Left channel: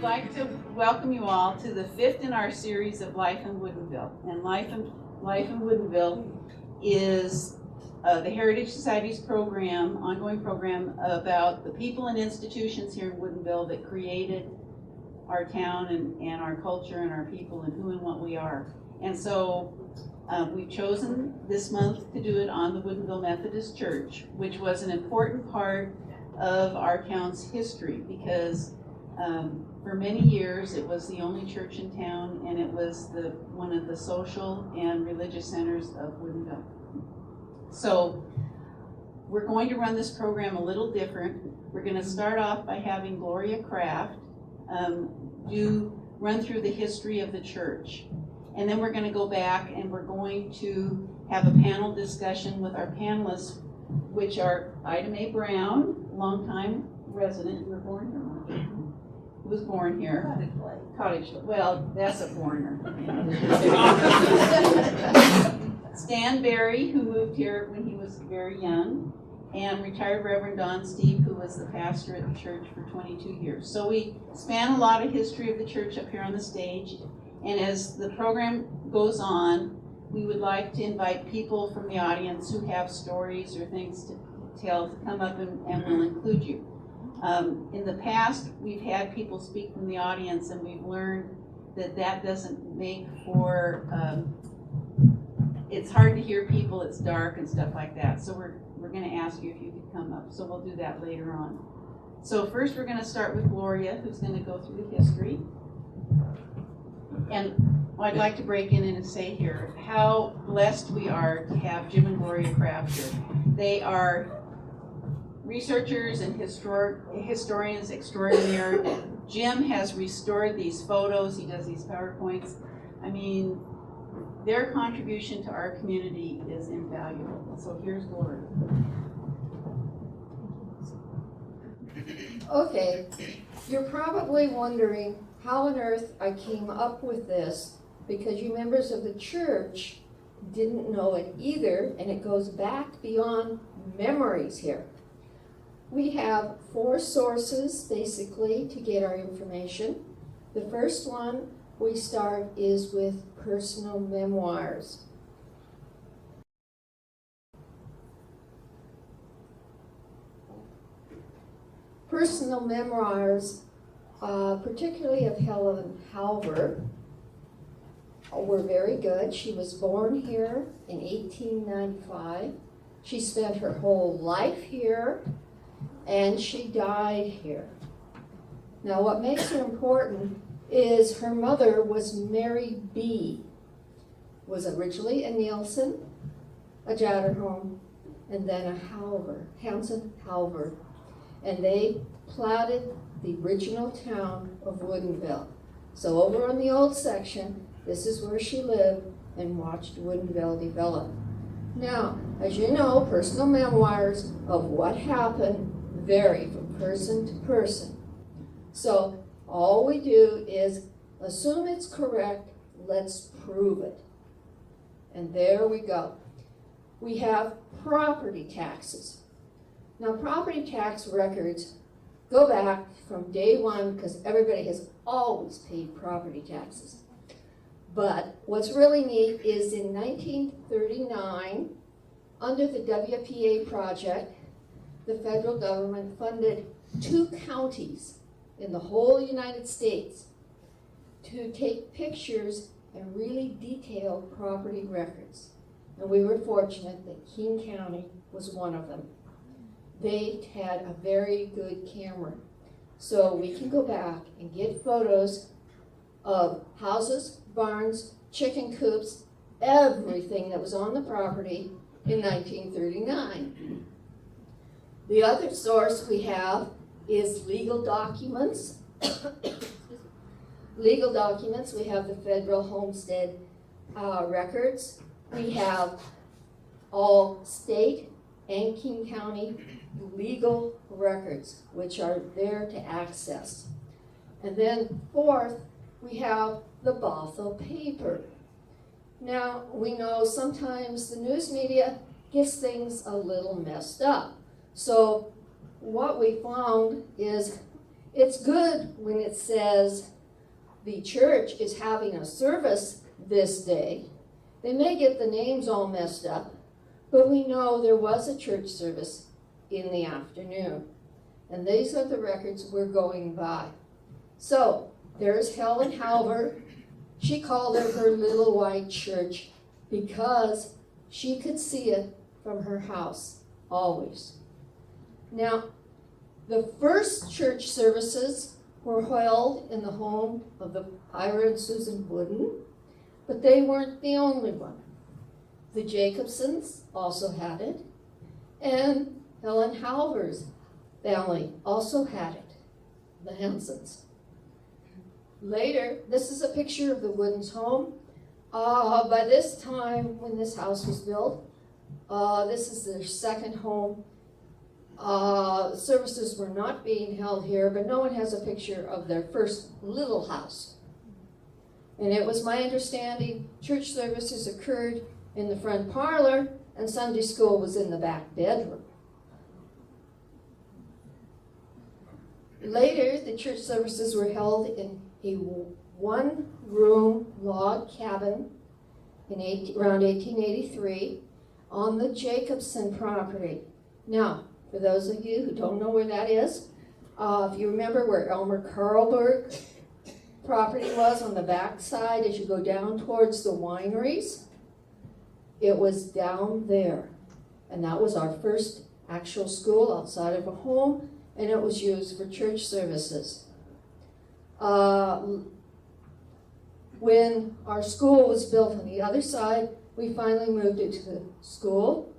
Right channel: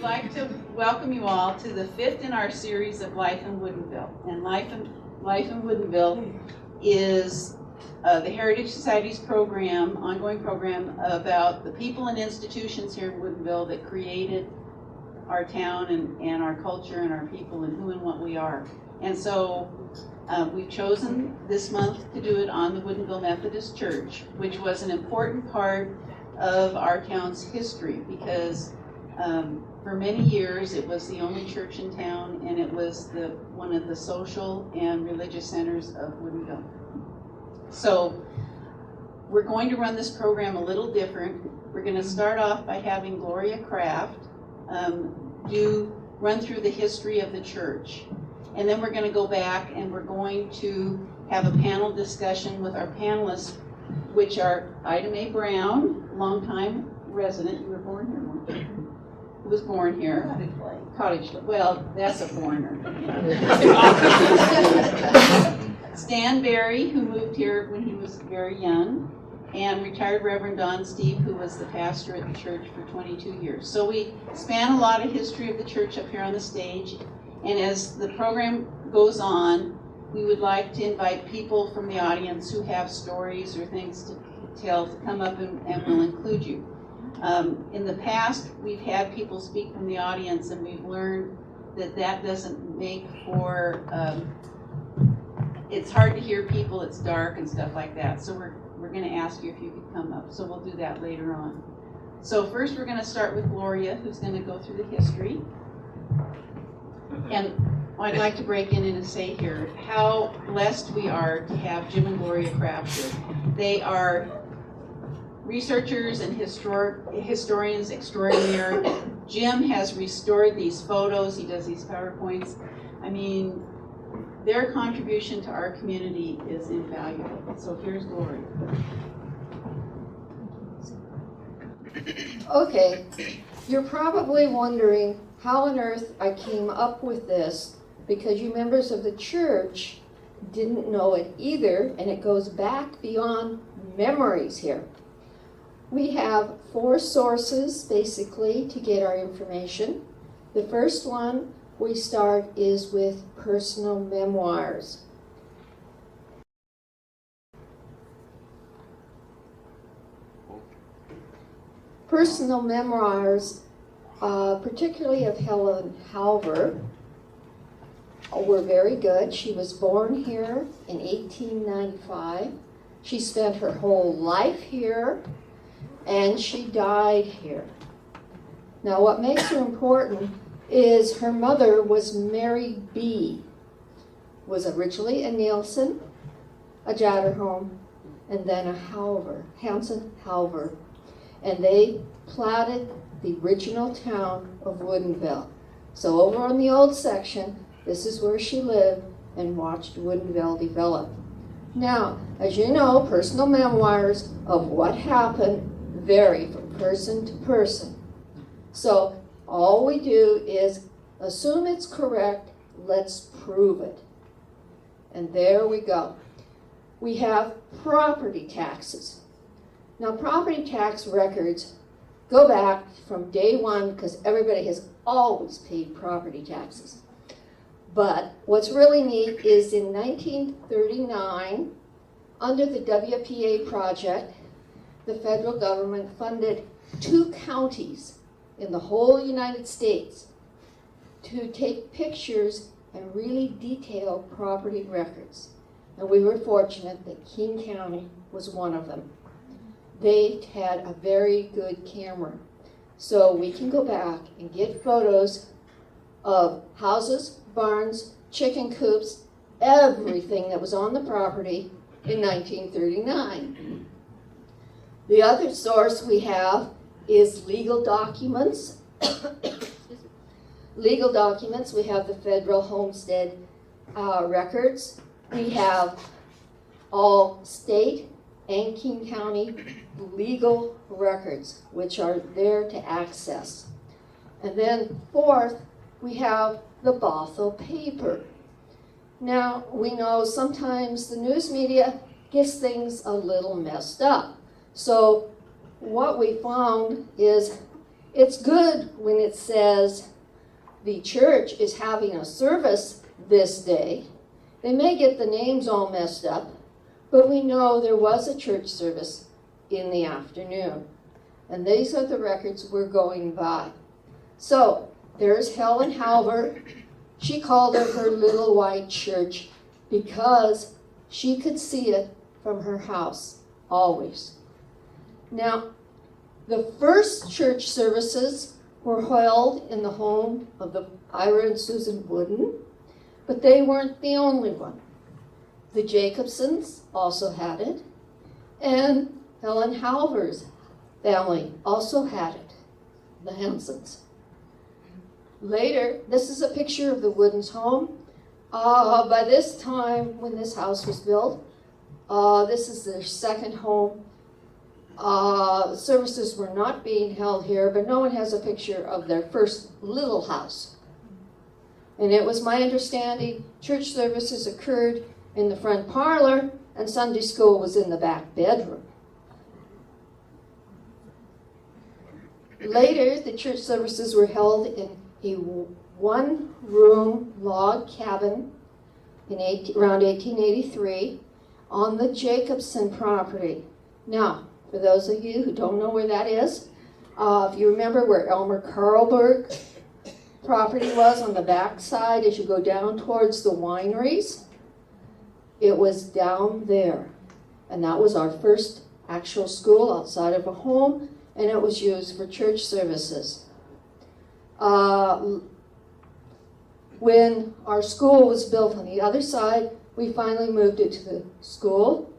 would like to welcome you all to the 5th in our series of Life in Woodinville. And Life in Woodinville is the Heritage Society's program, ongoing program about the people and institutions here in Woodinville that created our town and our culture and our people and who and what we are. And so we've chosen this month to do it on the Woodinville Methodist Church, which was an important part of our town's history because for many years it was the only church in town, and it was one of the social and religious centers of Woodinville. So we're going to run this program a little different. We're going to start off by having Gloria Kraft run through the history of the church. And then we're going to go back and we're going to have a panel discussion with our panelists, which are Ida Mae Brown, longtime resident. You were born here, weren't you? Who was born here? Cottage Lake. Well, that's a foreigner. Stan Berry, who moved here when he was very young, and retired Reverend Don Steve, who was the pastor at the church for 22 years. So we span a lot of history of the church up here on the stage, and as the program goes on, we would like to invite people from the audience who have stories or things to tell to come up and we'll include you. In the past, we've had people speak from the audience, and we've learned that doesn't make for, it's hard to hear people, it's dark and stuff like that. So we're going to ask you if you could come up. So we'll do that later on. So first we're going to start with Gloria, who's going to go through the history. And I'd like to break in and say here how blessed we are to have Jim and Gloria Kraft here. They are researchers and historians extraordinaire. Jim has restored these photos. He does these PowerPoints. I mean, their contribution to our community is invaluable. So here's Gloria. Okay, you're probably wondering how on earth I came up with this, because you members of the church didn't know it either, and it goes back beyond memories here. We have 4 sources basically to get our information. The first one we start is with personal memoirs. Personal memoirs, particularly of Helen Halver, were very good. She was born here in 1895. She spent her whole life here, and she died here. Now, what makes her important is her mother was Mary B. Was originally a Nielsen, a Jatterholm, and then a Halver, Hanson Halver. And they platted the original town of Woodinville. So over on the old section, this is where she lived and watched Woodinville develop. Now, as you know, personal memoirs of what happened vary from person to person. So all we do is assume it's correct, let's prove it. And there we go. We have property taxes. Now, property tax records go back from day one because everybody has always paid property taxes. But what's really neat is in 1939, under the WPA project, the federal government funded 2 counties in the whole United States to take pictures and really detail property records. And we were fortunate that King County was one of them. They had a very good camera. So we can go back and get photos of houses, barns, chicken coops, everything that was on the property in 1939. The other source we have is legal documents. Legal documents, we have the federal homestead records. We have all state and King County legal records, which are there to access. And then fourth, we have the Bothell paper. Now, we know sometimes the news media gets things a little messed up. So what we found is It's good when it says the church is having a service this day. They may get the names all messed up, but we know there was a church service in the afternoon. And these are the records we're going by. So, there's Helen Halver. She called it her little white church because she could see it from her house, always. Now, the first church services were held in the home of the Ira and Susan Wooden, but they weren't the only one. The Jacobsons also had it, and Helen Halver's family also had it, the Hansons. Later, this is a picture of the Woodens' home. By this time, when this house was built, this is their second home. Services were not being held here, but no one has a picture of their first little house. And it was my understanding church services occurred in the front parlor and Sunday school was in the back bedroom. Later, the church services were held in a one-room log cabin in around 1883 on the Jacobson property. Now, for those of you who don't know where that is, if you remember where Elmer Carlberg property was on the back side as you go down towards the wineries, it was down there. And that was our first actual school outside of a home, and it was used for church services. When our school was built on the other side, we finally moved it to the school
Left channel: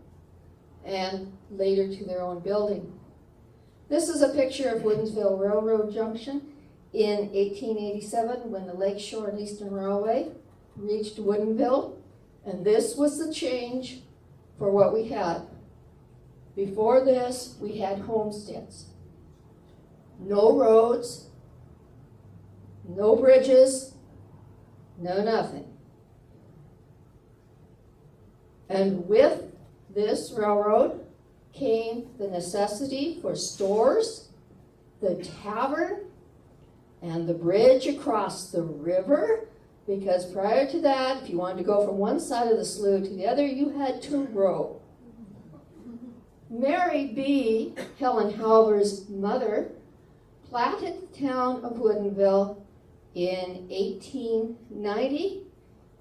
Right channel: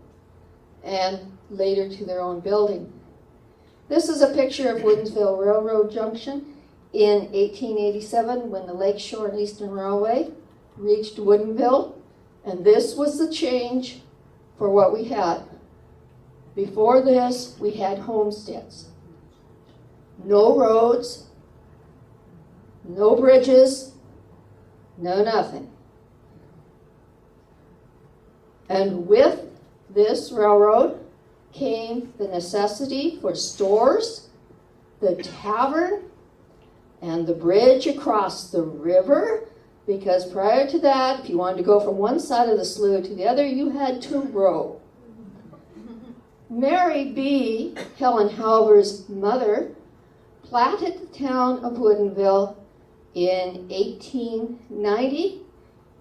and later to their own building. This is a picture of Woodinville Railroad Junction in 1887 when the Lakeshore and Eastern Railway reached Woodinville, and this was the change for what we had. Before this, we had homesteads. No roads, no bridges, no nothing. And with this railroad came the necessity for stores, the tavern, and the bridge across the river, because prior to that, if you wanted to go from one side of the slough to the other, you had to row. Mary B., Helen Halver's mother, platted the town of Woodinville in 1890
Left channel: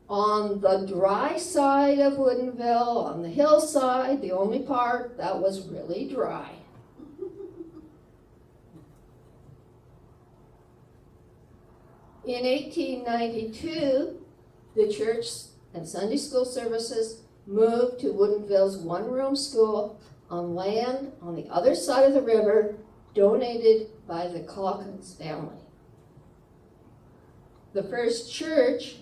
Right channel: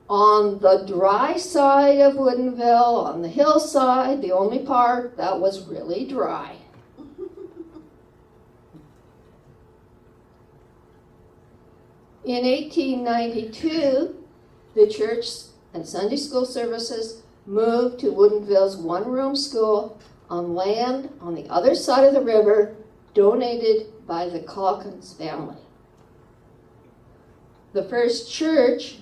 on the dry side of Woodinville, on the hillside, the only part that was really dry. In 1892, the church and Sunday school services moved to Woodinville's one-room school on land on the other side of the river, donated by the Calkins family. The first church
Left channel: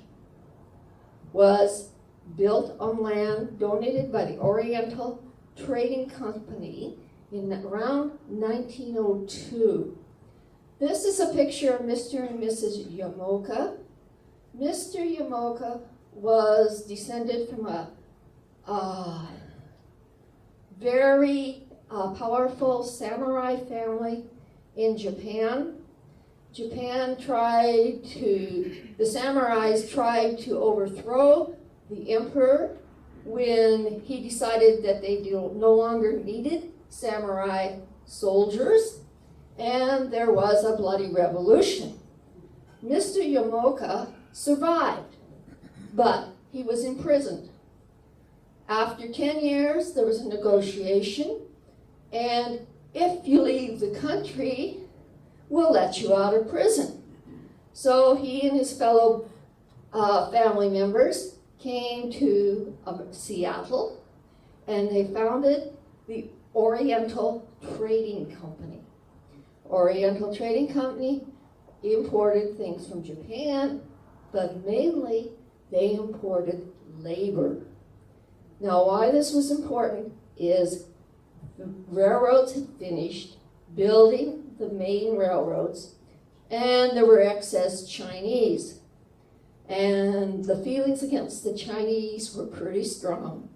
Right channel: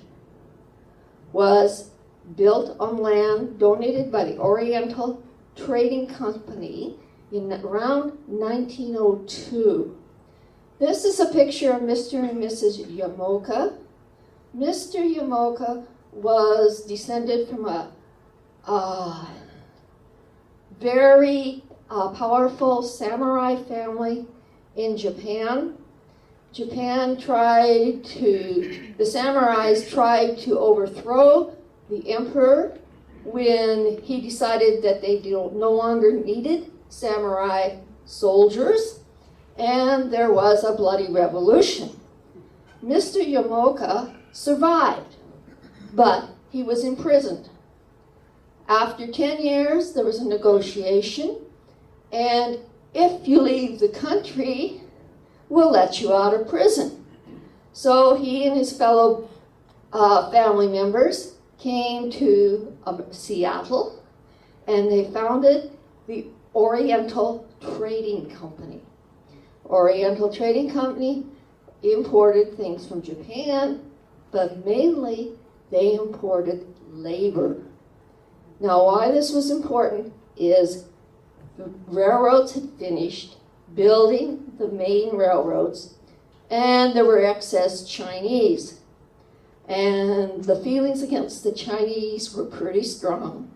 was built on land donated by the Oriental Trading Company in around 1902. This is a picture of Mr. and Mrs. Yamoka. Mr. Yamoka was descended from a very powerful samurai family in Japan. The samurais tried to overthrow the emperor when he decided that they no longer needed samurai soldiers, and there was a bloody revolution. Mr. Yamoka survived, but he was imprisoned. After 10 years, there was a negotiation, and if you leave the country, we'll let you out of prison. So he and his fellow family members came to Seattle, and they founded the Oriental Trading Company. Oriental Trading Company imported things from Japan, but mainly they imported labor. Now, why this was important is the railroads had finished building the main railroads, and there were excess Chinese. And the feelings against the Chinese were pretty strong.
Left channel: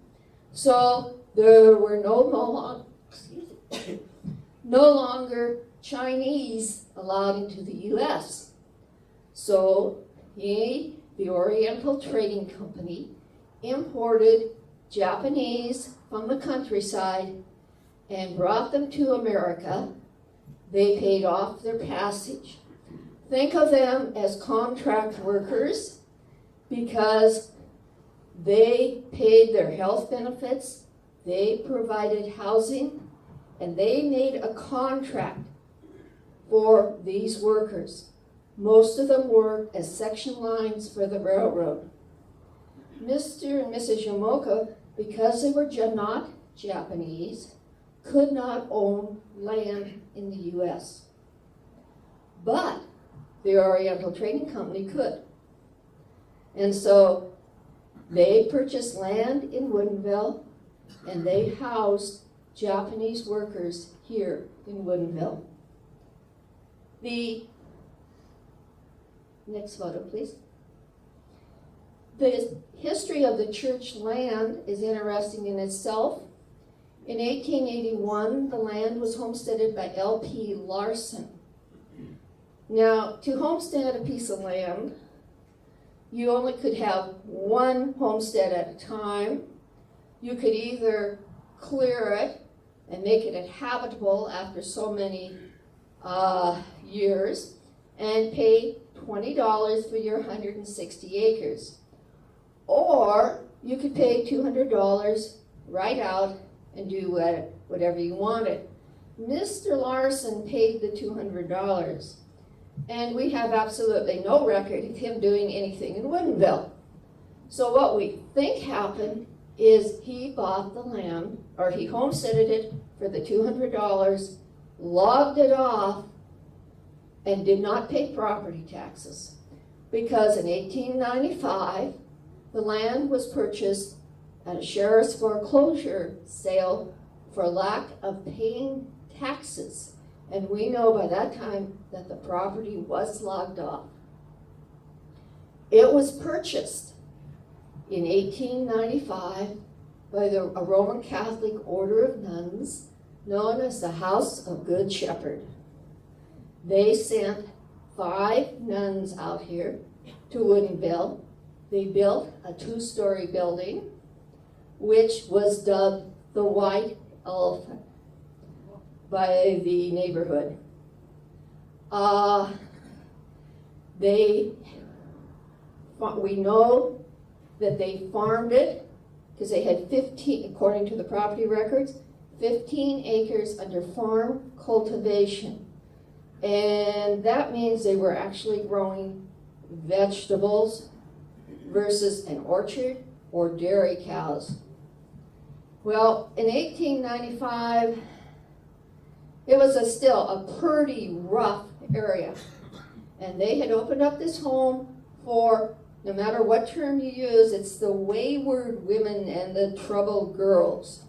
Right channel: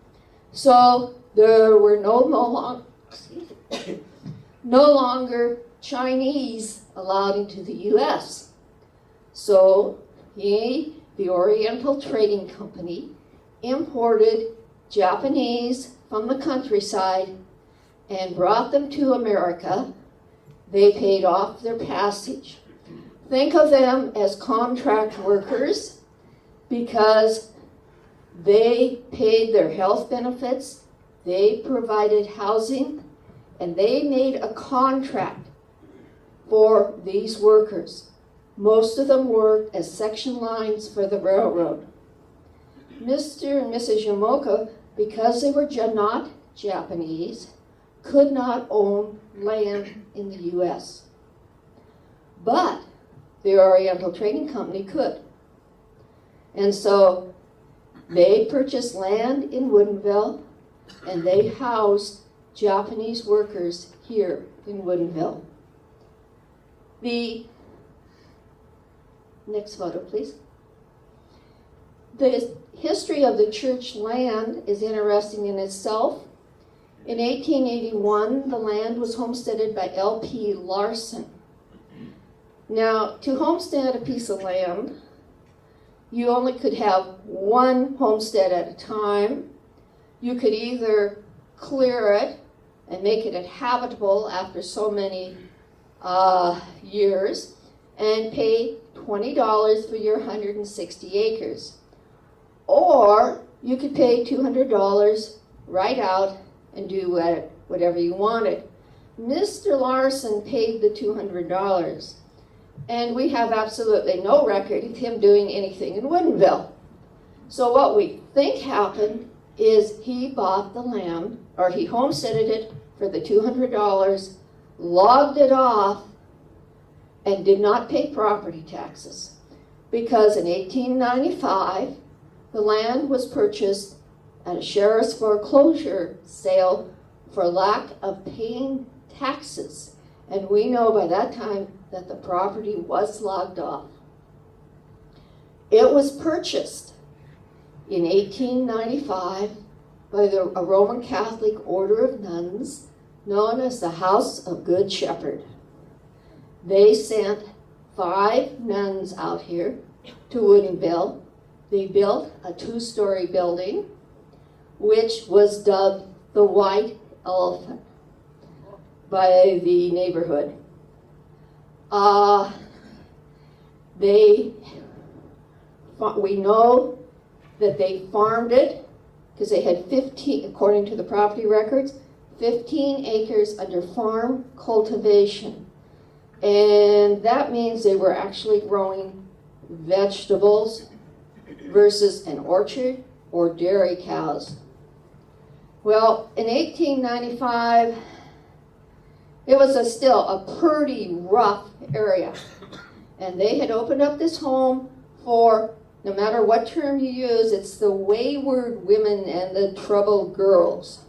So there were no longer Chinese allowed into the U.S. So he, the Oriental Trading Company, imported Japanese from the countryside and brought them to America. They paid off their passage. Think of them as contract workers because they paid their health benefits, they provided housing, and they made a contract for these workers. Most of them worked as section lines for the railroad. Mr. and Mrs. Yamoka, because they were not Japanese, could not own land in the U.S. But the Oriental Trading Company could. And so they purchased land in Woodinville, and they housed Japanese workers here in Woodinville. The next photo, please. The history of the church land is interesting in itself. In 1881, the land was homesteaded by L.P. Larson. Now, to homestead a piece of land, you only could have one homestead at a time. You could either clear it and make it habitable after so many years and pay $20 for your 160 acres. Or you could pay $200 right out and do whatever you wanted. Mr. Larson paid the $200, and we have absolutely no record of him doing anything in Woodinville. So what we think happened is he bought the land, or he homesteaded it for the $200, logged it off, and did not pay property taxes. Because in 1895, the land was purchased at a sheriff's foreclosure sale for lack of paying taxes. And we know by that time that the property was logged off. It was purchased in 1895 by a Roman Catholic order of nuns known as the House of Good Shepherd. They sent 5 nuns out here to Woodinville. They built a 2-story building, which was dubbed the White Elephant by the neighborhood. We know that they farmed it because they had 15, according to the property records, 15 acres under farm cultivation. And that means they were actually growing vegetables versus an orchard or dairy cows. Well, in 1895, it was still a pretty rough area. And they had opened up this home for, no matter what term you use, it's the wayward women and the troubled girls.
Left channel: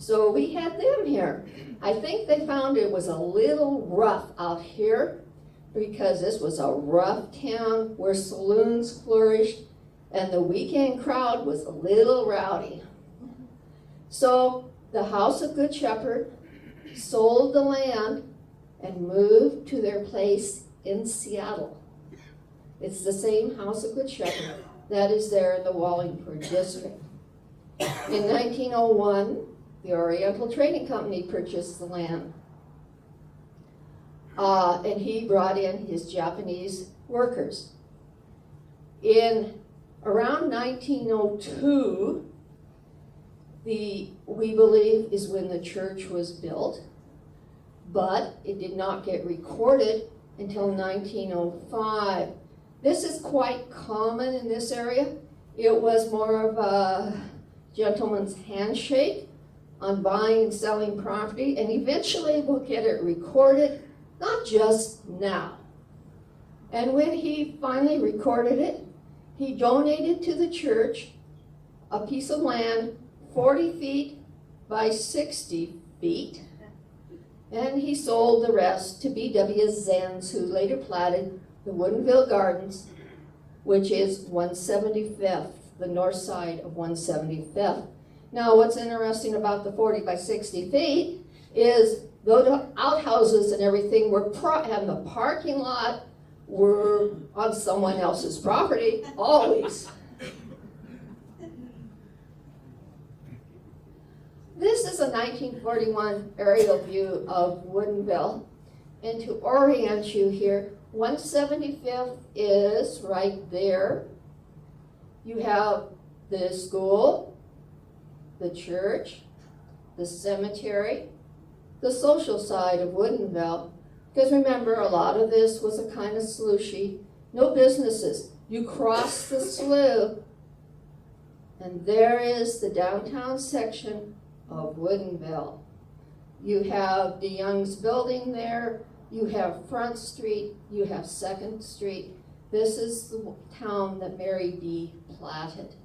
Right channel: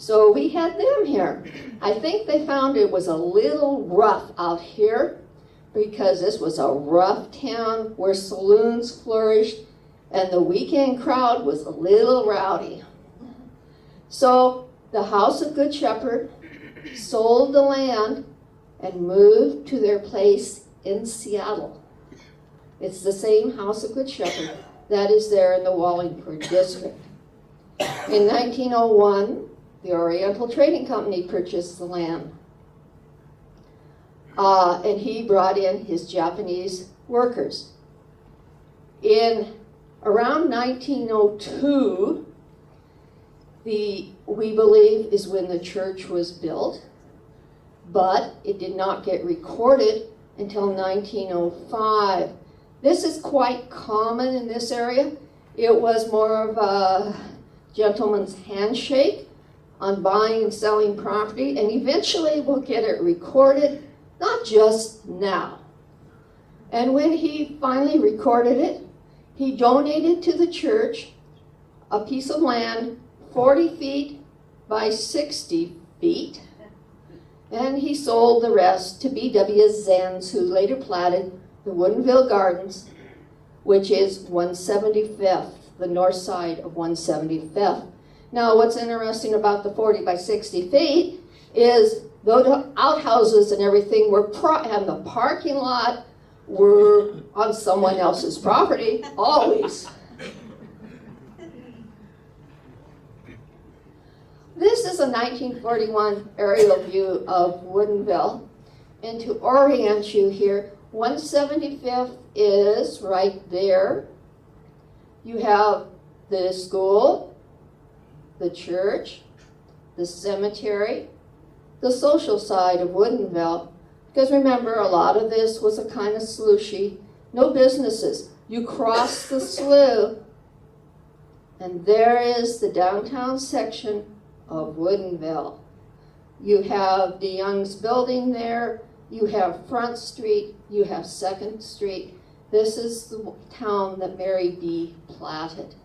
So we had them here. I think they found it was a little rough out here because this was a rough town where saloons flourished and the weekend crowd was a little rowdy. So the House of Good Shepherd sold the land and moved to their place in Seattle. It's the same House of Good Shepherd that is there in the Wallingford district. In 1901, the Oriental Trading Company purchased the land. And he brought in his Japanese workers. In around 1902, we believe is when the church was built, but it did not get recorded until 1905. This is quite common in this area. It was more of a gentleman's handshake on buying and selling property, and eventually we'll get it recorded, not just now. And when he finally recorded it, he donated to the church a piece of land 40 feet by 60 feet, and he sold the rest to B.W. Zenz, who later platted the Woodinville Gardens, which is 175th, the north side of 175th. Now, what's interesting about the 40 by 60 feet is The outhouses and everything were, and the parking lot were on someone else's property, always. This is a 1941 aerial view of Woodinville. And to orient you here, 175th is right there. You have the school, the church, the cemetery, the social side of Woodinville. Because remember, a lot of this was a kind of slushy. No businesses. You cross the slough, and there is the downtown section of Woodinville. You have the Young's building there. You have Front Street. You have 2nd Street. This is the town that Mary D. platted.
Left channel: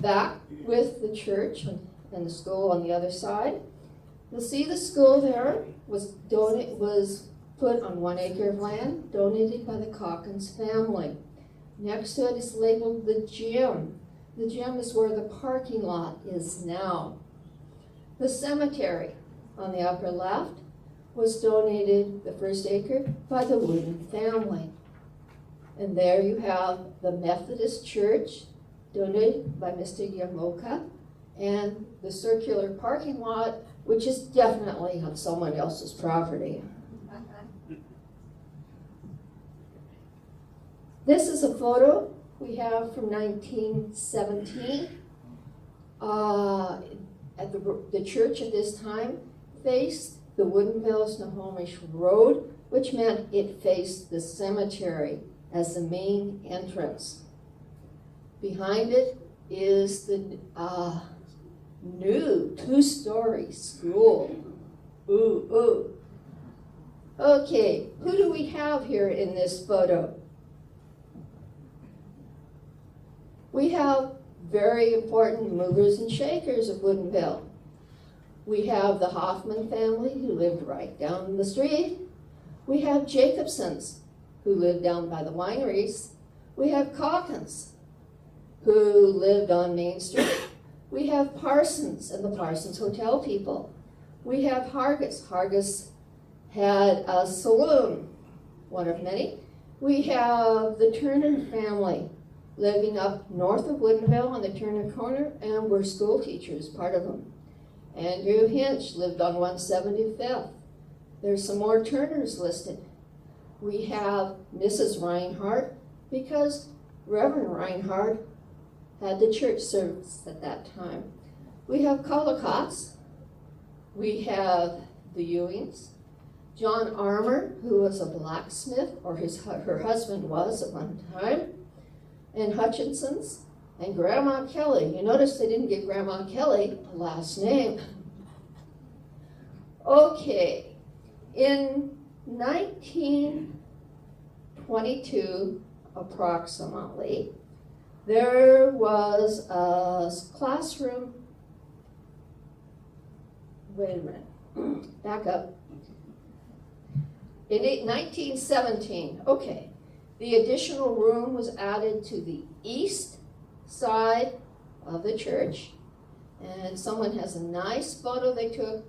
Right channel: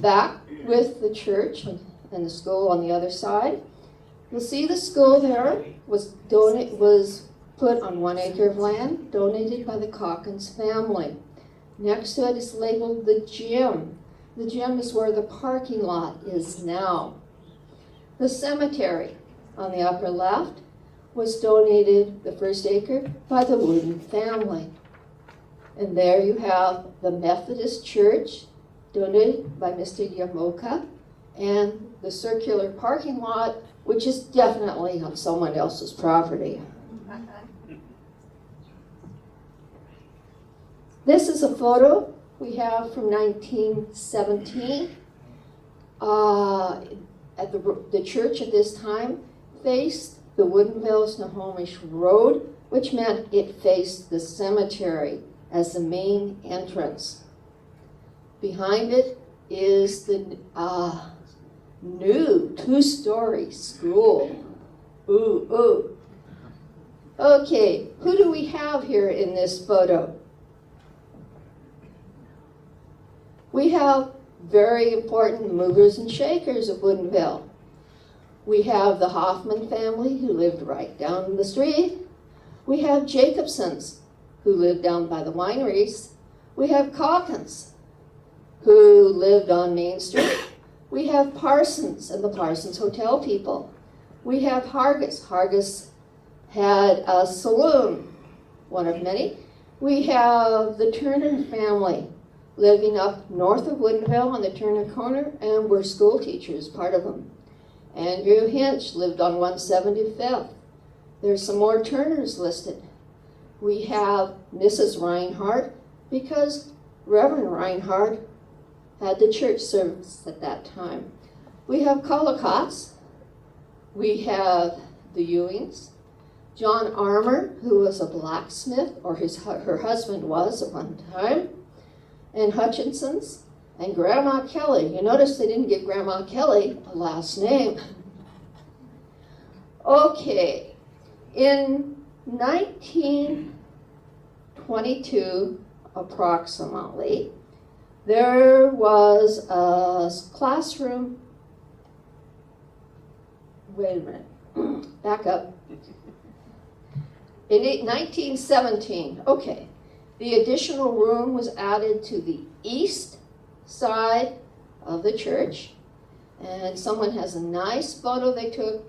Back with the church and the school on the other side. You'll see the school there was put on 1 acre of land, donated by the Calkins family. Next to it is labeled the gym. The gym is where the parking lot is now. The cemetery on the upper left was donated, the 1st acre, by the Wooden family. And there you have the Methodist church, donated by Mr. Yamoka, and the circular parking lot, which is definitely on someone else's property. This is a photo we have from 1917. At the church at this time faced the Woodinville-Snohomish Road, which meant it faced the cemetery as the main entrance. Behind it is the new 2-story school. Ooh, ooh. Okay, who do we have here in this photo? We have very important movers and shakers of Woodinville. We have the Hoffman family, who lived right down the street. We have Jacobsons, who lived down by the wineries. We have Calkins, who lived on Main Street. We have Parsons and the Parsons Hotel people. We have Hargis. Hargis had a saloon, one of many. We have the Turner family, living up north of Woodinville on the Turner corner, and were school teachers, part of them. Andrew Hinch lived on 175th. There's some more Turners listed. We have Mrs. Reinhardt, because Reverend Reinhardt had the church service at that time. We have Collicotts. We have the Ewings. John Armour, who was a blacksmith, or her husband was at one time. And Hutchinson's, and Grandma Kelly. You notice they didn't give Grandma Kelly a last name. Okay, in 1922, approximately, there was a classroom. Wait a minute, back up. In 1917, okay. The additional room was added to the east side of the church, and someone has a nice photo they took,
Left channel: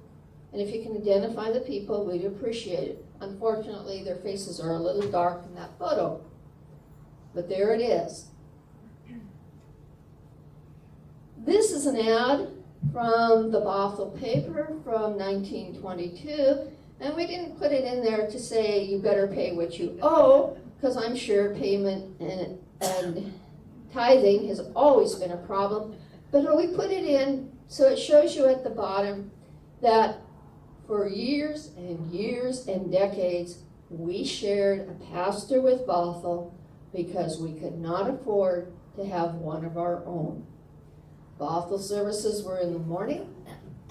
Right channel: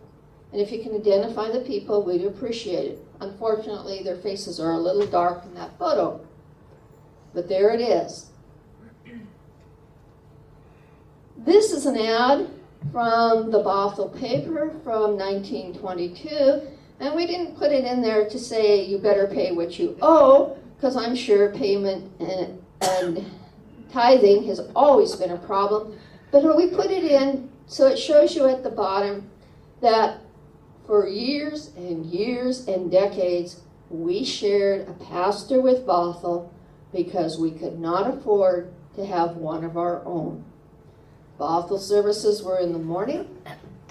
and if you can identify the people, we'd appreciate it. Unfortunately, their faces are a little dark in that photo, but there it is. This is an ad from the Bothell paper from 1922, and we didn't put it in there to say you better pay what you owe, because I'm sure payment and tithing has always been a problem. But we put it in so it shows you at the bottom that for years and years and decades, we shared a pastor with Bothell because we could not afford to have one of our own. Bothell services were in the morning,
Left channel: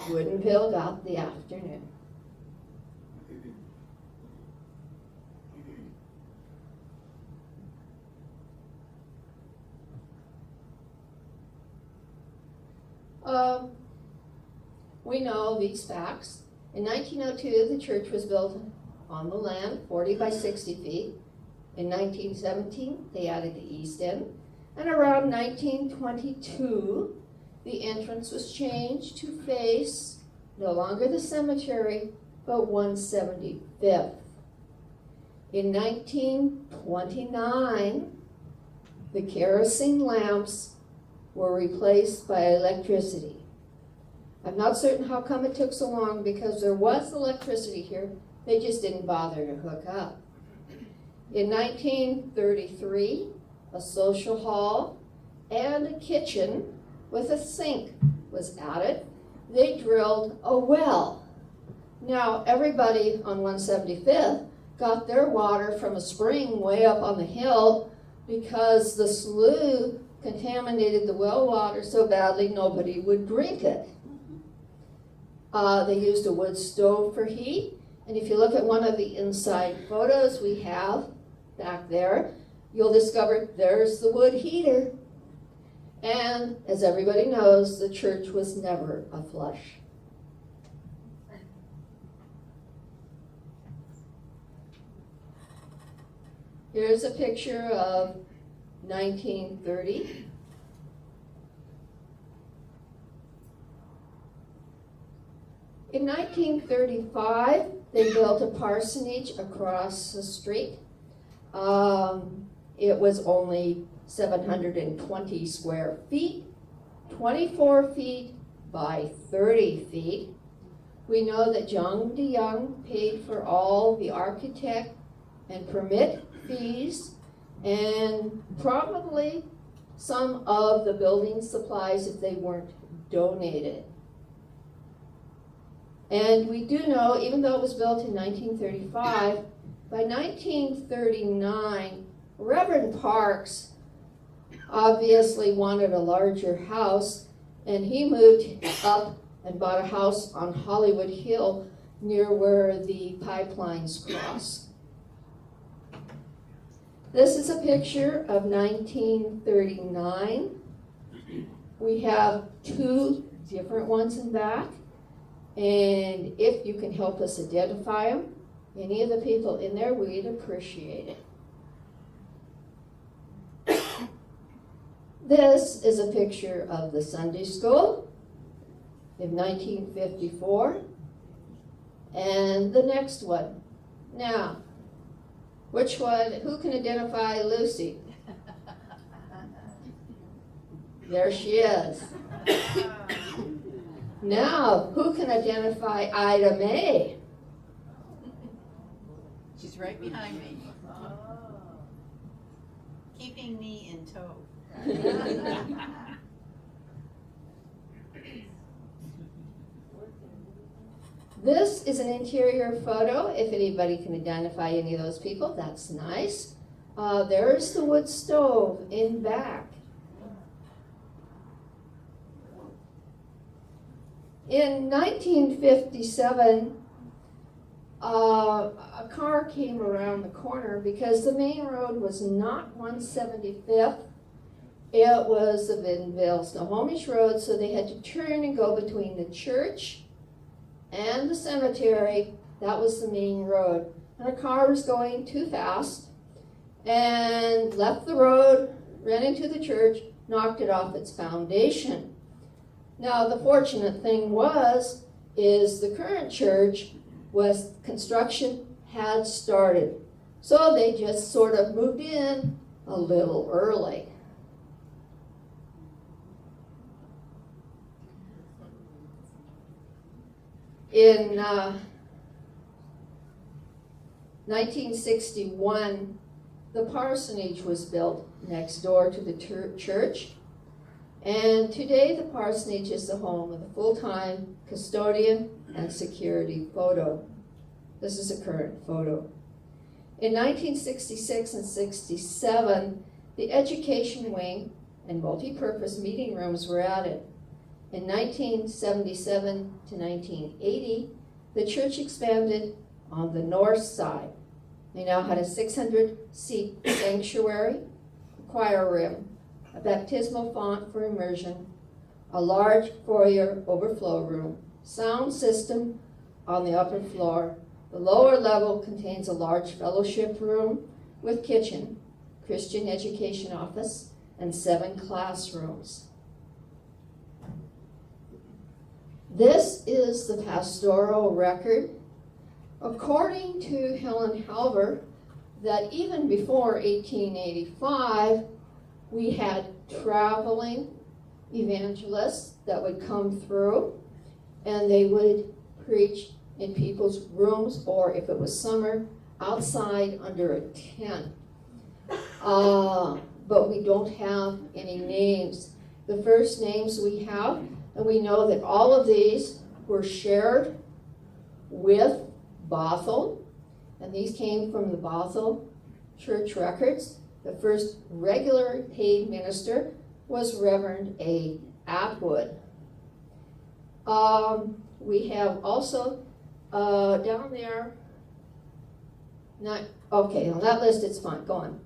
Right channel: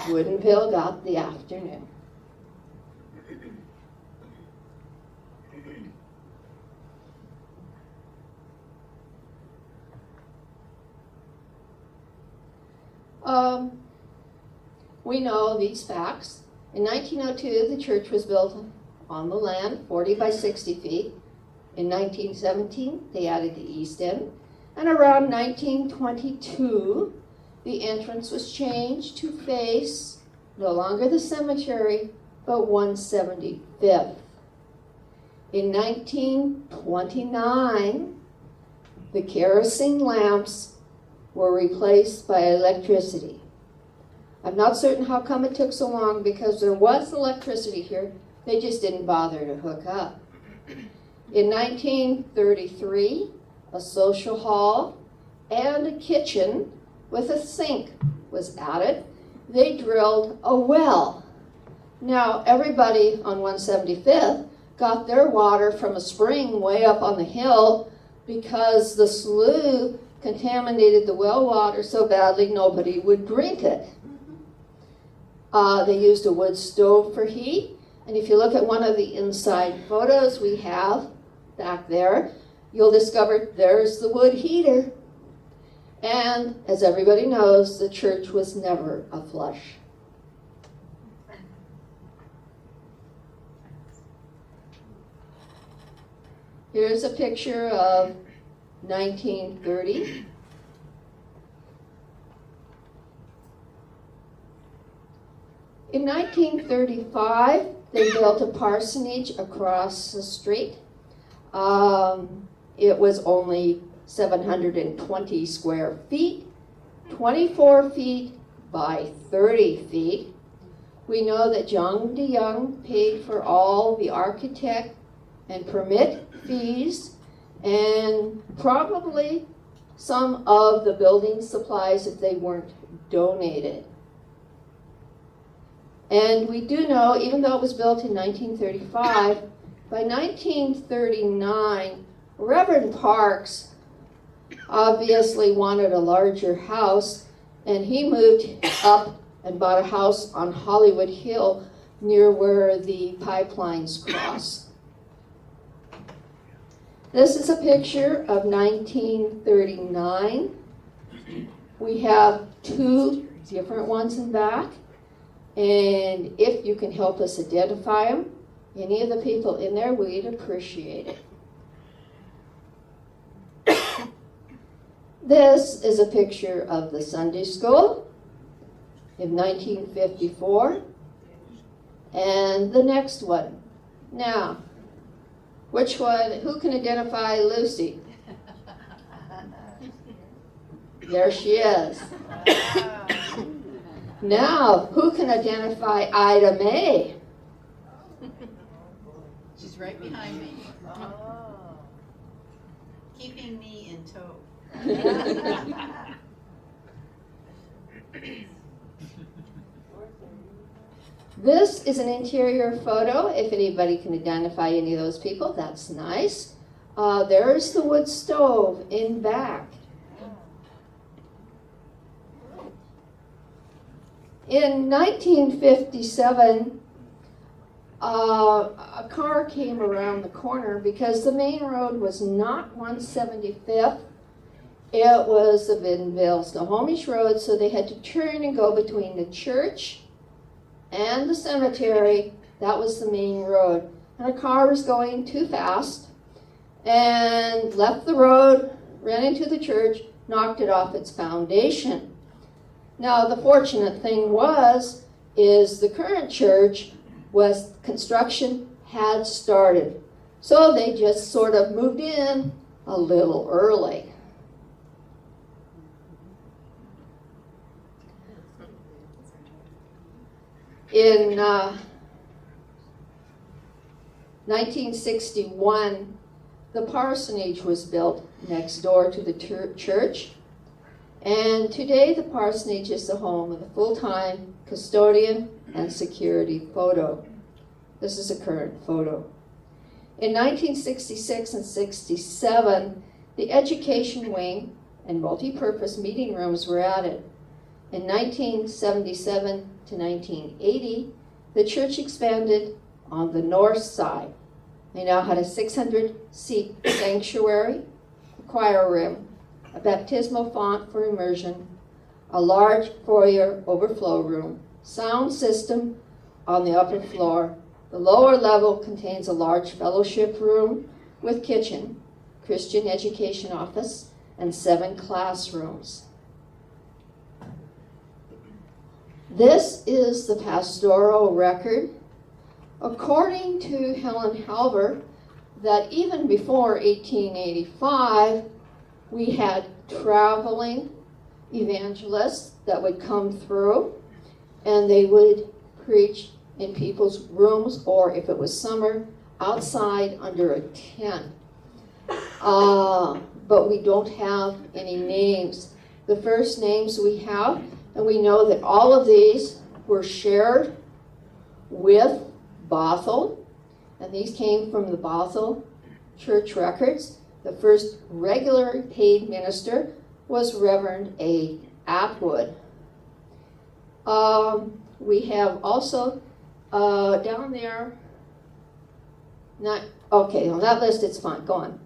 Woodinville got the afternoon. We know these facts. In 1902, the church was built on the land, 40 by 60 feet. In 1917, they added the east end. And around 1922, the entrance was changed to face no longer the cemetery, but 175th. In 1929, the kerosene lamps were replaced by electricity. I'm not certain how come it took so long because there was electricity here. They just didn't bother to hook up. In 1933, a social hall and a kitchen with a sink was added. They drilled a well. Now, everybody on 175th got their water from a spring way up on the hill because the slough contaminated the well water so badly nobody would drink it. They used a wood stove for heat. And if you look at one of the inside photos we have back there, you'll discover there's the wood heater. And as everybody knows, the church was never a flush. Here's a picture of 1930. In 1935, they built a parsonage across the street. It was only 720 square feet, 24 feet by 30 feet. We know that John DeYoung paid for all the architect and permit fees and probably some of the building supplies if they weren't donated. And we do know, even though it was built in 1935, by 1939, Reverend Parks obviously wanted a larger house, and he moved up and bought a house on Hollywood Hill near where the pipelines cross. This is a picture of 1939. We have two different ones in back, and if you can help us identify them, any of the people in there, we'd appreciate it. This is a picture of the Sunday school in 1954. And the next one. Now, which one, who can identify Lucy? There she is. Now, who can identify Ida Mae? She's right behind me. Keeping me in tow. This is an interior photo. If anybody can identify any of those people, that's nice. There's the wood stove in back. In 1957, a car came around the corner because the main road was not 175th. It was the Woodinville Snohomish Road, so they had to turn and go between the church and the cemetery. That was the main road. And a car was going too fast and left the road, ran into the church, knocked it off its foundation. Now, the fortunate thing is the current church construction had started. So they just sort of moved in a little early. In 1961, the parsonage was built next door to the church. And today the parsonage is the home of a full-time custodian and security photo. This is a current photo. In 1966 and 67, the education wing and multi-purpose meeting rooms were added. In 1977 to 1980, the church expanded on the north side. They now had a 600-seat sanctuary, a choir room, a baptismal font for immersion, a large foyer overflow room, sound system on the upper floor. The lower level contains a large fellowship room with kitchen, Christian education office, and 7 classrooms. This is the pastoral record. According to Helen Halver, that even before 1885, we had traveling evangelists that would come through, and they would preach in people's rooms, or if it was summer, outside under a tent. But we don't have any names. The first names we have, and we know that all of these were shared with Bothell, and these came from the Bothell church records. The first regular paid minister was Reverend A. Atwood. We have also down there, okay, on that list it's fine, go on.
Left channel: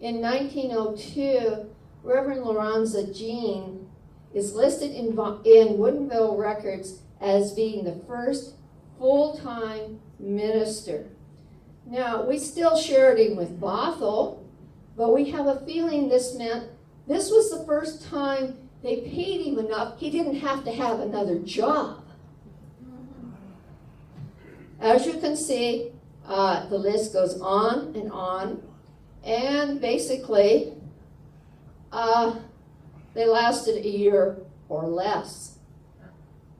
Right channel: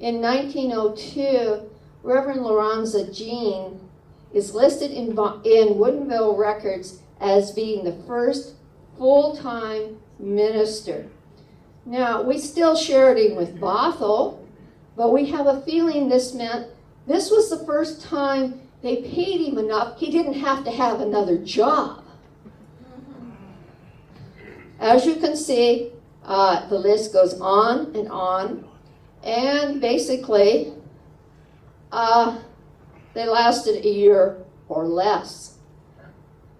In 1902, Reverend Lorenza Jean is listed in Woodinville records as being the first full-time minister. Now, we still shared him with Bothell, but we have a feeling this meant this was the first time they paid him enough he didn't have to have another job. As you can see, the list goes on, and basically, they lasted a year or less.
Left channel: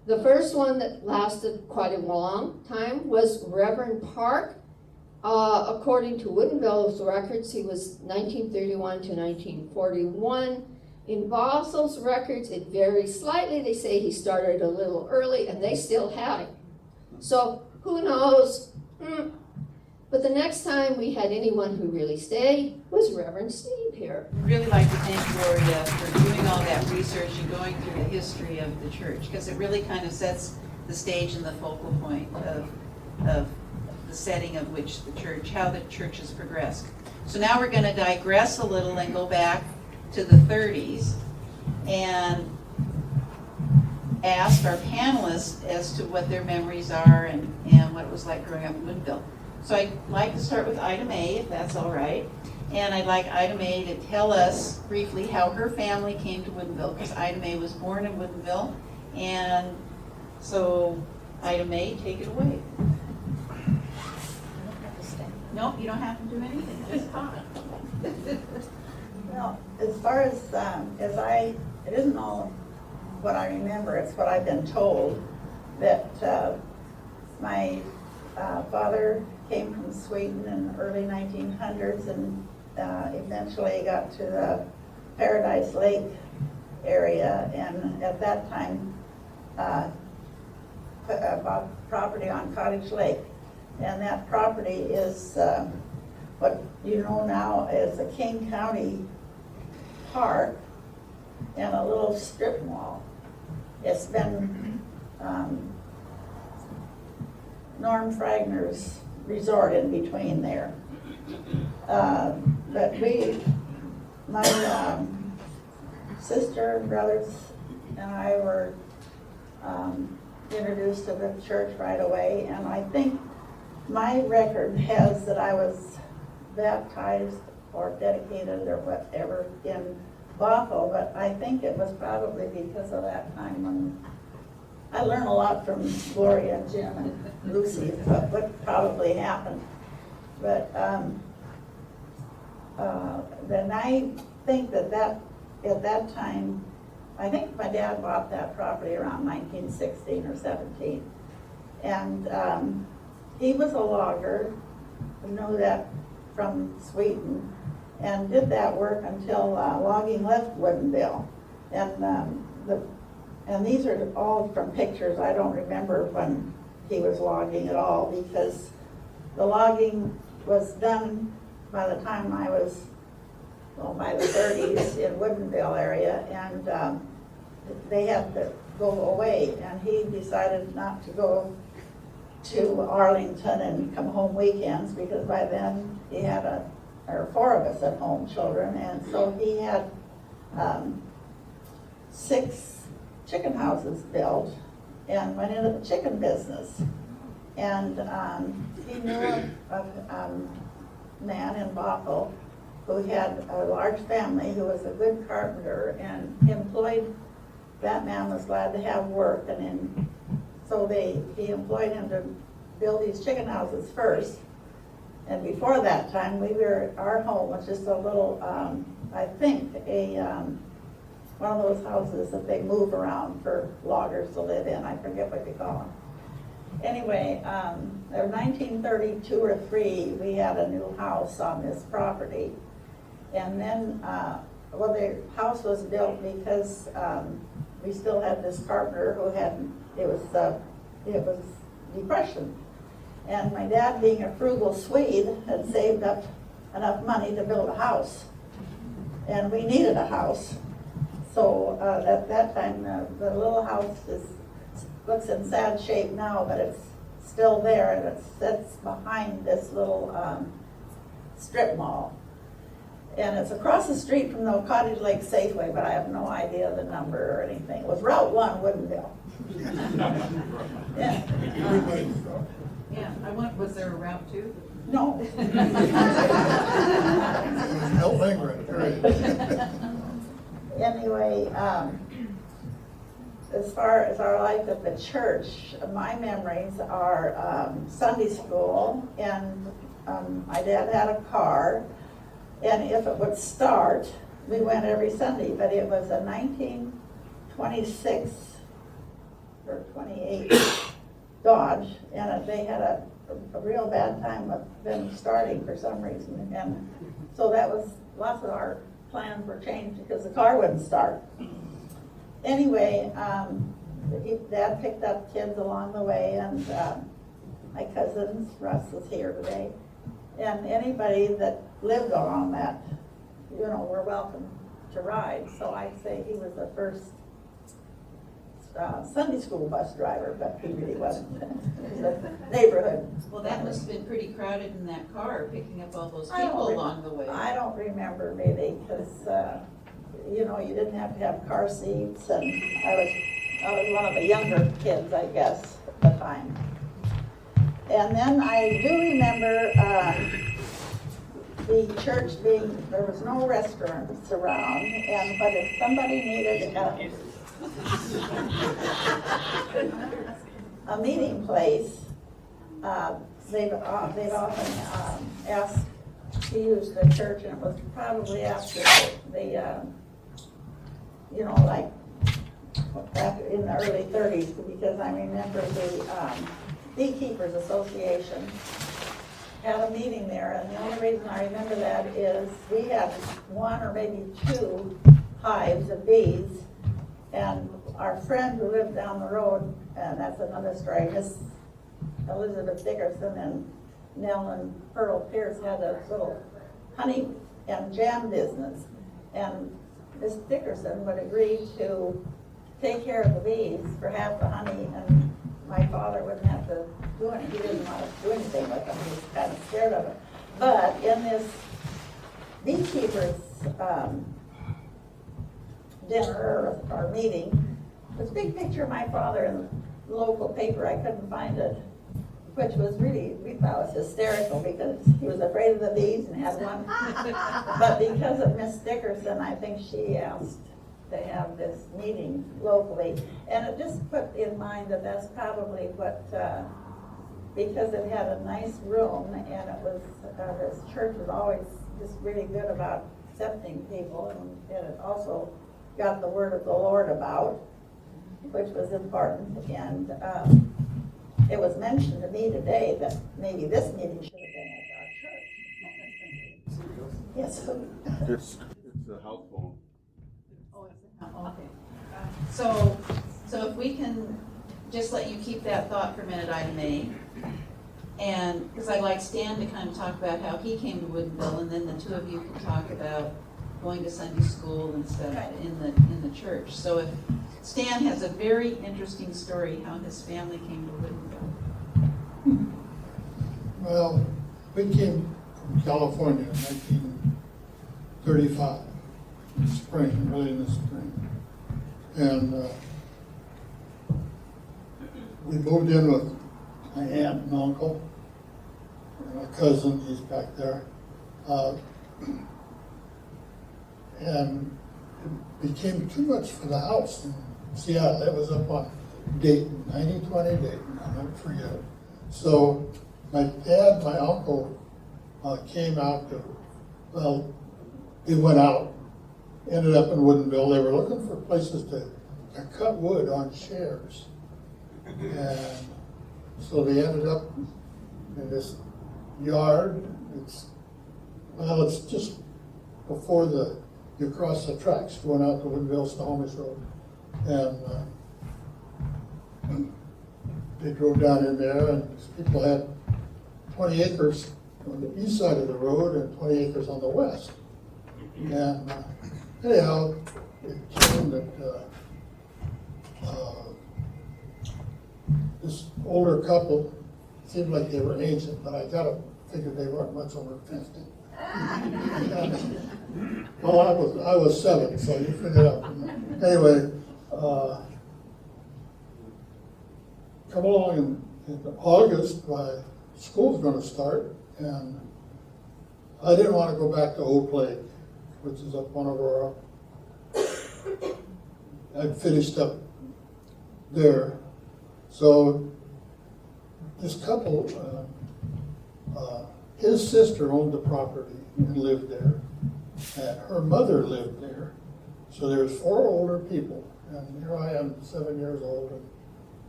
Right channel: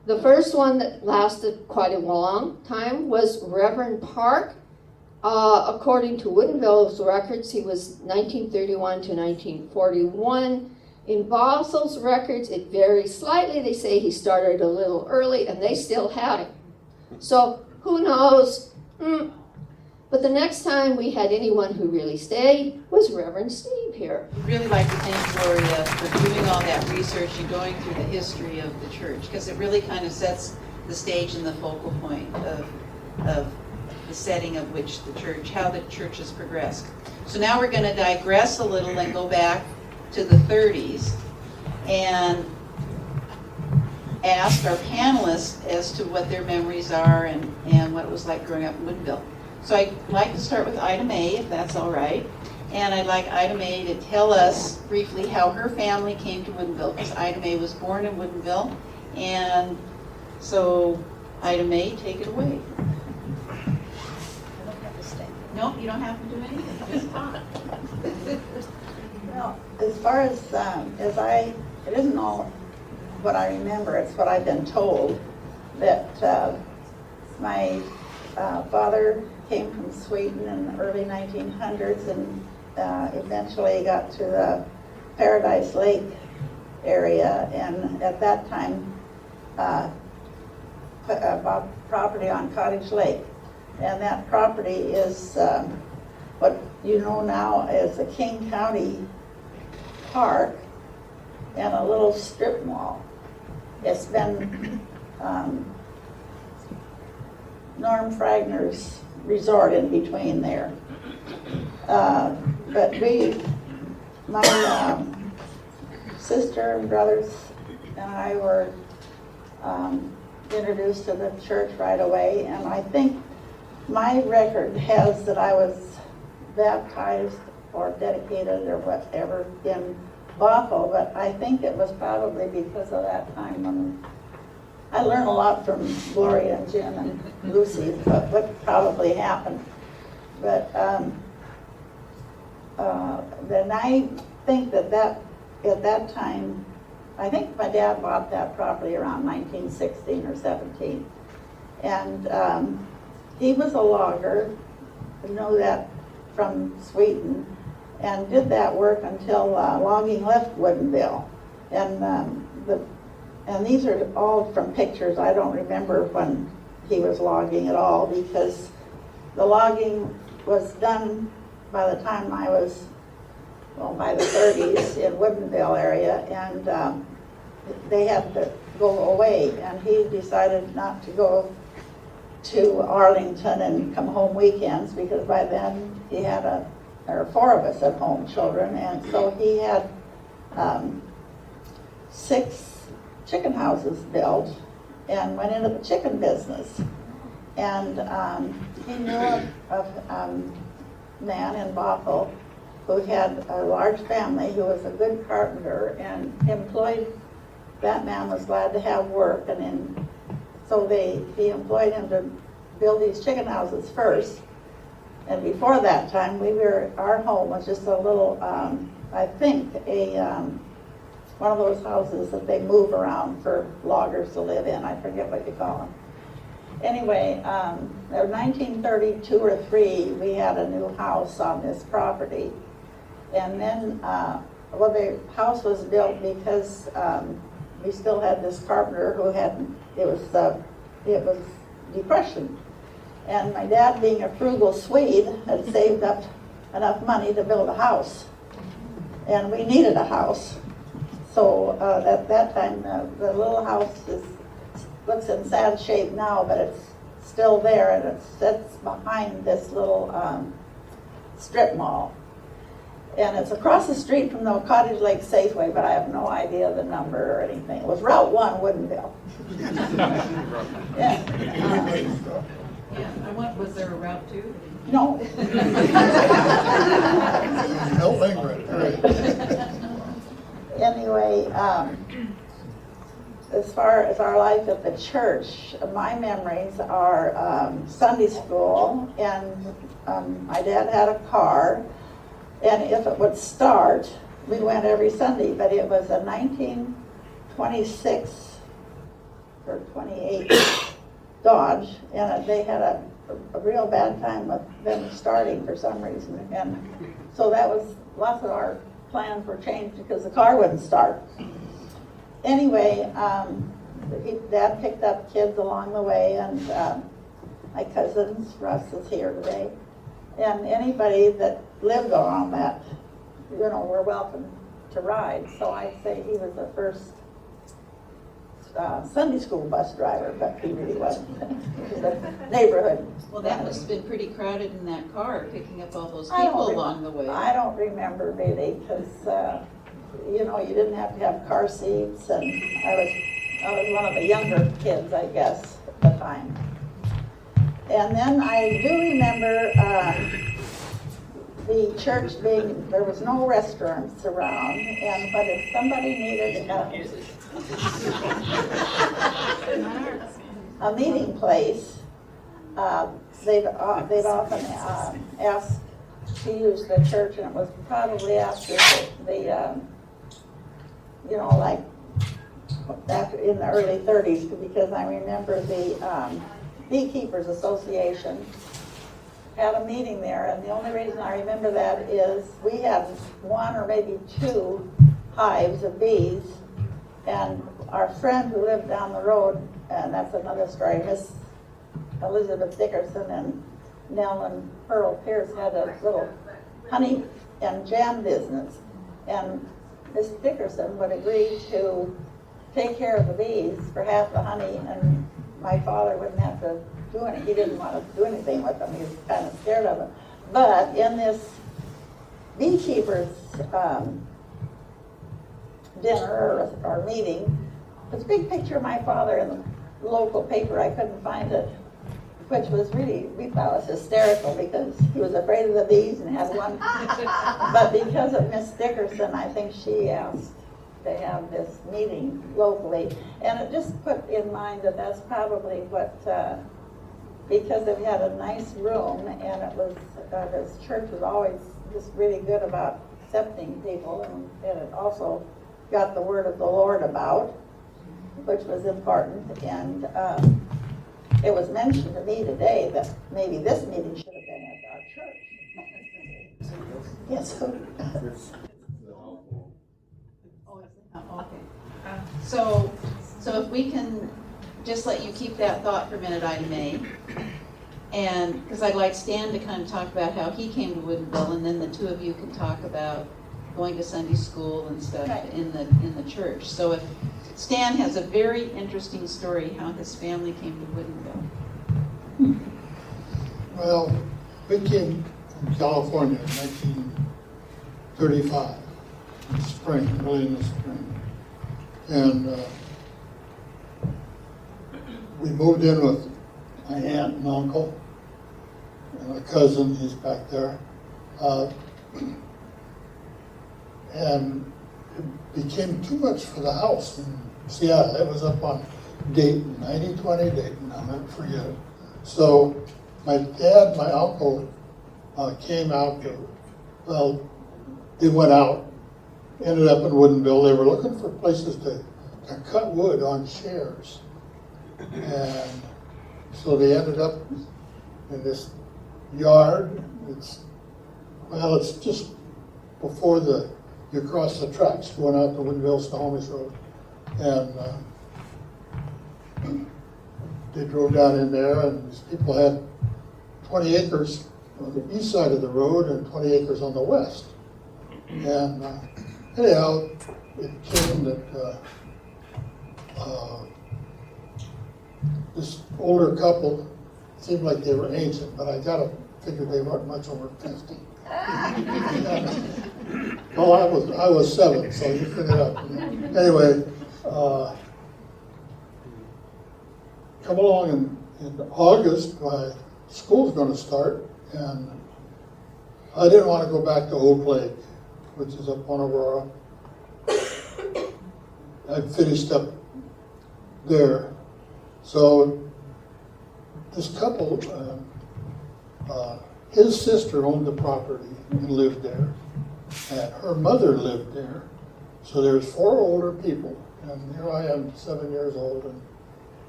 The first one that lasted quite a long time was Reverend Park. According to Woodinville's records, he was 1931 to 1941. In Bothell's records, it varies slightly. They say he started a little early, and they still had him. So who knows? But the next time we had anyone who really stayed was Reverend Steve here. I'd really like to thank Gloria for doing all that research and going through the history of the church, because it really kind of sets the stage and the focal point of the setting of which the church, how the church has progressed. So now we're going to digress a little and go back to the 30s and ask our panelists as to what their memories are and what it was like growing up in Woodinville. So I'd like to start with Ida Mae, if that's all right. And I'd like Ida Mae to tell us briefly how her family came to Woodinville, because Ida Mae was born in Woodinville. And so, Ida Mae, take it away. I don't have to stay. No, you don't have to do anything, just talk. Well, as far as it isn't all what I remember, it's what I've been told, that my father came from Sweden in the early 1900s and eventually got to the Paradise Lake area, and at that time bought property on Cottage Lake. And that property is what you know now as the King County Park and a little strip mall. It's been Norm Fragner's resort in between there. But my sister and brothers and I were introduced to the church right away, and I think my record has that I was baptized or dedicated or whatever in Bothell, but I think it was probably because of that time when I learned a lot from Gloria and Jim and Lucy about what probably happened. But then I think that at that time, I think my dad bought that property around 1916 or 17. And he was a logger, I know that from Sweden, and did that work until logging left Woodinville. And these are all from pictures. I don't remember when he was logging at all, because the logging was done by the time I was, well, by the 30s in Woodinville area, and they had to go away, and he decided not to go to Arlington and come home weekends, because by then he had there were 4 of us at home, children, and so he had 6 chicken houses built and went into the chicken business. And he knew of a man in Bothell who had a large family, who was a good carpenter, and that man was glad to have work, and then, so he employed him to build these chicken houses first. And before that time, our home was just a little, I think, one of those houses that they move around for loggers to live in. I forget what you call them. Anyway, in 1932 or 3, we had a new house on this property. And then, the house was built because we still had this carpenter who it was Depression. And my dad, being a frugal Swede, had saved up enough money to build a house. And we needed a house. So at that time, the little house looks in sad shape now, but it's still there, and it sits behind this little strip mall. And it's across the street from the Cottage Lake Safeway, but I have no idea the number or anything. It was Route 1, Woodinville. Yeah. Was there a Route 2? No. No lingering. Anyway, as far as our life at the church, my memories are Sunday school, and my dad had a car, and if it would start, we went every Sunday, but it was a 1926 or 28 Dodge, and they had a real bad time with them starting for some reason, and so that was, lots of our plans were changed because the car wouldn't start. Anyway, Dad picked up kids along the way, and my cousins, Russ is here today, and anybody that lived on that, were welcome to ride. So I'd say he was the first Sunday school bus driver, but he really wasn't. It was a neighborhood. Well, that must have been pretty crowded in that car, picking up all those I don't people rem- along the way. I don't remember really, because you didn't have to have car seats, and I was one of the younger kids, I guess, at the time. And then I do remember the church there was no restaurants around, but if somebody needed a meeting place, they'd often ask to use the church, and it was probably after like back in the early 30s, because I remember the Beekeepers Association had a meeting there, and the only reason I remember that is we had 1 or maybe 2 hives of bees, and our friend who lived down the road, and that's another story, Miss Elizabeth Dickerson and Nell and Pearl Pierce had a little honey and jam business, and Miss Dickerson would agree to take care of the bees for half the honey, and my father wouldn't have to do anything. He didn't want to do anything with them. He was kind of scared of them. But in this beekeepers dinner or meeting, there's a big picture of my father in the local paper. I couldn't find it, which was really, we thought it was hysterical because he was afraid of the bees and had one. But because of Miss Dickerson, I think she asked to have this meeting locally. And it just put in mind that that's probably what, because it had a nice room, and it was, this church was always just really good about accepting people, and it also got the word of the Lord about, which was important. And it was mentioned to me today that maybe this meeting should have been at our church. Yes, so. It's a house phone. Oh, okay. So if we can just let you keep that thought for a minute, I may. And, because I'd like Stan to kind of talk about how he came to Woodinville, and then the two of you could talk about going to Sunday school and stuff in the church. So if Stan has a very interesting story how his family came to Woodinville. Well, we came from California in 1935, in the spring, early in the spring. And we moved in with my aunt and uncle, and my cousin, he's back there. and it became too much for the house in Seattle. It was up on Dayton, 1920 Dayton, I'll never forget it. So my dad, my uncle, came out there. Well, they went out, ended up in Woodinville. They were looking for places to cut wood on shares. And so they ended up in this yard. It's just before you cross the tracks going out to Woodinville, Snohomish Road. And they drove down in there, and these people had 20 acres on the east side of the road and 20 acres on the west. And anyhow, it came that this older couple seemed like they were ancient, but I gotta figure they weren't much over 50. Well, I was 7, so you figure it out. Anyway, come along in August, my school's gonna start, and I didn't want to go back to Oak Lake, which is up on Aurora. I'd finished up there. So this couple, his sister owned the property and lived there, and her mother lived there. So there's 4 older people, and here I am, 7 years old,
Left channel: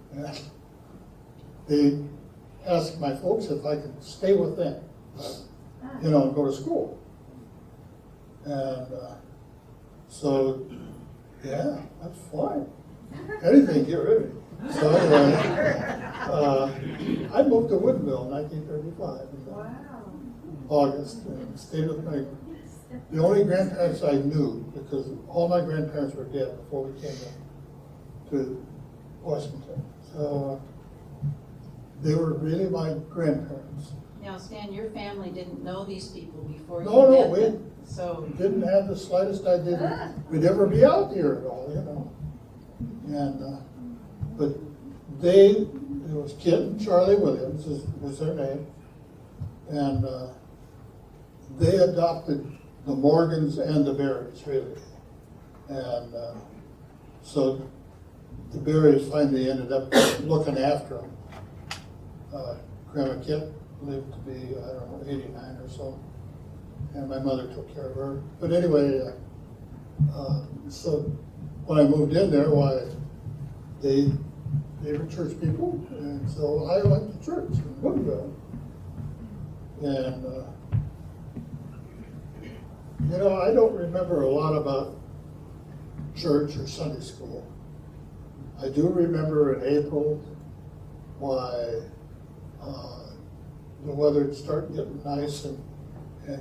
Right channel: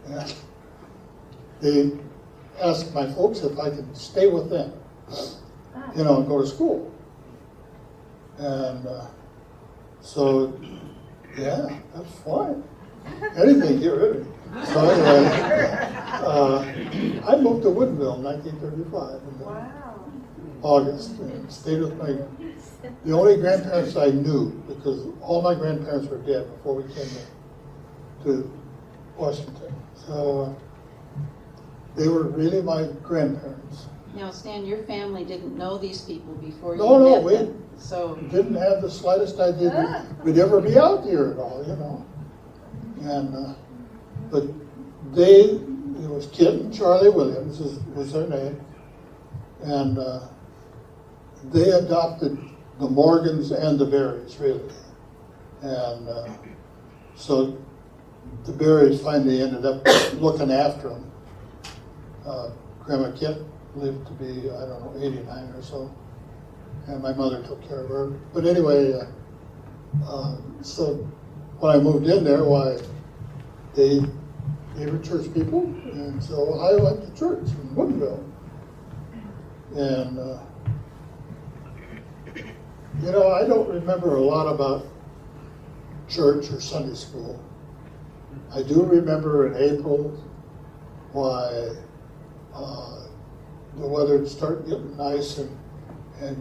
and they asked my folks if I could stay with them, and go to school. And so, yeah, that's fine. Anything, get rid of me. So anyway, I moved to Woodinville in 1935. Wow. August, stayed with the only grandparents I knew, because all my grandparents were dead before we came to Washington. So they were really my grandparents. Now, Stan, your family didn't know these people before you No, met we them, so. didn't have the slightest idea we'd ever be out here at all, And, but it was Kit and Charlie Williams was their name, and they adopted the Morgans and the Berries, really. And so the Berries finally ended up looking after them. Grandma Kit lived to be, 89 or so, and my mother took care of her. But anyway, so when I moved in there, they were church people, and so I went to church in Woodinville. And, I don't remember a lot about church or Sunday school. I do remember in April why the weather started getting nice, and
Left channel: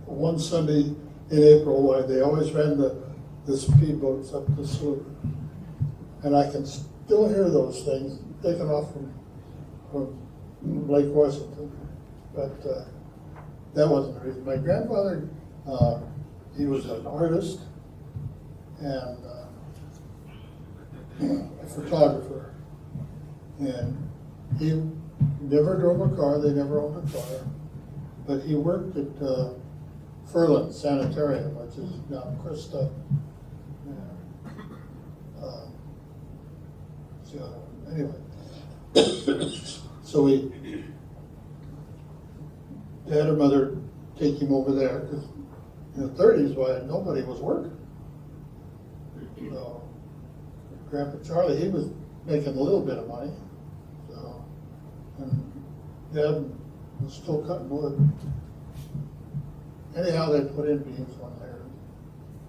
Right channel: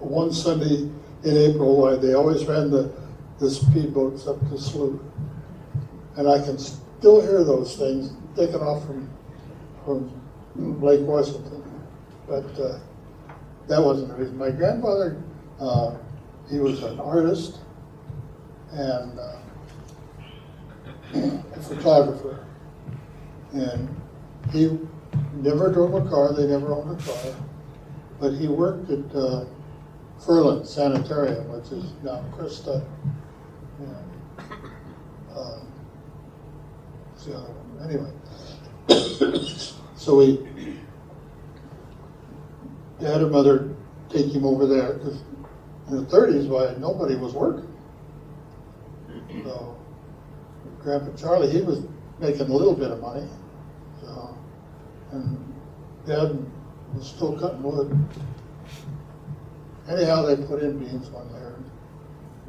one Sunday in April, why they always ran the speedboats up the slough. And I can still hear those things taking off from Lake Washington. But that wasn't the reason. My grandfather, he was an artist and a photographer. And he never drove a car, they never owned a car. But he worked at Furlan Sanitarium, which is now Krista. Anyway, so Dad and Mother take him over there, because in the 30s, nobody was working. So Grandpa Charlie, he was making a little bit of money. So, and Dad was still cutting wood. Anyhow, they put in beans on there.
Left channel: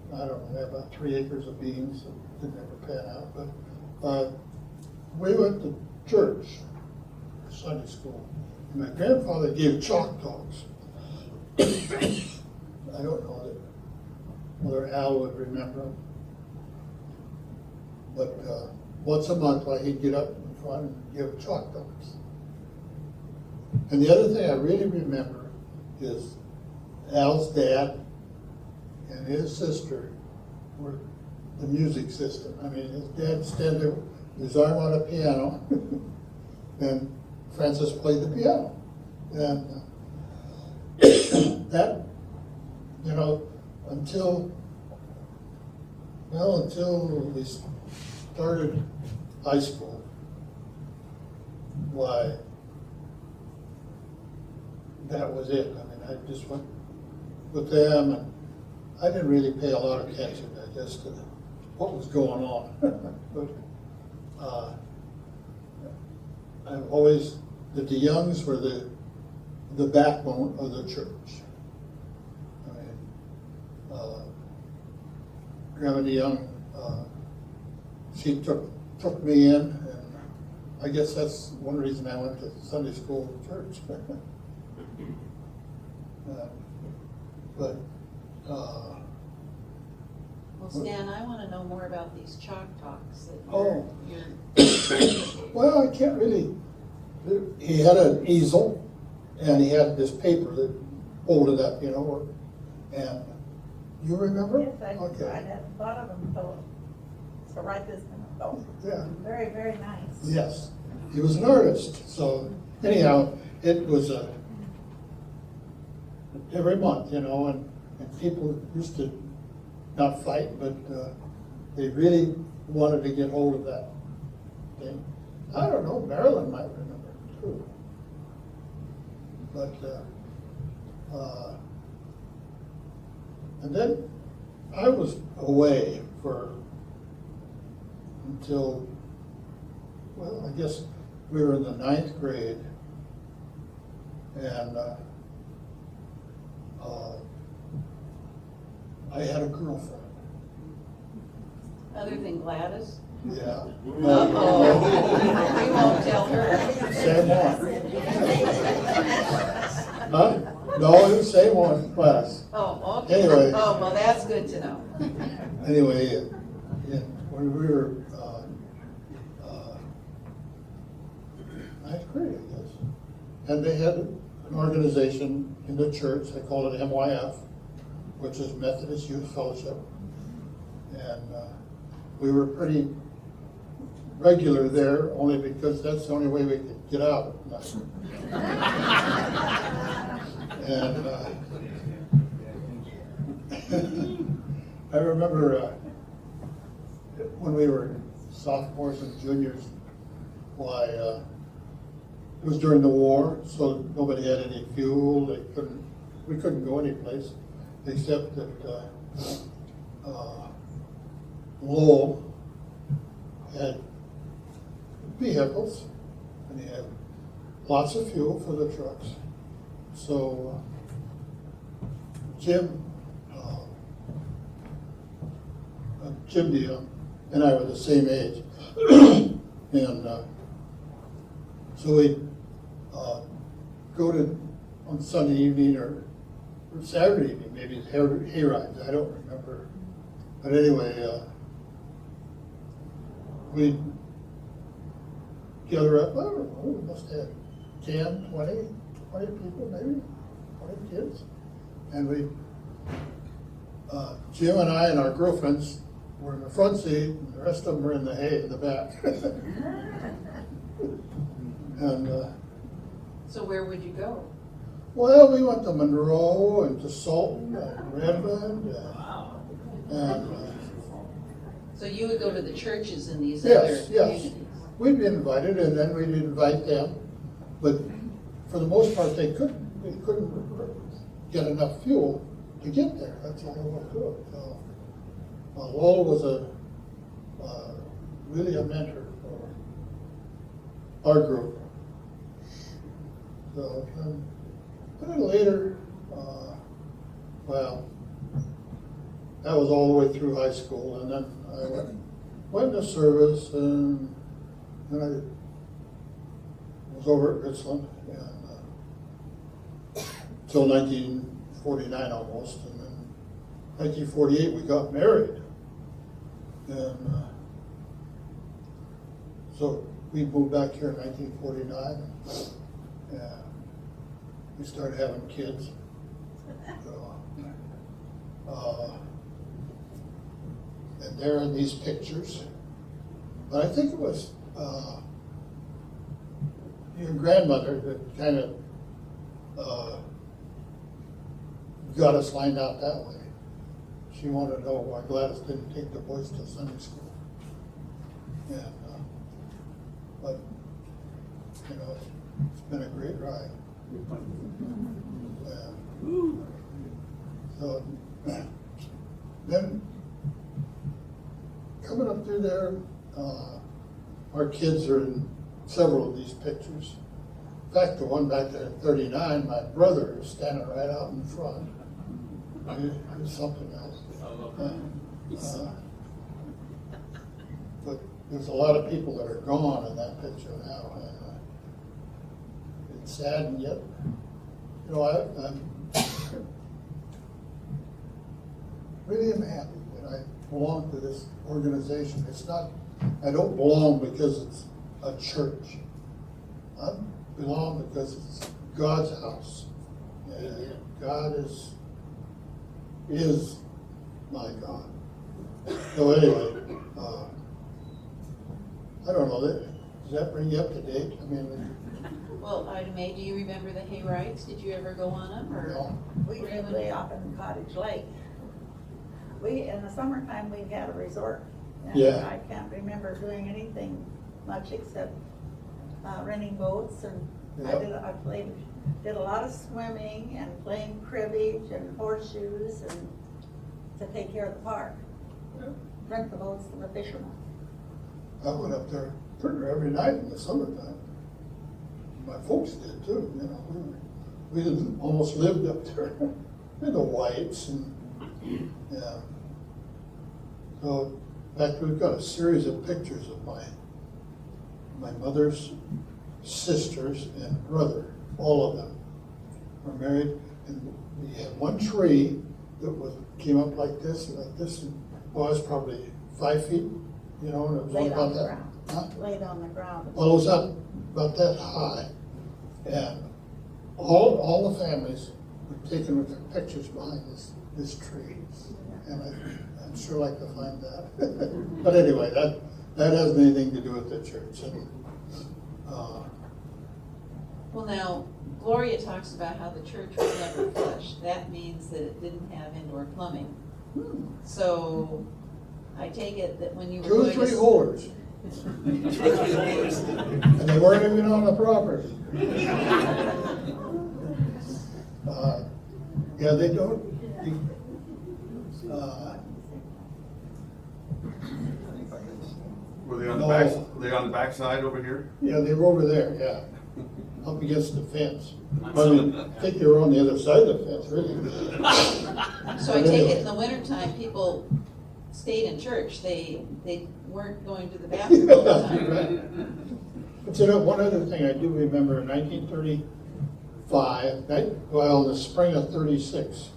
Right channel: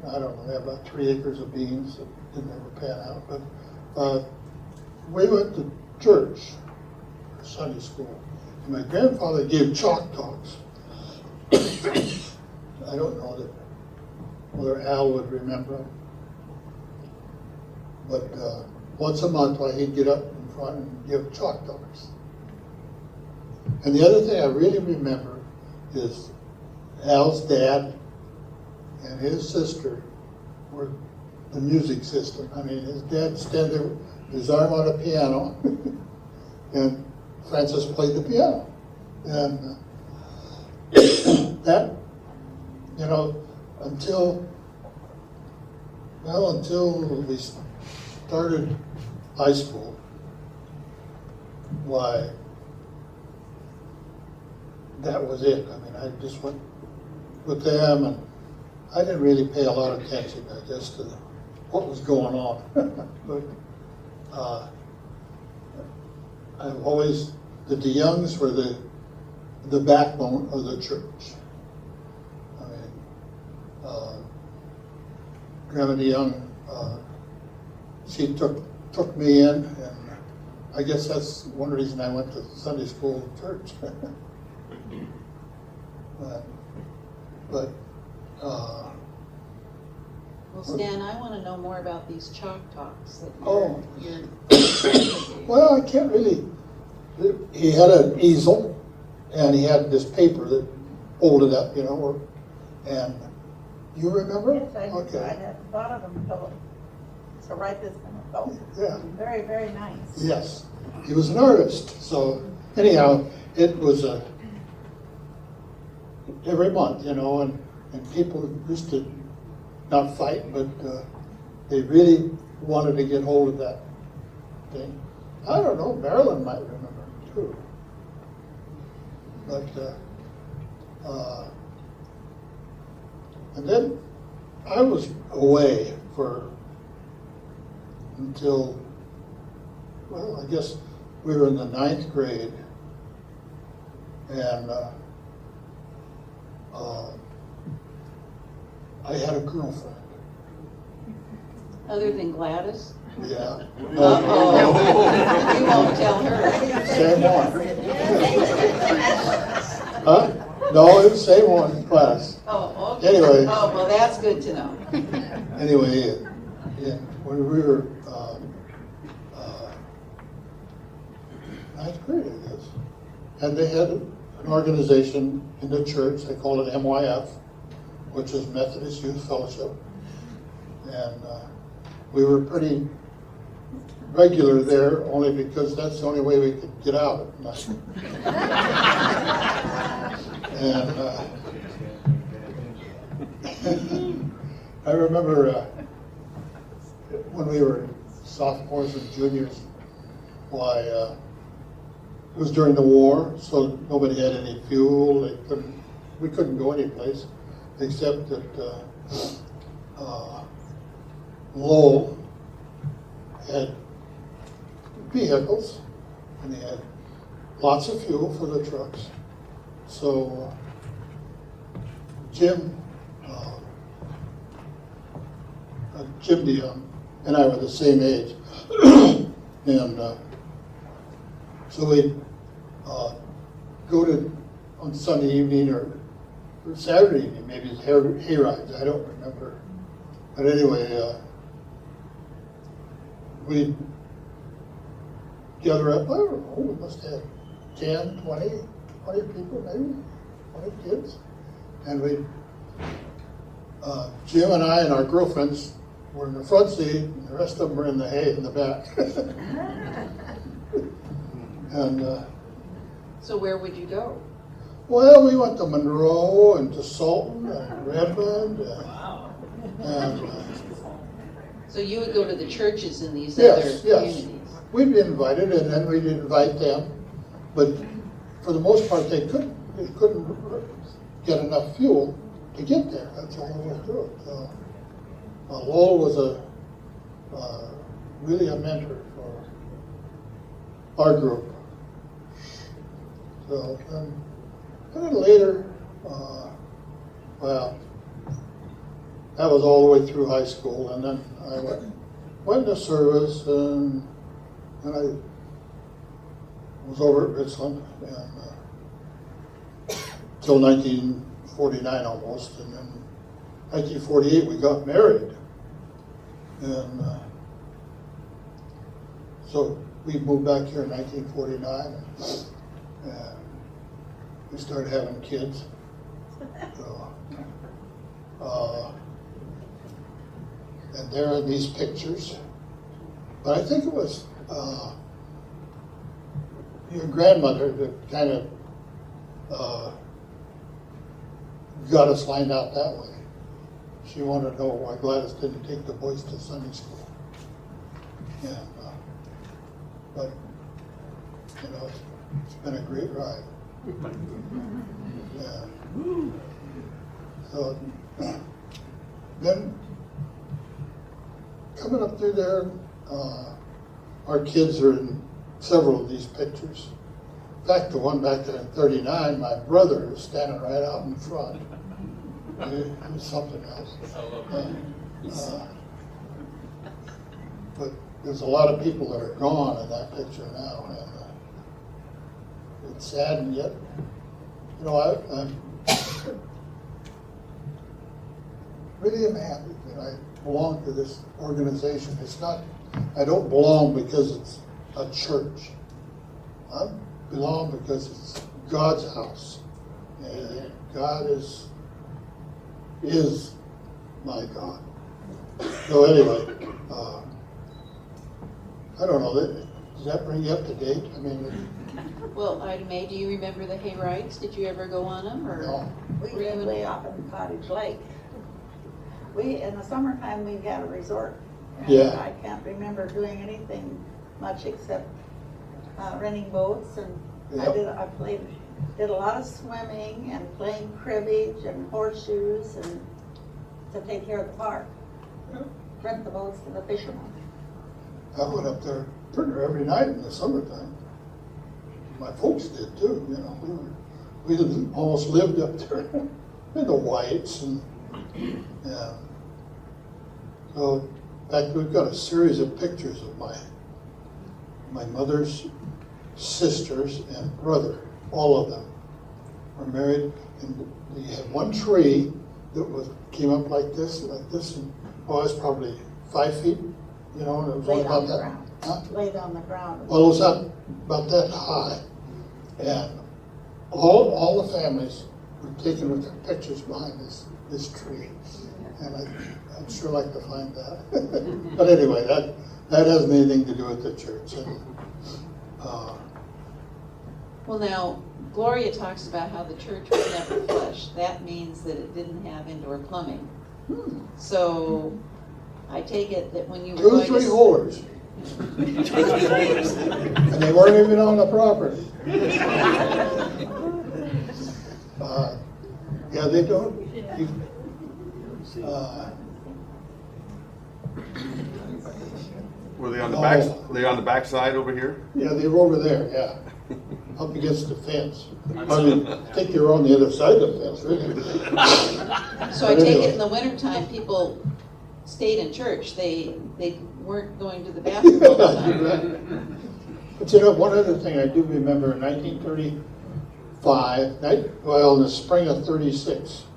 I don't know, they had about 3 acres of beans that didn't ever pan out. But we went to church for Sunday school. And my grandfather gave chalk talks. I don't know whether Al would remember. But once a month, he'd get up in front and give chalk talks. And the other thing I really remember is Al's dad and his sister were the music system. I mean, his dad would stand there, his arm on a piano, and Francis played the piano. And that, until we started high school. Why, that was it. I mean, I just went with them, and I didn't really pay a lot of attention just to what was going on. But I've always, the DeYoungs were the backbone of the church. I mean, Grandma DeYoung, she took me in, and I guess that's one reason I went to Sunday school church. Well, Stan, I want to know more about these chalk talks. That Oh. you're- Well, I can't really. He had an easel, and he had this paper that folded up, and you remember? Yes, I Okay. had thought of them to write this in. Oh, Yeah. very, very nice. Yes, he was an artist. So anyhow, it was every month, and people used to not fight, but they really wanted to get hold of that thing. I don't know, Marilyn might remember too. But and then I was away until, well, I guess we were in the 9th grade, and I had a girlfriend. Other than Gladys? Yeah. You won't tell her. Same one. Huh? No, it was the same one, class. Oh, okay. Anyway. Oh, well, that's good to know. Anyway, yeah, when we were 9th grade, I guess, and they had an organization in the church, they call it MYF, which is Methodist Youth Fellowship, and we were pretty regular there, only because that's the only way we could get out at night. And I remember when we were sophomores and juniors, it was during the war, so nobody had any fuel. We couldn't go any place except that Lowell had vehicles, and they had lots of fuel for the trucks. So Jim DeYoung and I were the same age, and so we go to on Sunday evening or Saturday evening, maybe hay rides. I don't remember, but anyway, we gather up. I don't know, we must have 10, 20 people, maybe 20 kids, and we. Jim and I and our girlfriends were in the front seat, and the rest of them were in the hay in the back. And So where would you go? well, we went to Monroe and to Salton and Redmond, and So you would go to the churches in these yes, other yes, communities? we'd be invited, and then we'd invite them, but for the most part, they couldn't get enough fuel to get there. That's the only way to do it. Lowell was really a mentor for our group. So, and then later, well, that was all the way through high school, and then I went to service, and I was over at Richland, and till 1949 almost, and then 1948 we got married, and so we moved back here in 1949, and we started having kids. And they're in these pictures, but I think it was your grandmother that kind of. 'Got us lined out that way. she wanted to know why Gladys didn't take the boys to Sunday school. And, but, you know, it's been a great ride. Yeah. So, then, coming up through there, our kids are in several of these pictures. In fact, the one back there at 39, my brother is standing right out in front. It was something else. But there's a lot of people that are gone in that picture now. It's sad, and yet, you know, I really am happy that I belong to this organization. It's not, I don't belong because it's a church. I belong because it's God's house. And God is my God. So anyway, I don't know, does that bring you up to date? I mean, Well, May, do you remember the hay rides? Did you ever go on them, or? no. We lived way out in Cottage Lake. In the summertime, we had a resort. And Yeah. I can't remember doing anything much except renting boats, and Yeah. did a lot of swimming and playing cribbage and horseshoes and to take care of the park. Rent the boats to the fishermen. I went up there pretty much every night in the summertime. My folks did too, you know. We almost lived up there in the Whites and, yeah. So, in fact, we've got a series of pictures of my mother's sisters and brother, all of them were married. And we had one tree that came up like this, and it's probably 5 feet, you know, and it was Laid about on the that. ground. Huh? Laid on the ground. Well, it was about that high, and all the families were taking their pictures behind this tree, and I'd sure like to find that. But anyway, that has anything to do with the church. And, Well, now, Gloria talks about how the church was never flush. That means that it didn't have indoor plumbing. So, I take it that when you were 2 or going 3 to... holes, and they weren't even on the property. Yeah, they don't. Were they on the back, were they on the back side over here? Yeah, they were over there, yeah, up against the fence. I think you're on the other side of the fence, really. So I take it in the wintertime, people stayed in church. They weren't going to the bathroom. But you know, one other thing I do remember in 1935, in the spring of 36,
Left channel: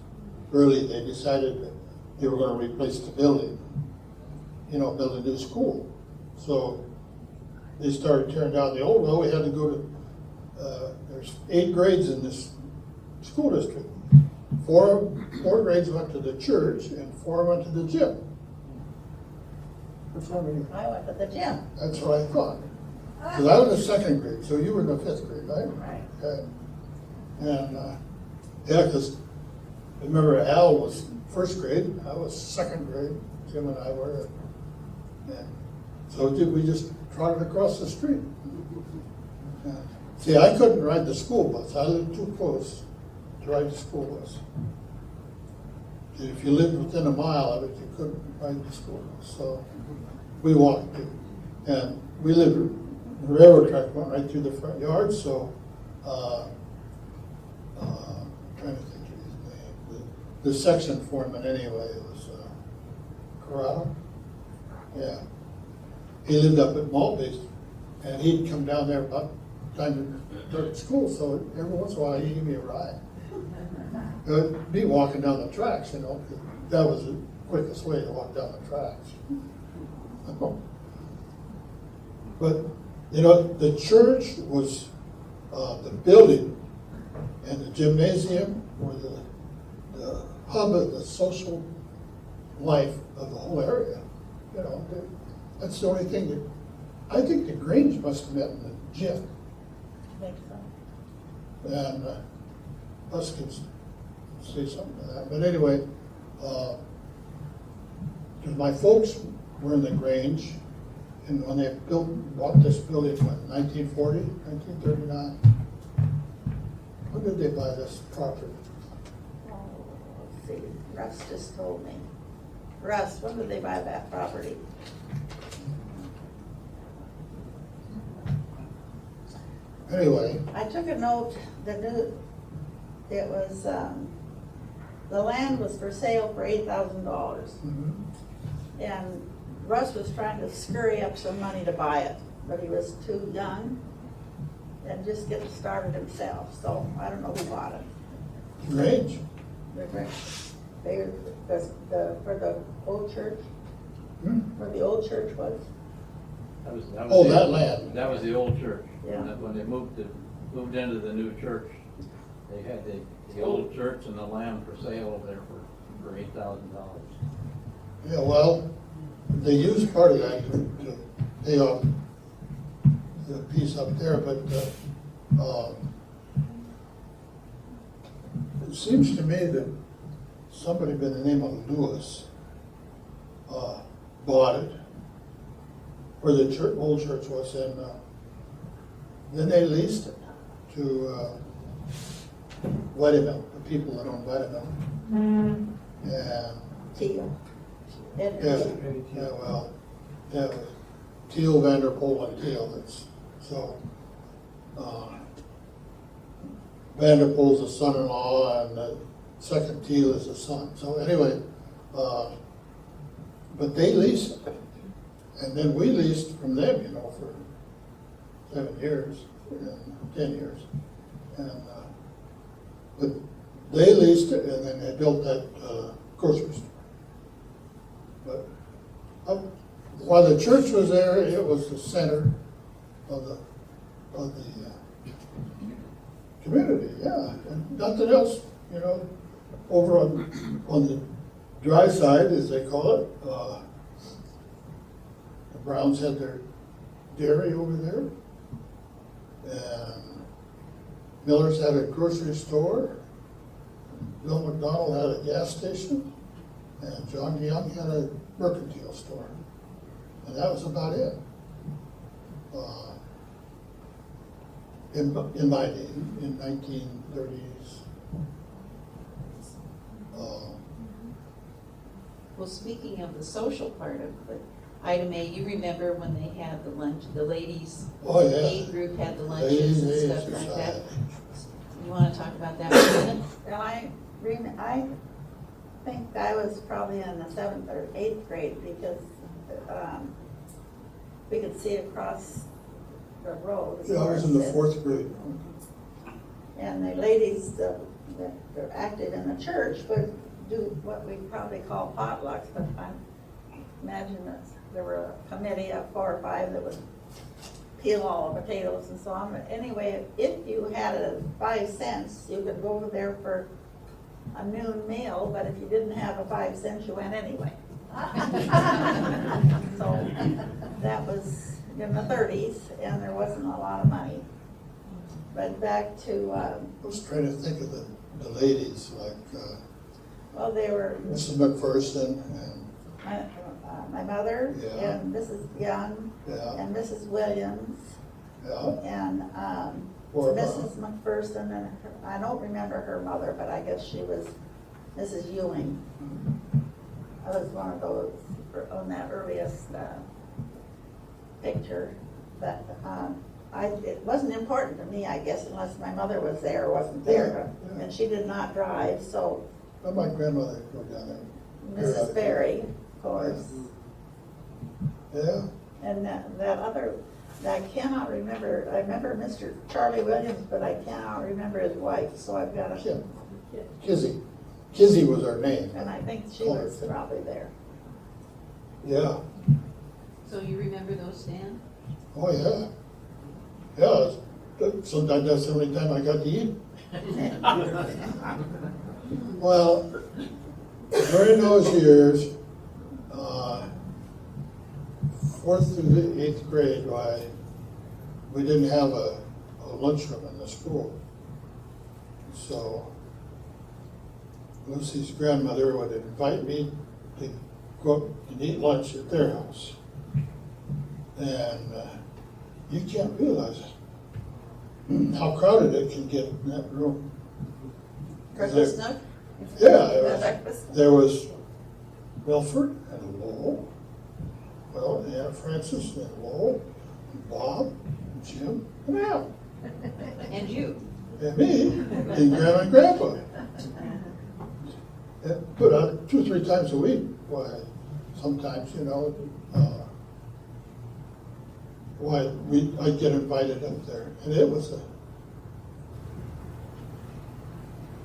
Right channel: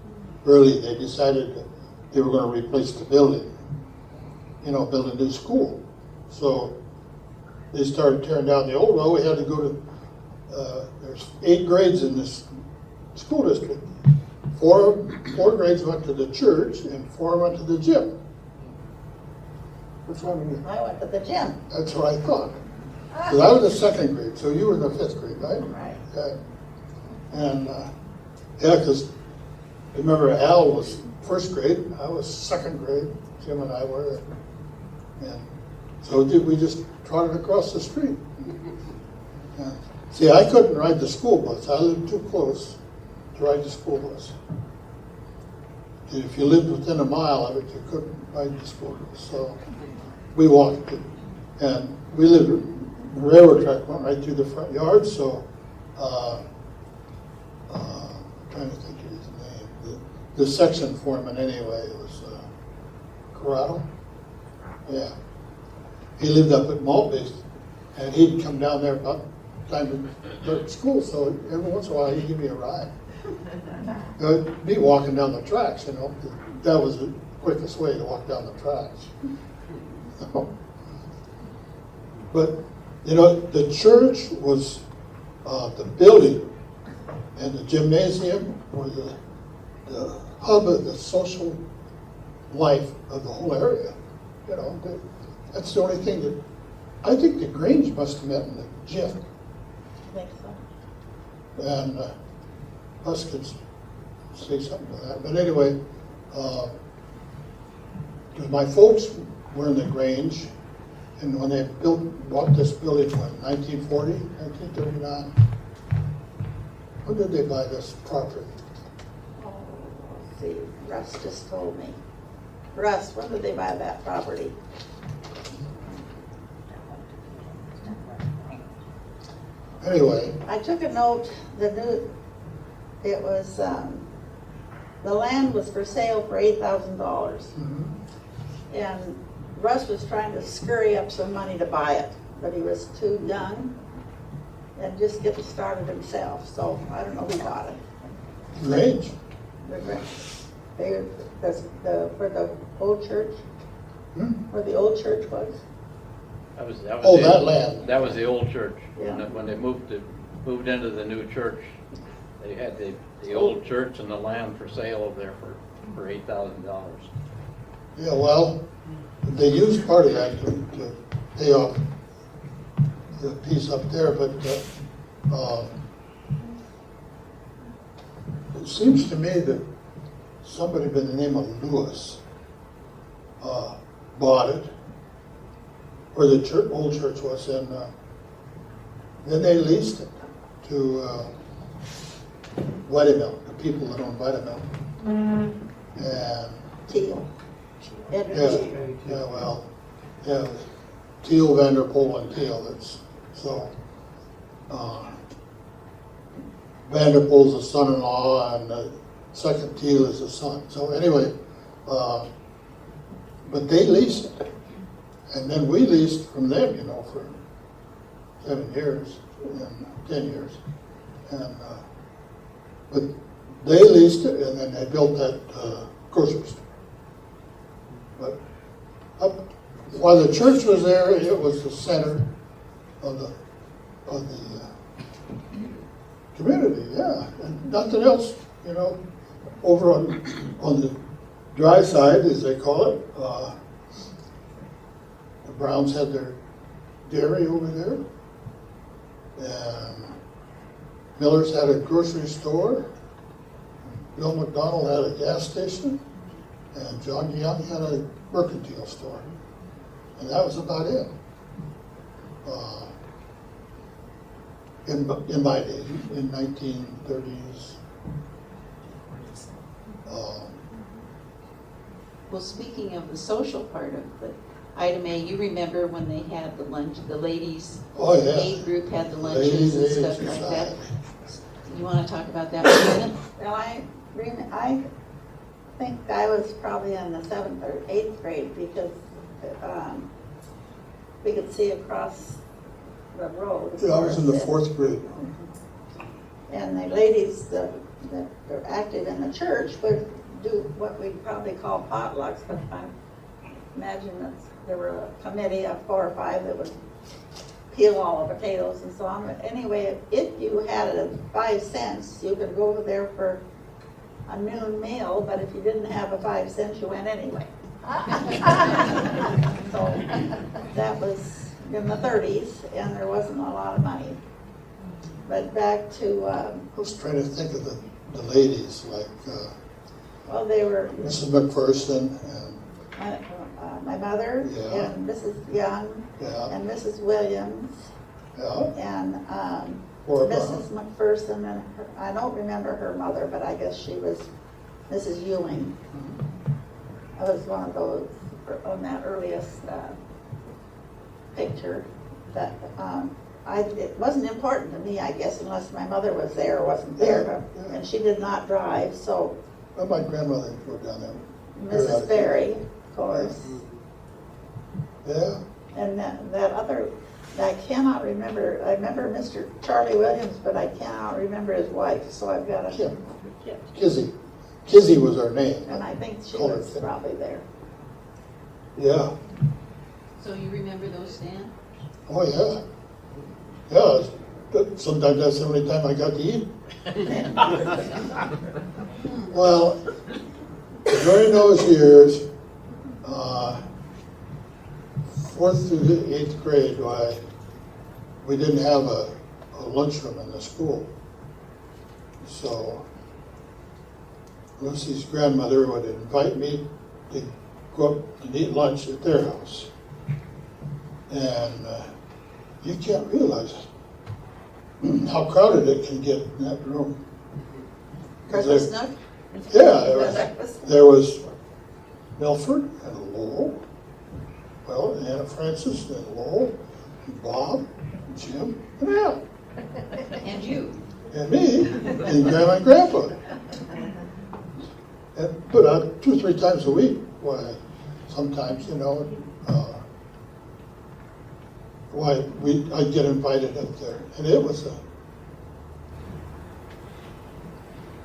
early, they decided that they were going to replace the building, you know, build a new school. So they started tearing down the old one. We had to go to, there's 8 grades in this school district. 4 grades went to the church and 4 went to the gym. Which one? I went to the gym. That's what I thought. Because I was in 2nd grade, so you were in the 5th grade, right? Right. Okay. And, yeah, because remember Al was 1st grade, I was 2nd grade, Jim and I were. And so we just trotted across the street. Yeah. See, I couldn't ride the school bus. I lived too close to ride the school bus. If you lived within a mile of it, you couldn't ride the school bus. So we walked it. And we lived, the railroad track went right through the front yard, so trying to think of his name. The section foreman anyway was Corral. Yeah. He lived up at Maltby's, and he'd come down there about time to go to school, so every once in a while he'd give me a ride. Me walking down the tracks, you know, that was the quickest way to walk down the tracks. But, you know, the church was the building, and the gymnasium were the hub of the social life of the whole area. You know, that's the only thing that, I think the Grange must have met in the gym. And us could say something to that. But anyway, 'cause my folks were in the Grange, and when they bought this building in 1940, 1939, when did they buy this property? Let's see, Russ just told me. Russ, when did they buy that property? Anyway, I took a note, it was, the land was for sale for $8,000. And Russ was trying to scurry up some money to buy it, but he was too young and just get started himself, so I don't know who bought it. Grange, They, where the old church, where the old church was. Oh, that land. That was the old church. Yeah. When they moved into the new church, they had the old church and the land for sale over there for $8,000. Yeah, well, they used part of that to pay off the piece up there, but, it seems to me that somebody by the name of Lewis, bought it, where the old church was, and, then they leased it to, Woodinville, the people that own Woodinville. And Teal. yeah, Teal, Vanderpool, and Teal is, so, Vanderpool's the son-in-law, and the second Teal is the son, so anyway, but they leased it, and then we leased from them, you know, for 7 years, and 10 years, and, but they leased it, and then they built that, grocery store. But while the church was there, it was the center of the community, yeah, and nothing else, you know. Over on the dry side, as they call it, the Browns had their dairy over there, and Miller's had a grocery store, Bill McDonald had a gas station, and John Young had a mercantile store, and that was about it. In my age, in 1930s. Well, speaking of the social part of the item A, you remember when they had the lunch, the ladies, Oh, yeah. aid group had the lunches and Ladies, stuff like that? You wanna talk about that for a minute? Now, I think I was probably in the 7th or 8th grade because, we could see across the road. Yeah, I was in the 4th grade. And the ladies that were active in the church would do what we probably call potlucks, but I imagine that there were a committee of 4 or 5 that would peel all the potatoes and so on. But anyway, if you had 5 cents, you could go over there for a noon meal, but if you didn't have 5 cents, you went anyway. So that was in the 30s, and there wasn't a lot of money. But back to, I was trying to think of the ladies, like well, they were Mrs. McPherson my mother Yeah. and Mrs. Young yeah, and Mrs. Williams yeah, and or Mrs. McPherson, and I don't remember her mother, but I guess she was Mrs. Ewing. I was one of those on that earliest picture that it wasn't important to me, I guess, unless my mother was there or wasn't there, Yeah. and she did not drive, so well, my grandmother would go down there. Mrs. Berry, of course, Yeah, and that other, I cannot remember, I remember Mr. Charlie Williams, but I cannot remember his wife, so I've got to. Kizzy. Kizzy was her name. And I think she was probably there. Yeah. So you remember those, Dan? Oh, yeah. Yeah, sometimes that's the only time I got to eat. Well, during those years, 4th through the 8th grade, we didn't have a lunchroom in the school. So Lucy's grandmother would invite me to go up and eat lunch at their house. And you can't realize how crowded it can get in that room. Christmas note? Yeah, there was Milford and Lowell, well, and Anna Francis and Lowell, and Bob, and Jim, and Al, And you. and me, and Grandma and Grandpa. But 2 or 3 times a week, why, sometimes, you know, I'd get invited up there, and it was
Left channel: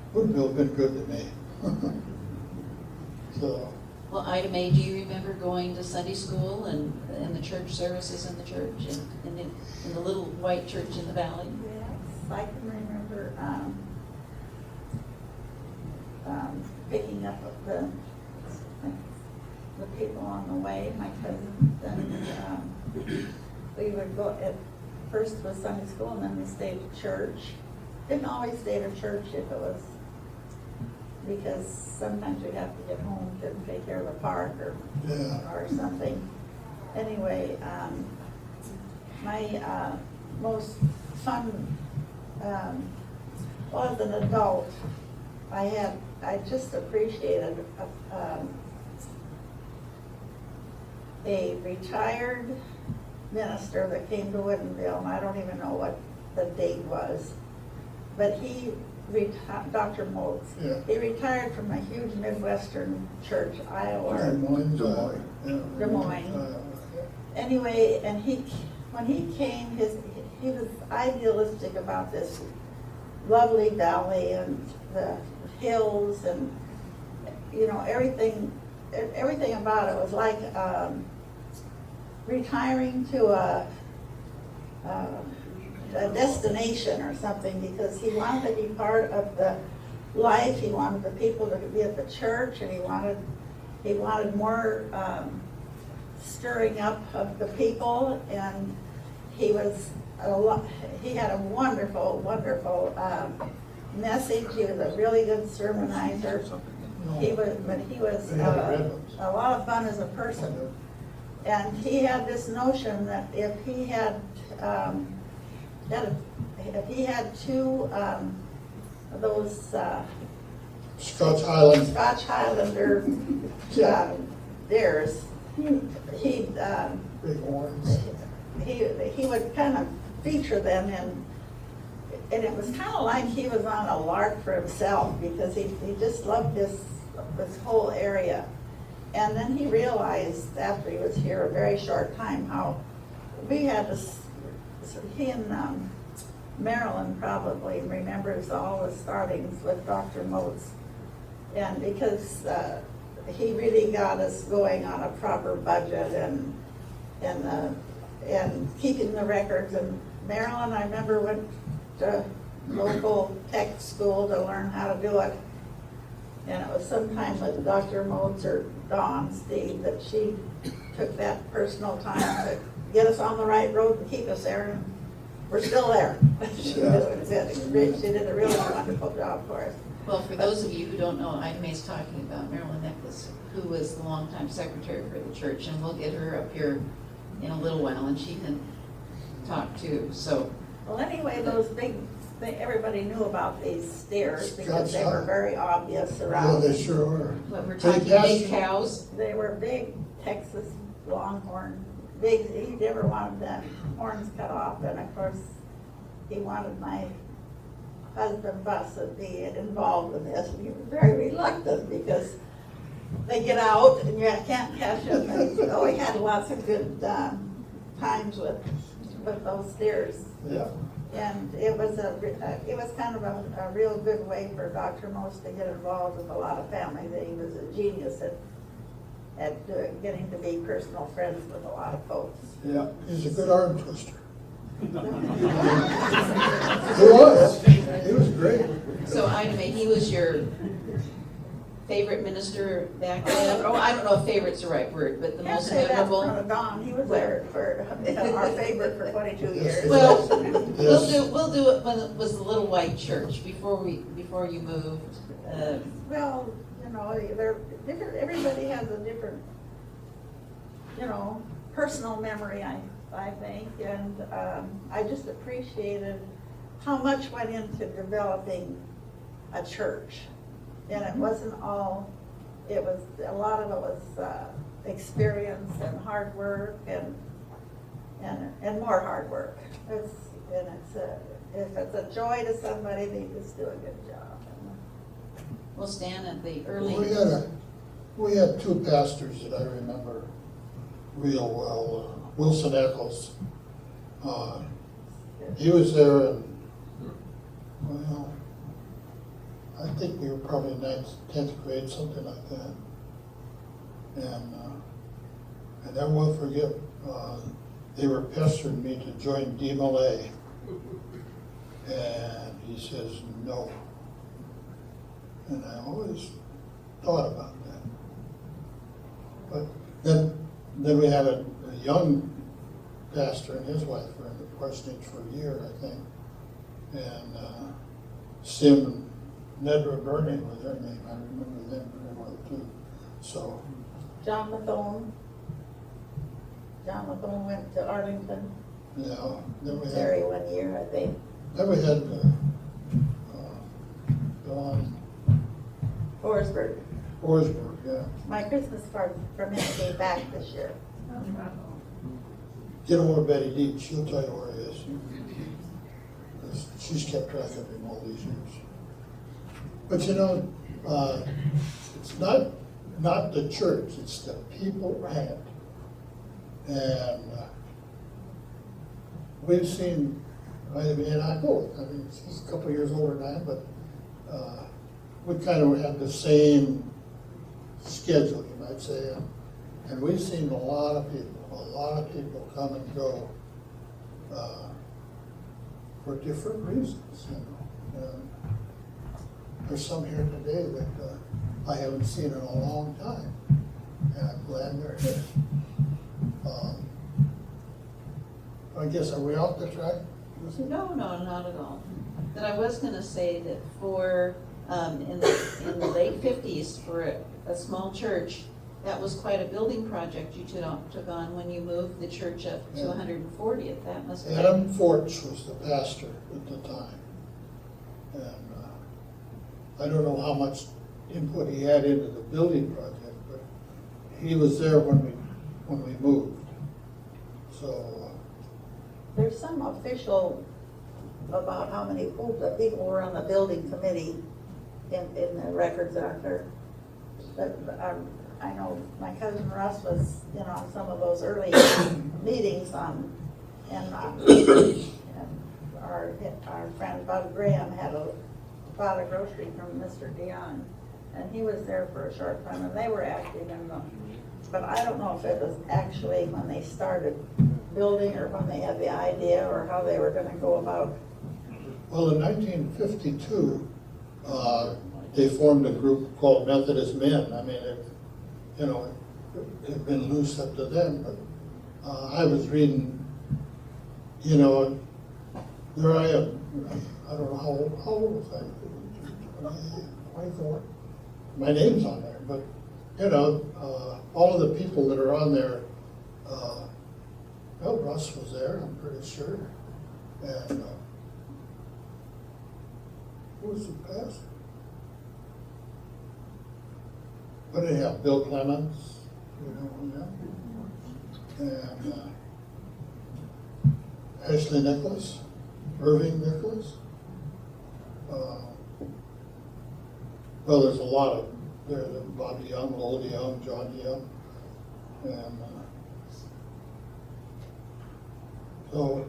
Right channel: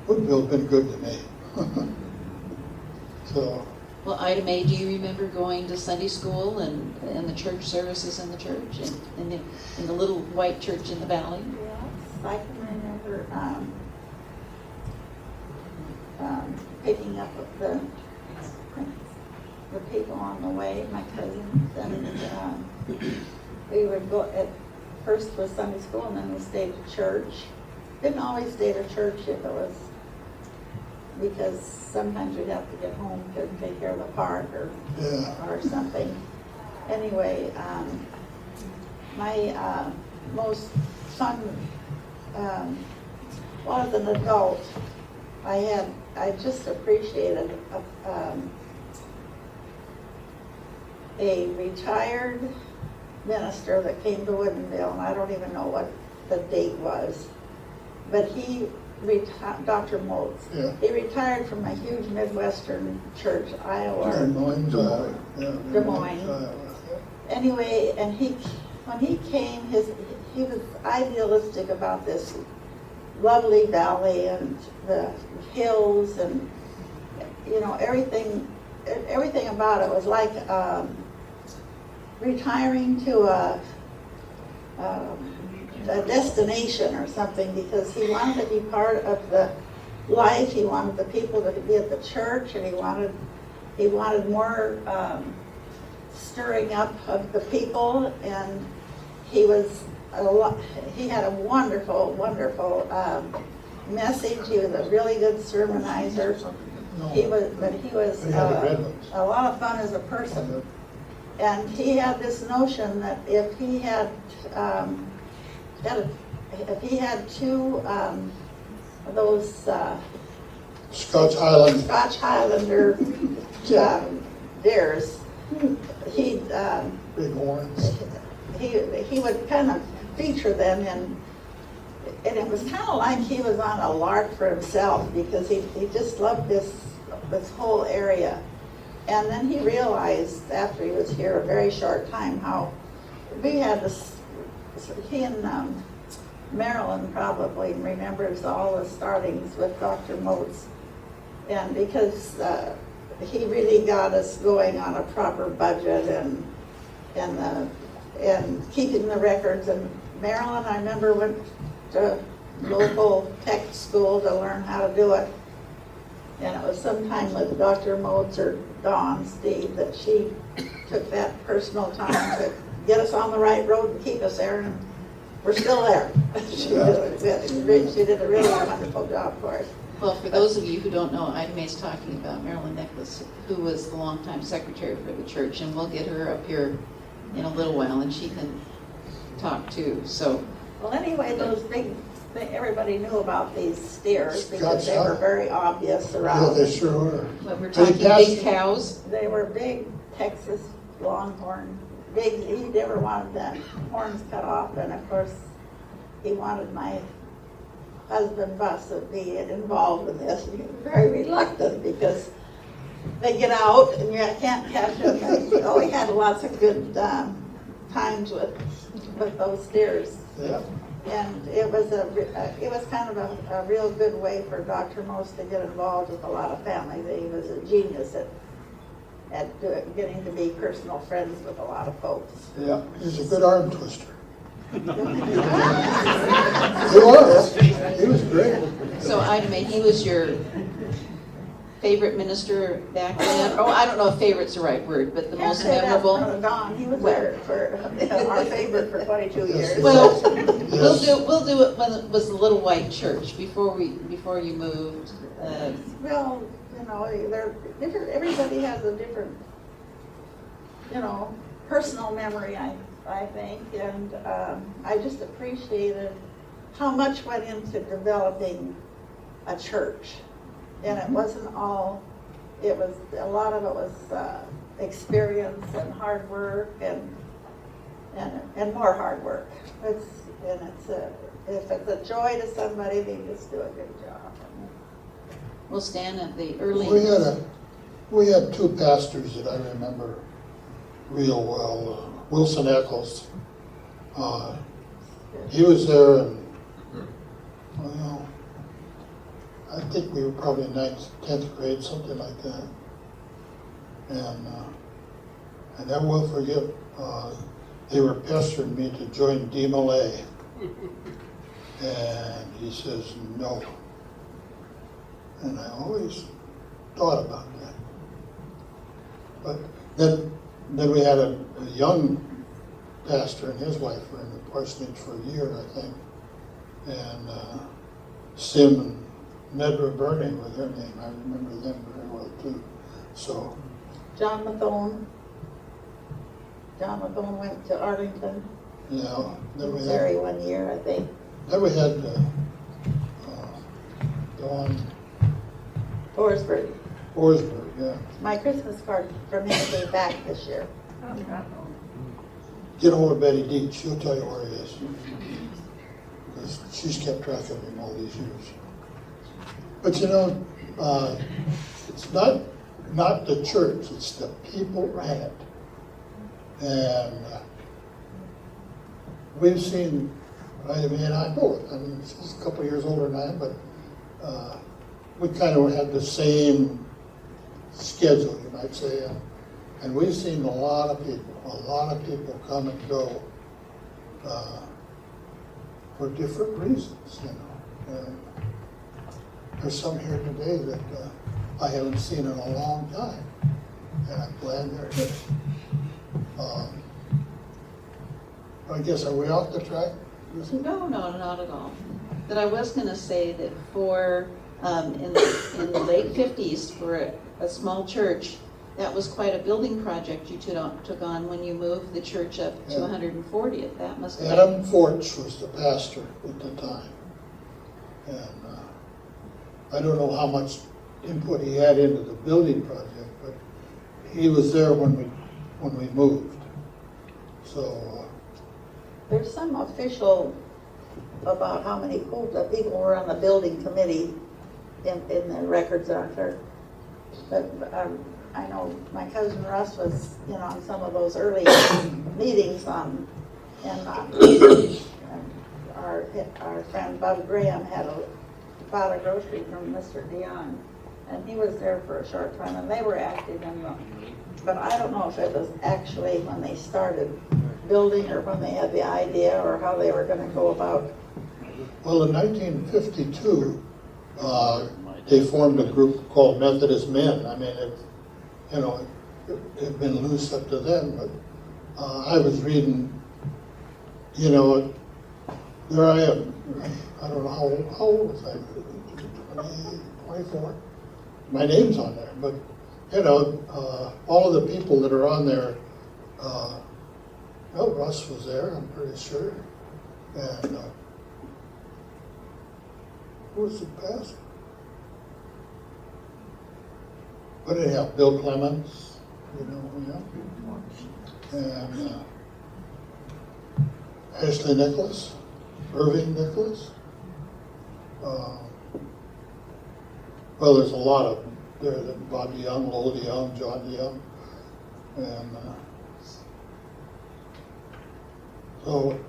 Woodinville been good to me. So, Well, Ida Mae, do you remember going to Sunday school and the church services in the church and in the little white church in the valley? Yes, I can remember, picking up the people on the way, my cousins, and, we would go first was Sunday school, and then we stayed at church. Didn't always stay at church if it was, because sometimes we'd have to get home to take care of the park or something. Anyway, my most fun, well, as an adult, I just appreciated a retired minister that came to Woodinville, and I don't even know what the date was, but he Dr. Moulds. Yeah. He retired from a huge Midwestern church, Iowa. Des Moines. Anyway, and when he came, he was idealistic about this lovely valley and the hills and, you know, everything about it was like retiring to a destination or something, because he wanted to be part of the life. He wanted the people to be at the church, and he wanted more stirring up of the people. And he had a wonderful message. He was a really good sermonizer. He was a lot of fun as a person. And he had this notion that if he had two of those Scotch Highlander deers, big horns. he would kind of feature them, and it was kind of like he was on a lark for himself, because he just loved this whole area. And then he realized after he was here a very short time how we had this, he and Marilyn probably remembers all the startings with Dr. Moats. And because he really got us going on a proper budget and keeping the records. And Marilyn, I remember, went to local tech school to learn how to do it. And it was sometime with Dr. Moats or Dawn Steve that she took that personal time to get us on the right road and keep us there, and we're still there. She did a really wonderful job for us. Well, for those of you who don't know, Ida Mae's talking about Marilyn Nicholas, who was the longtime secretary for the church, and we'll get her up here in a little while, and she can talk too. So, Well, anyway, those things, everybody knew about these steers because they Scotch were very obvious Yeah, around. they sure were. but we're Big talking cows. big cows. They were big Texas longhorn. He never wanted the horns cut off, and of course, he wanted my husband Bus to be involved in this. And he was very reluctant because they get out and you can't catch them. So we had lots of good times with those steers. Yeah. And it was kind of a real good way for Dr. Most to get involved with a lot of families. He was a genius at getting to be personal friends with a lot of folks. Yeah, he's a good arm twister. He was great. So Ida Mae, he was your favorite minister back then? Or I don't know if favorite's the right word, but the most memorable? He was there for our favorite for 22 years. Well, we'll do it when it was a little white church before you moved. Well, you know, they're different. Everybody has a different you know, personal memory, I think, and I just appreciated how much went into developing a church. And it wasn't all, it was, a lot of it was experience and hard work and more hard work. If it's a joy to somebody, they just do a good job. Well, Stan, at the We early, had two pastors that I remember real well. Wilson Eccles. He was there, and, well, I think we were probably 9th, 10th grade, something like that. And I will forget, they were pestering me to join DMLA. And he says, no. And I always thought about that. But then we had a young pastor and his wife were in the parsonage for a year, I think. And Sim and Nedra Burning was their name. I remember them very well too. So, John Mathone went to Arlington, yeah. Then we Missouri had, 1 year, I think. Dawn Forsberg. Forsberg, yeah. My Christmas card from him came back this year. Get over Betty Deach, she'll tell you where he is. 'Cause she's kept track of him all these years. But you know, it's not the church, it's the people around. And we've seen, I mean, he's a couple of years older than I, but we kind of had the same schedule, I'd say. And we've seen a lot of people come and go for different reasons, you know. And there's some here today that I haven't seen in a long time, and I'm glad they're here. I guess, are we off the track? no, not at all. But I was gonna say that for, in the late 50s, for a small church, that was quite a building project you took on when you moved the church up to 140th. That must have been. Adam Forts was the pastor at the time. And I don't know how much input he had into the building project, but he was there when we moved. So, There's some official about how many people were on the building committee in the records out there. But I know my cousin Russ was, you know, on some of those early meetings and our friend Bob Graham had bought a grocery from Mr. Dion, and he was there for a short time, and they were active in them. But I don't know if it was actually when they started building or when they had the idea or how they were gonna go about. well, in 1952, they formed a group called Methodist Men. I mean, it had been loose up to then, but I was reading, you know, there I am. I don't know how old was I? 24. My name's on there, but, you know, all of the people that are on there, well, Russ was there, I'm pretty sure. And who was the pastor? But anyhow, Bill Clements, you know, yeah. And Ashley Nicholas, Irving Nicholas. Well, there's a lot of there. Bobby Young, Old Young, John Young, and so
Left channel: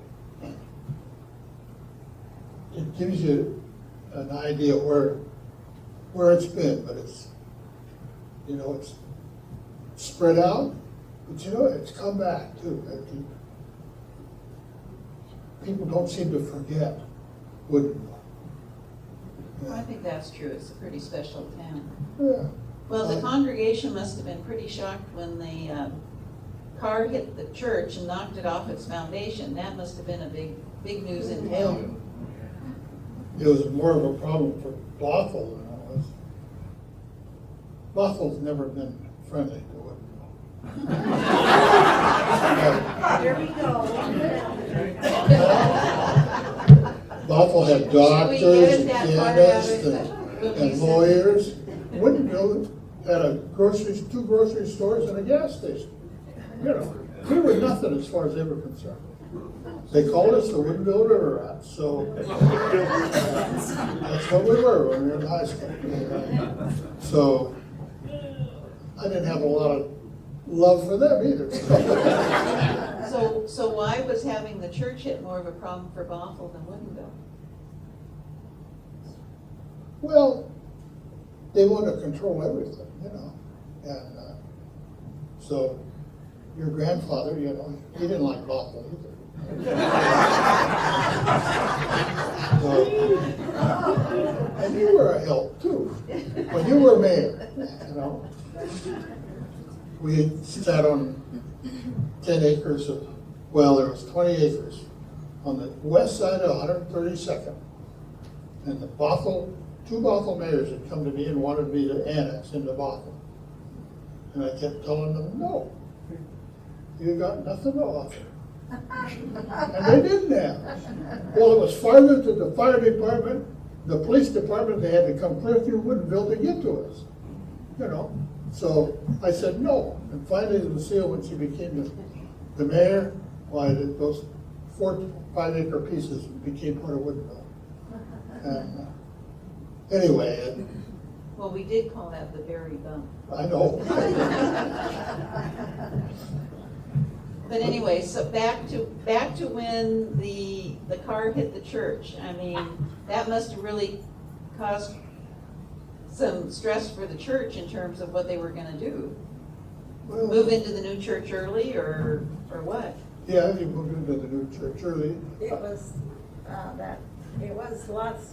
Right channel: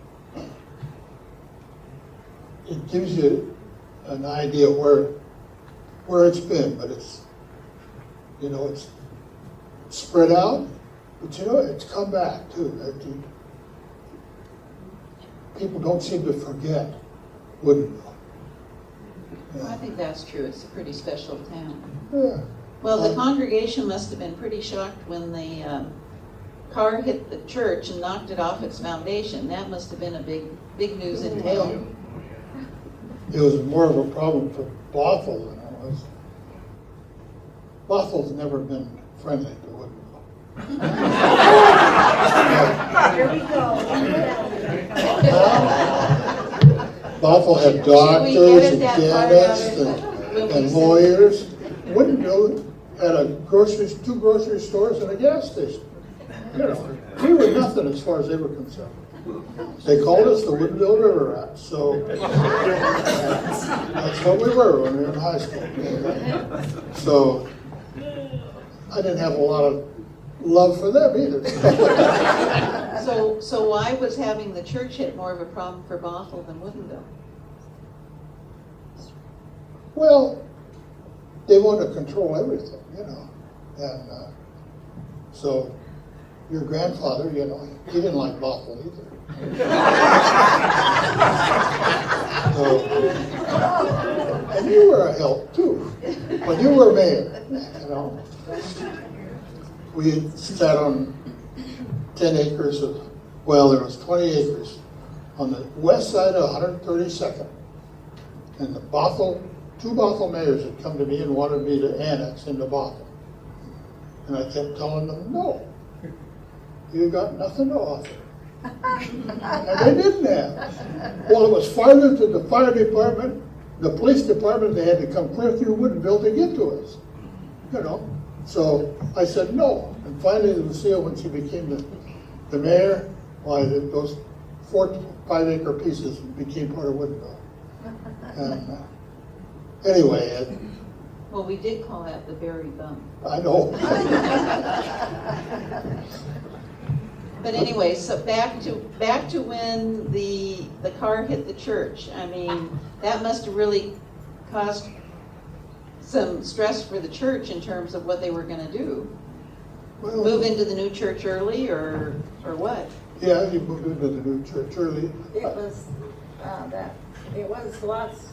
it gives you an idea where it's been, but it's, you know, it's spread out, but you know, it's come back too. People don't seem to forget Woodinville. I think that's true. It's a pretty special town. Yeah. Well, the congregation must have been pretty shocked when the car hit the church and knocked it off its foundation. That must have been a big news in town. It was more of a problem for Bothell than it was. Bothell's never been friendly to Woodinville. Bothell had doctors and dentists and lawyers. Woodinville had two grocery stores and a gas station. You know, we were nothing as far as they were concerned. They called us the Woodinville River Rats, so that's what we were when we were in high school. So I didn't have a lot of love for them either. So why was having the church hit more of a problem for Bothell than Woodinville? Well, they wanted to control everything, you know, and so your grandfather, you know, he didn't like Bothell either. And you were a help too, when you were mayor, you know. We sat on 10 acres of, well, there was 20 acres on the west side of 132nd. And the two Bothell mayors had come to me and wanted me to annex into Bothell. And I kept telling them, no, you got nothing to offer. And they didn't have. Well, it was farther to the fire department, the police department, they had to come clear through Woodinville to get to us, you know. So I said no, and finally Lucille, when she became the mayor, why those 4 5-acre pieces became part of Woodinville. And anyway. Well, we did call that the berry bump. I know. But anyway, so back to when the car hit the church. I mean, that must have really caused some stress for the church in terms of what they were gonna do. Well, Move into the new church early or what? yeah, you moved into the new church early. It was lots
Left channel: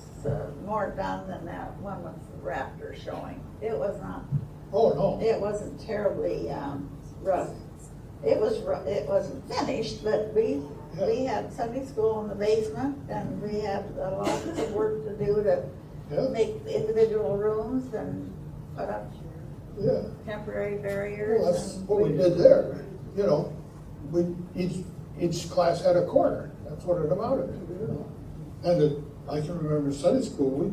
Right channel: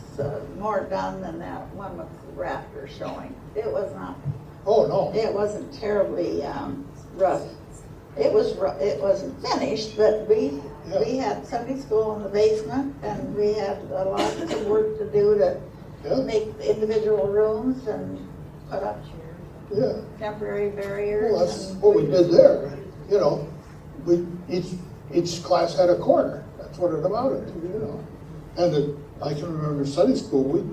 more done than that one with the raptor showing. It was not. Oh, no. It wasn't terribly rough. It wasn't finished, but we had Sunday school in the basement, and we had a lot of work to do to make individual rooms and put up temporary barriers. Well, that's what we did there. You know, each class had a corner. That's what it amounted to, you know. And I can remember Sunday school,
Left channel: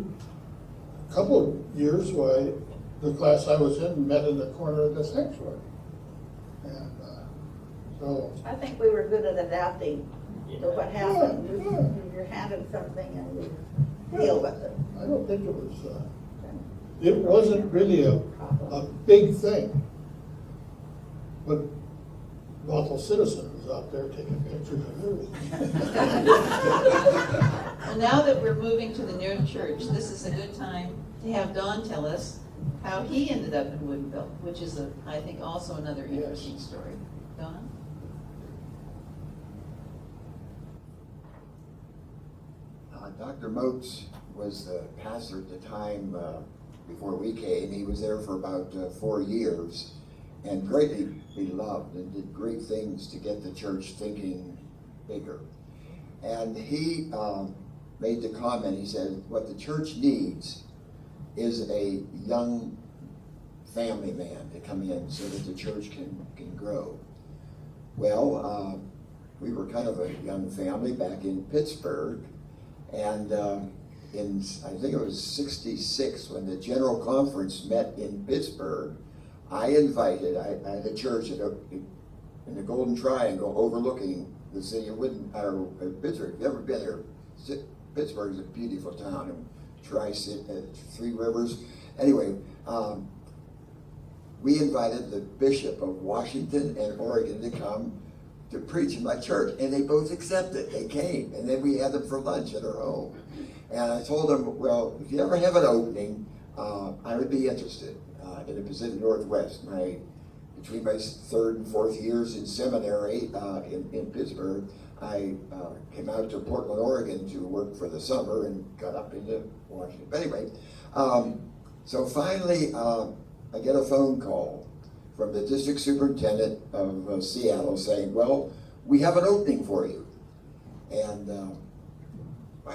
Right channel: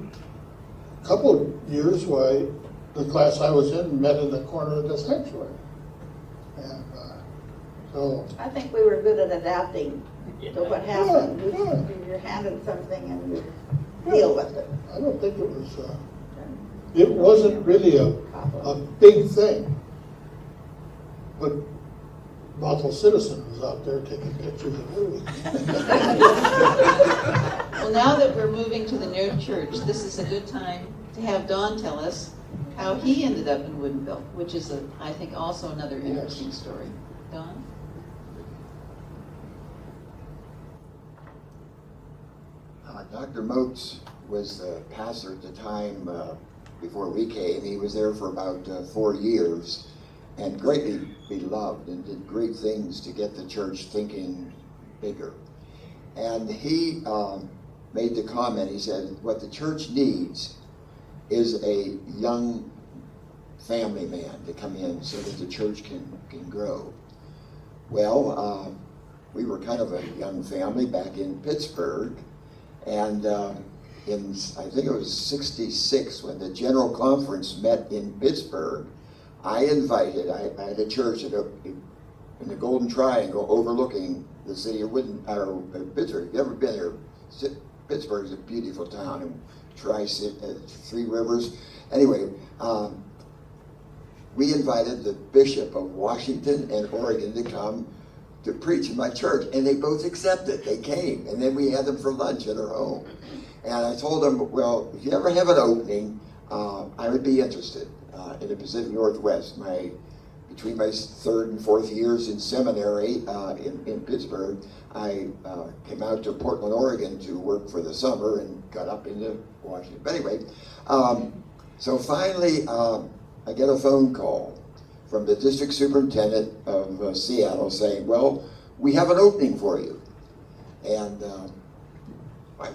a couple of years why the class I was in met in the corner of the sanctuary. And so. I think we were good at adapting to what happened. You're handed something and you deal with it. I don't think it wasn't really a big thing. But Bothell Citizen was out there taking pictures of movies. Well, now that we're moving to the new church, this is a good time to have Don tell us how he ended up in Woodinville, which is, I think, also another interesting story. Don? Dr. Moats was the pastor at the time before we came. He was there for about 4 years and greatly beloved and did great things to get the church thinking bigger. And he made the comment, he said, what the church needs is a young family man to come in so that the church can grow. Well, we were kind of a young family back in Pittsburgh, and in, I think it was 66, when the General Conference met in Pittsburgh, I had a church in the Golden Triangle overlooking the city of Pittsburgh. If you've ever been there, Pittsburgh is a beautiful town, Three Rivers. Anyway, we invited the Bishop of Washington and Oregon to come to preach in my church, and they both accepted. They came, and then we had them for lunch at our home. And I told them, well, if you ever have an opening, I would be interested in the Pacific Northwest. Between my 3rd and 4th years in seminary in Pittsburgh, I came out to Portland, Oregon to work for the summer and got up into Washington. But anyway, so finally I get a phone call from the district superintendent of Seattle saying, well, we have an opening for you. And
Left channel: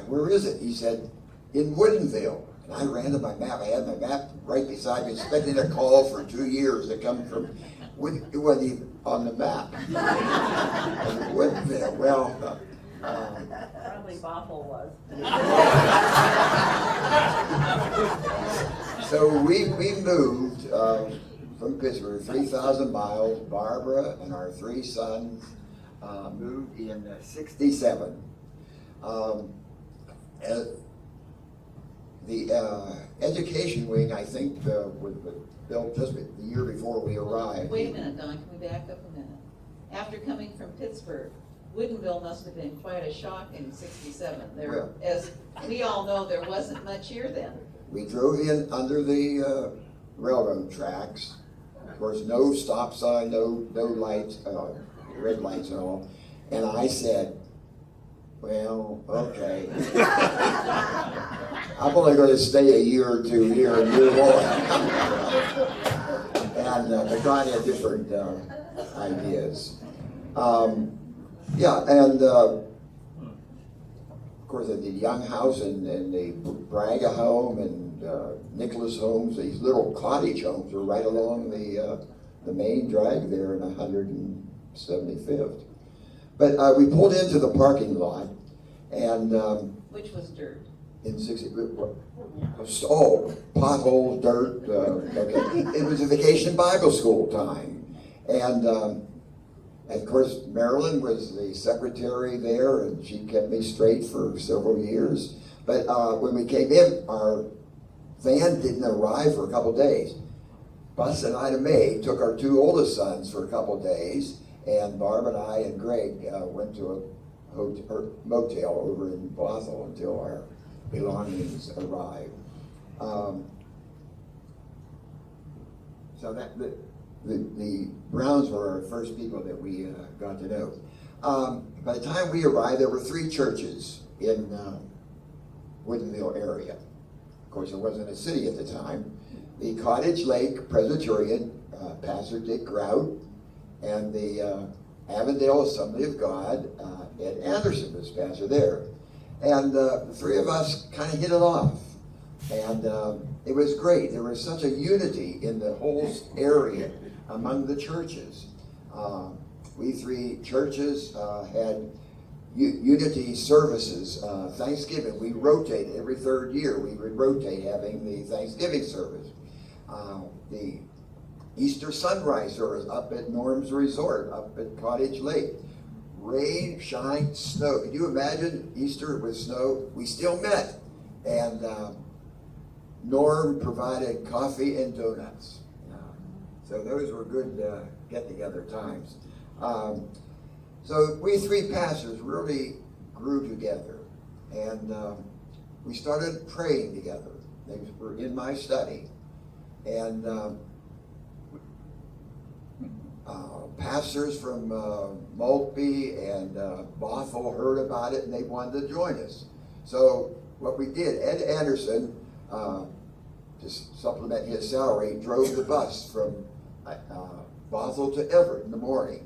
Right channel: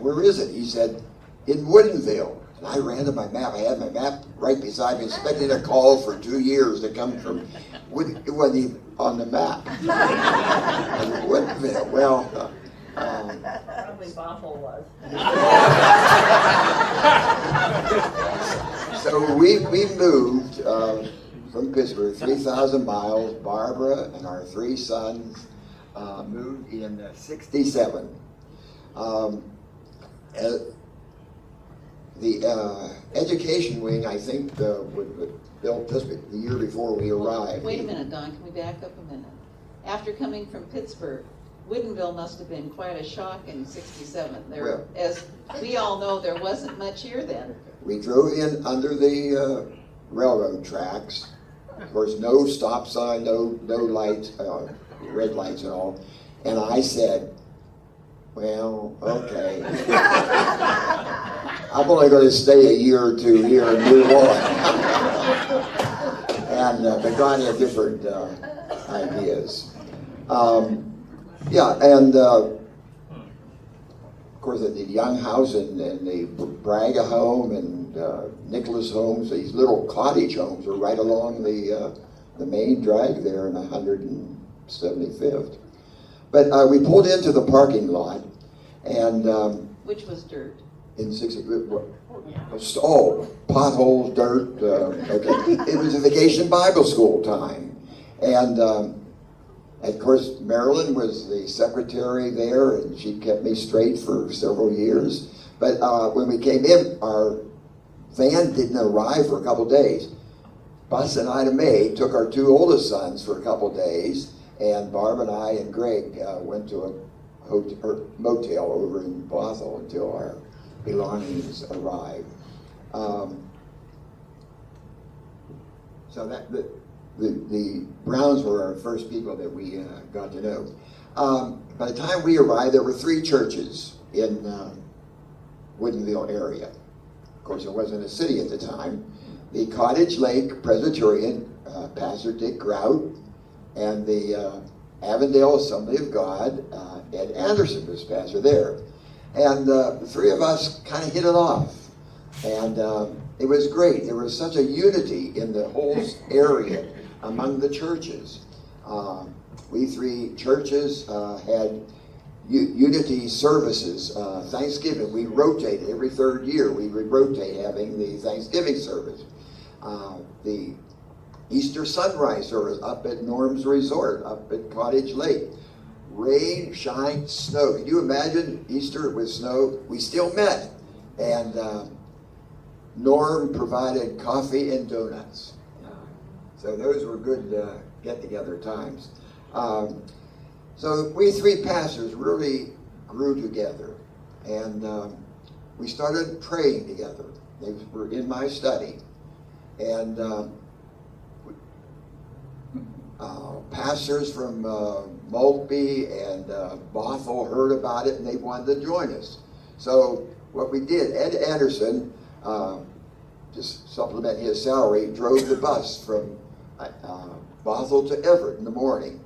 where is it? He said, in Woodinville. And I ran to my map. I had my map right beside me, expecting a call for 2 years to come from Woodinville. It wasn't on the map. Woodinville. Well, Probably Bothell was. Pittsburgh, 3,000 miles. Barbara and our 3 sons moved in '67. The education wing, I think, was built just the year before we arrived. Wait a minute, Don, can we back up a minute? After coming from Pittsburgh, Woodinville must have been quite a shock in '67. There, as we all know, there wasn't much here then. We drove in under the railroad tracks. Of course, no stop sign, no lights, red lights at all. And I said, well, okay. I'm only going to stay a year or 2 here and move on. And but God had different ideas. Yeah, and of course, the Young House and the Braga home and Nicholas homes, these little cottage homes are right along the main drag there in 175th. But we pulled into the parking lot, and Which was dirt. in 60, potholes, dirt. Okay. It was a vacation Bible school time, and of course Marilyn was the secretary there, and she kept me straight for several years. But when we came in, our van didn't arrive for a couple days. Bus and Ida Mae took our 2 oldest sons for a couple days, and Barbara and I and Greg went to a motel over in Bothell until our belongings arrived. So that the Browns were our first people that we got to know. By the time we arrived, there were 3 churches in Woodinville area. Of course, it wasn't a city at the time. The Cottage Lake Presbyterian, Pastor Dick Grout, and the Avondale Assembly of God, Ed Anderson was pastor there. And the 3 of us kind of hit it off. And it was great. There was such a unity in the whole area among the churches. We 3 churches had unity services. Thanksgiving, we rotated every 3rd year. We would rotate having the Thanksgiving service. The Easter sunrise service up at Norm's Resort, up at Cottage Lake. Rain, shine, snow. Can you imagine Easter with snow? We still met. And Norm provided coffee and donuts. So those were good get-together times. So we 3 pastors really grew together. And we started praying together. They were in my study. And pastors from Maltby and Bothell heard about it, and they wanted to join us. So what we did, Ed Anderson, just supplement his salary, drove the bus from Bothell to Everett in the morning.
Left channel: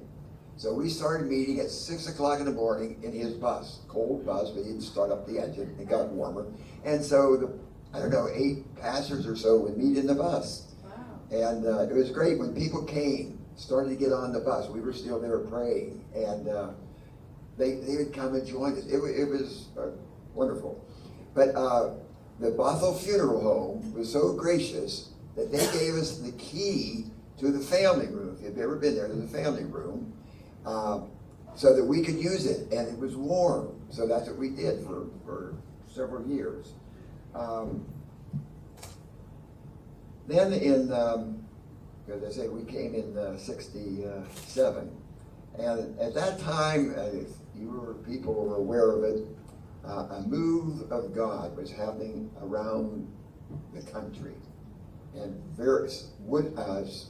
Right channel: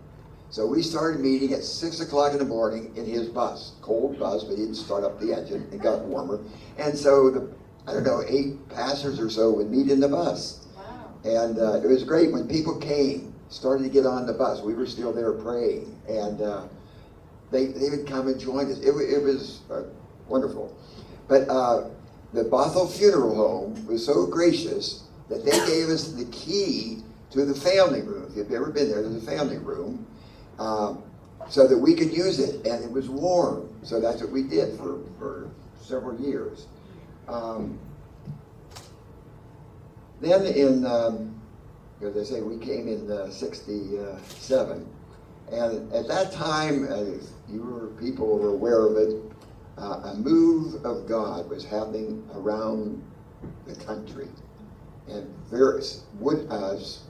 So we started meeting at 6 o'clock in the morning in his bus, cold bus, but he'd start up the engine, it got warmer. And so, I don't know, 8 pastors or so would meet in the bus. Wow. And it was great when people came, started to get on the bus. We were still there praying, and they would come and join us. It was wonderful. But the Bothell Funeral Home was so gracious that they gave us the key to the family room. If you've ever been there, there's a family room, so that we could use it, and it was warm. So that's what we did for several years. Then in, as I say, we came in '67, and at that time, as people were aware of it, a move of God was happening around the country, and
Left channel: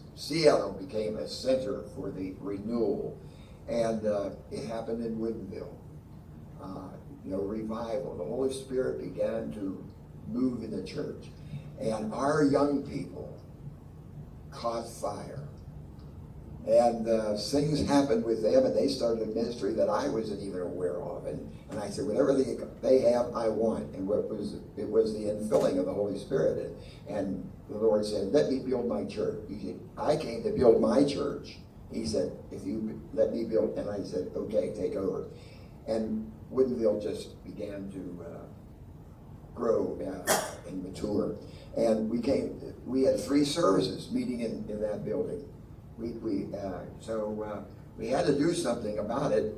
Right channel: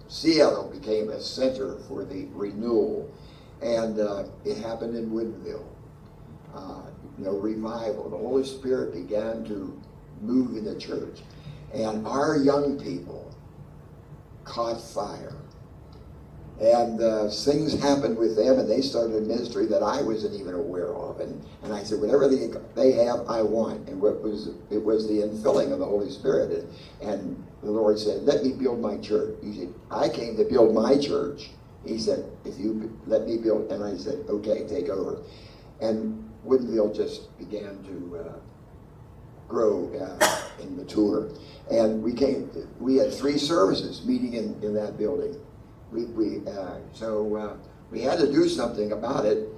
Seattle became a center for the renewal, and it happened in Woodinville. Revival. The Holy Spirit began to move in the church, and our young people caught fire. And things happened with them, and they started a ministry that I wasn't even aware of. And I said, whatever they have, I want. And it was the infilling of the Holy Spirit. And the Lord said, let me build my church. He said, I came to build my church. He said, if you let me build, and I said, okay, take over. And Woodinville just began to grow and mature. And we had 3 services meeting in that building. We had to do something about it.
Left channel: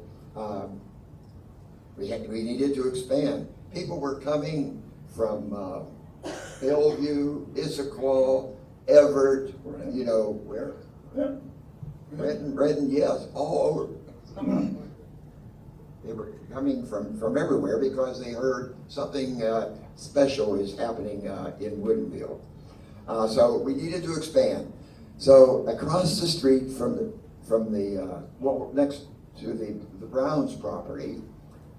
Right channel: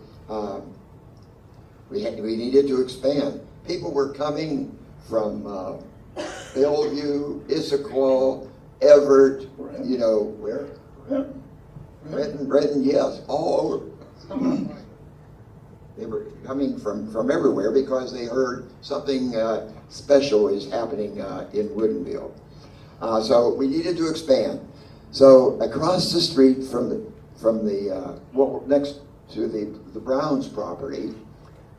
We needed to expand. People were coming from Bellevue, Issaquah, Everett, you know, where? Redden, yes, all over. They were coming from everywhere because they heard something special is happening in Woodinville. So we needed to expand. So across the street from the next to the Browns property,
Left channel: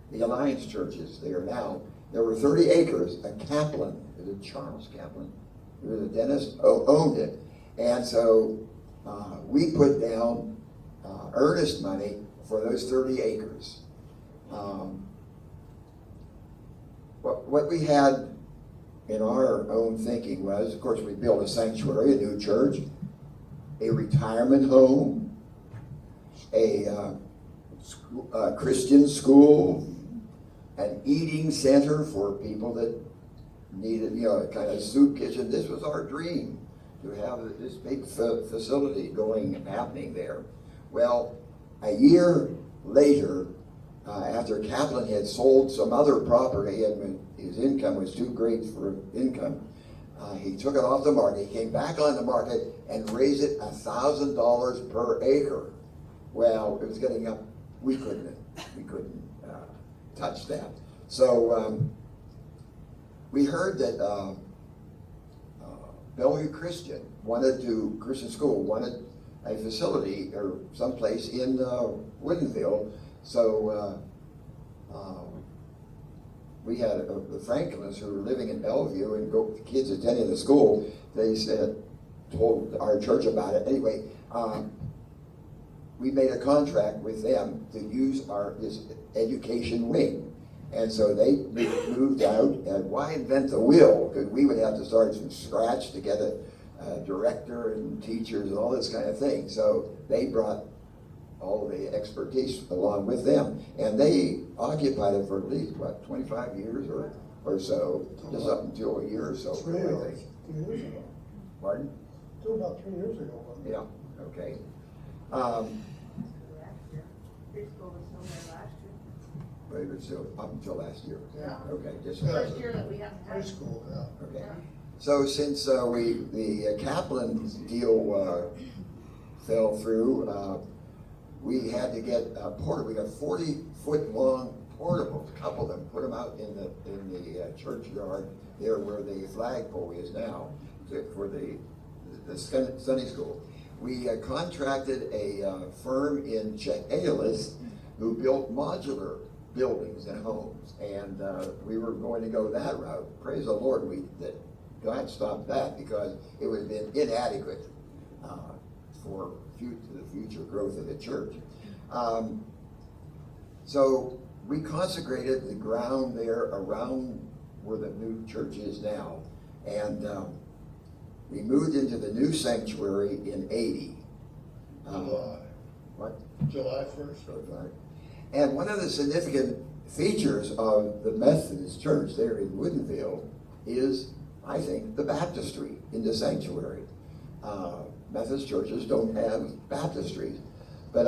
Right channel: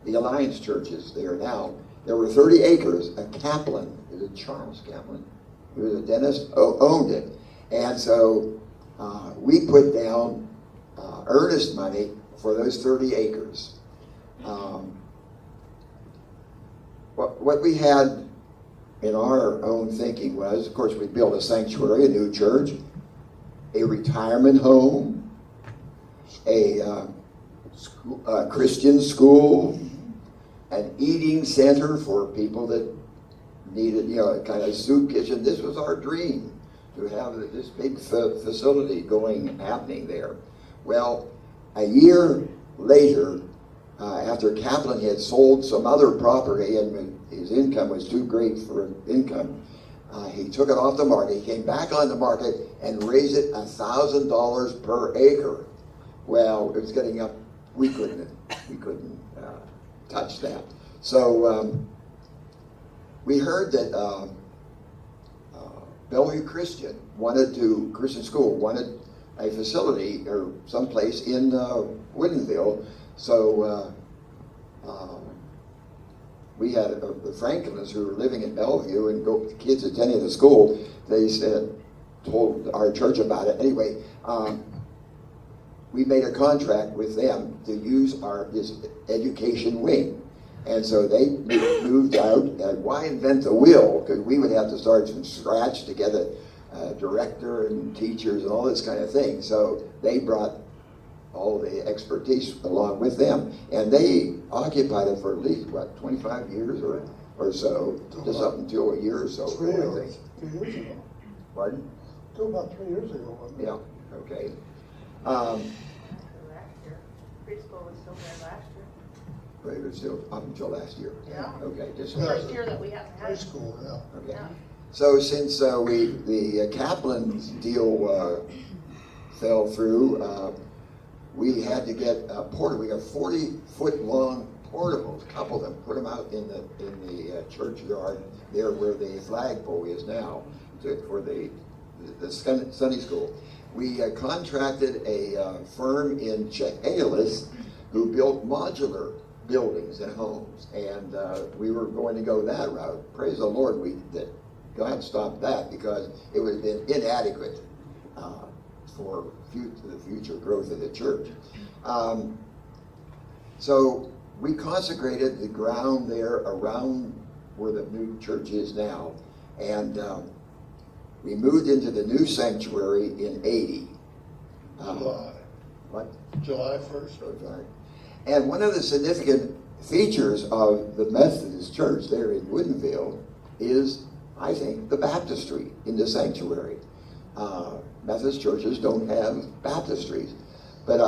the Alliance Church is there now. There were 30 acres. A Kaplan, is it Charles Kaplan, who was a dentist, owned it. And so we put down earnest money for those 30 acres. What we had in our own thinking was, of course, we built a sanctuary, a new church, a retirement home, a Christian school, an eating center for people that needed, you know, kind of soup kitchen. This was our dream, to have this big facility happening there. Well, a year later, after Kaplan had sold some other property and when his income was too great for income, he took it off the market. He came back on the market and raised it $1,000 per acre. Well, it was getting up. We couldn't touch that. So we heard that Bellevue Christian School wanted a facility or someplace in Woodinville. So we had the Franklins who were living in Bellevue and kids attending the school. They told our church about it. Anyway, we made a contract with them to use this education wing. And so they moved out, and why invent the wheel? Because we would have to start from scratch to get a director and teachers and all this kind of thing. So they brought all the expertise along with them, and they occupied it for at least, 25 years or so, just up until a year or so. 3 years ago. Pardon? Till about 3 years ago. Yeah, okay. Preschool was still there last year. But it was still up until last year. Yeah. Okay, just. First year that we had. Preschool, yeah. Okay. So since the Kaplan deal fell through, we had to get a portable. We got 40-foot long portables, a couple of them, put them out in the churchyard there where the flagpole is now for the Sunday school. We contracted a firm in Chehalis who built modular buildings and homes, and we were going to go that route. Praise the Lord, God stopped that because it would have been inadequate for the future growth of the church. So we consecrated the ground there around where the new church is now, and we moved into the new sanctuary in 80. July. What? July 1st. Right. And one of the significant features of the Methodist church there in Woodinville is, I think, the baptistry in the sanctuary. Methodist churches don't have baptistries, but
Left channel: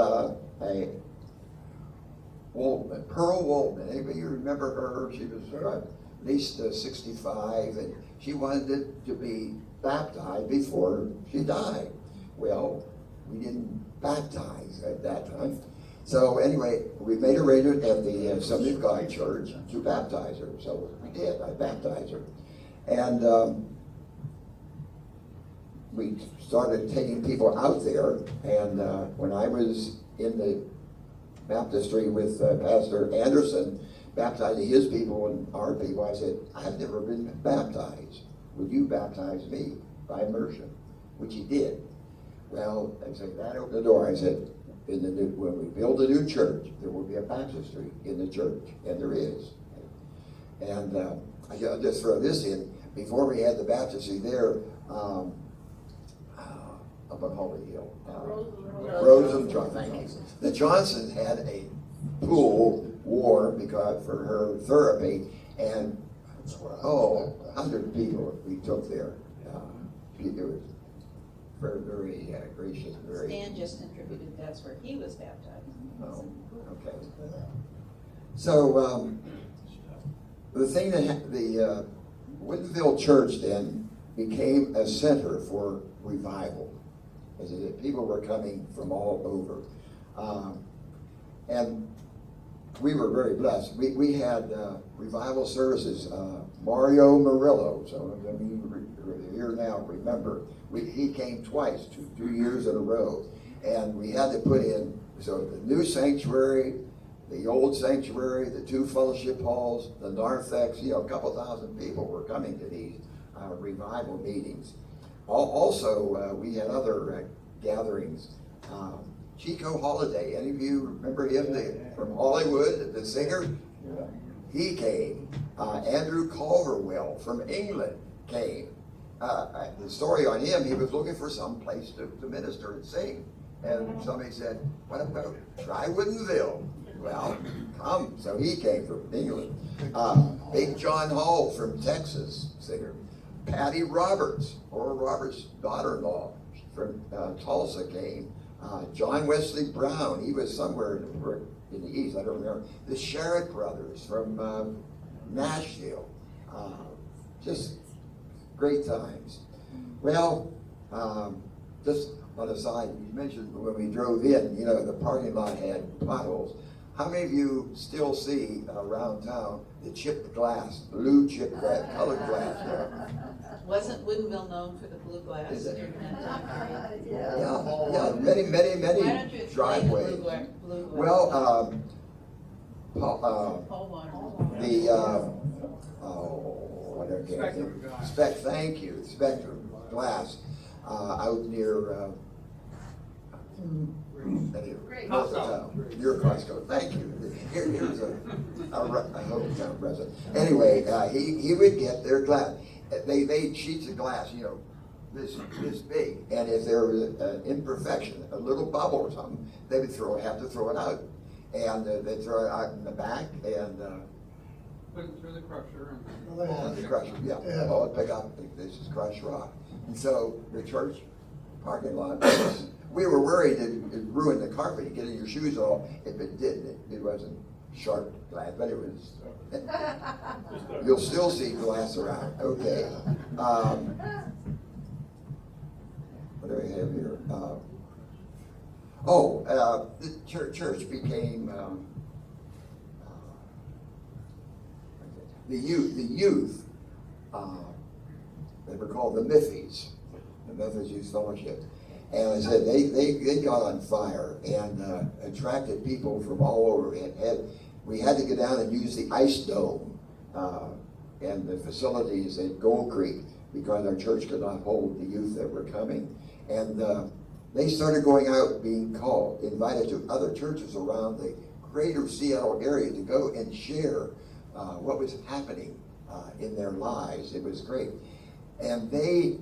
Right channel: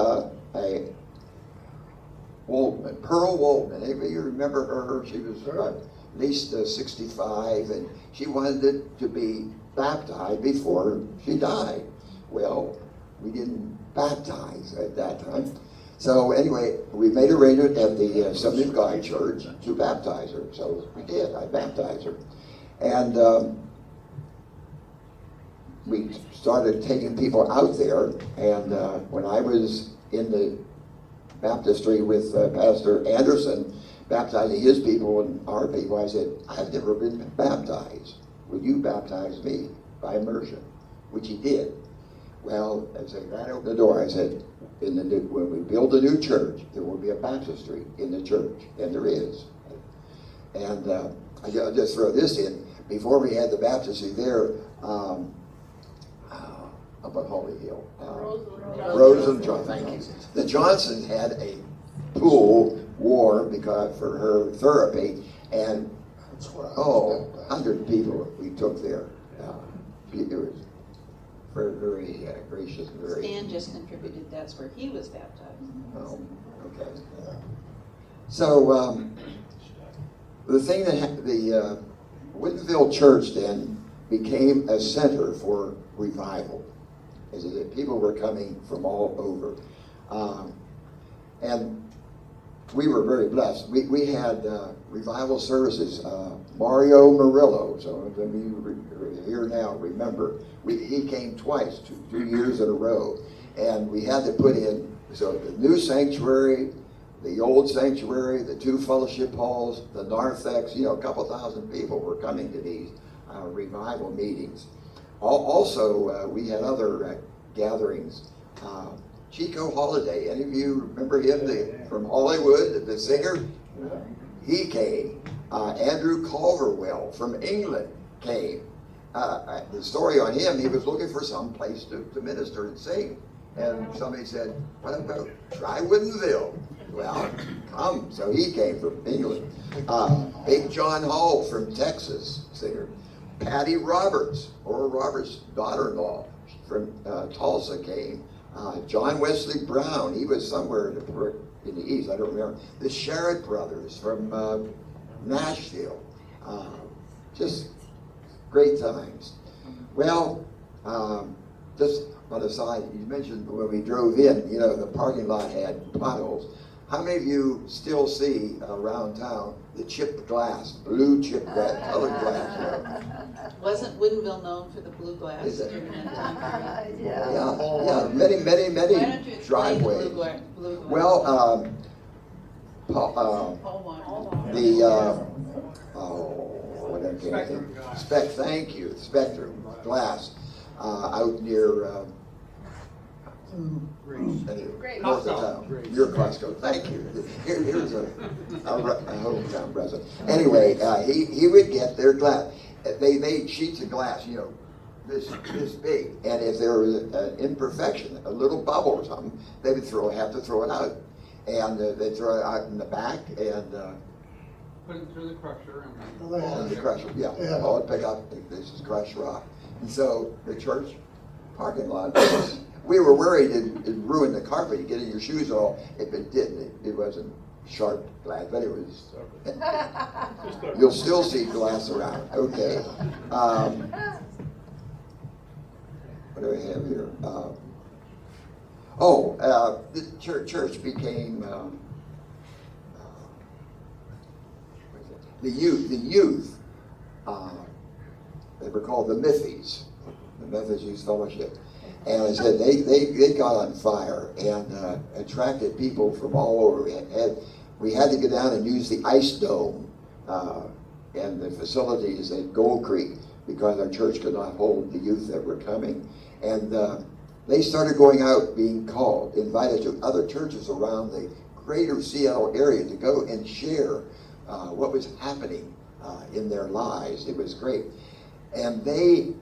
Pearl Walton, anybody remember her? She was at least 65, and she wanted to be baptized before she died. Well, we didn't baptize at that time. So anyway, we made arrangement at the Assembly of God Church to baptize her. So we did. I baptized her. And we started taking people out there. And when I was in the baptistry with Pastor Anderson, baptizing his people and our people, I said, I've never been baptized. Will you baptize me by immersion? Which he did. Well, as I ran out the door, I said, when we build a new church, there will be a baptistry in the church, and there is. And I'll just throw this in. Before we had the baptistry there, up on Holy Hill, Rosenthal, thank you. The Johnson had a pool warm because for her therapy, and 100 people we took there. that's where he was baptized. Oh, okay. So, the thing that the Woodinville Church then became a center for revival. As people were coming from all over. And we were very blessed. We had revival services. Mario Murillo, some of them you here now remember, he came twice, 2 years in a row. And we had to put in, so the new sanctuary, the old sanctuary, the 2 fellowship halls, the narthex, a couple thousand people were coming to these revival meetings. Also, we had other gatherings. Chico Holiday, any of you remember him from Hollywood, the singer? He came. Andrew Culverwell from England came. The story on him, he was looking for some place to minister and sing. And somebody said, what about try Woodinville? Well, come. So he came from England. Big John Hall from Texas, singer. Patty Roberts, Oral Roberts' daughter-in-law from Tulsa came. John Wesley Brown, he was somewhere in the East, I don't remember. The Sherritt brothers from Nashville. Just great times. Well, just on a side, you mentioned when we drove in, the parking lot had potholes. How many of you still see around town the chipped glass, blue chipped glass, colored glass? Wasn't Woodinville known for the blue glass? Is it? Yeah. Many driveways. Well, thank you, the Spectrum glass out near your Costco. Thank you. Here's a hope town resident. Anyway, he would get their glass. They made sheets of glass, this big, and if there was an imperfection, a little bubble or something, they would have to throw it out, and they throw it out in the back and Put it through the crusher. the crusher, yeah, all pick up this crushed rock. And so the church parking lot, we were worried it ruined the carpet, getting your shoes off. If it did, it wasn't sharp glass, but it was. You'll still see glass around. Okay. What do I have here? The church became the youth. They were called the Miffies, the Methodist Youth Fellowship. And I said they got on fire and attracted people from all over. And we had to get down and use the ice dome and the facilities in Gold Creek because our church could not hold the youth that were coming. And they started going out, being called, invited to other churches around the greater Seattle area to go and share what was happening in their lives. It was great. And they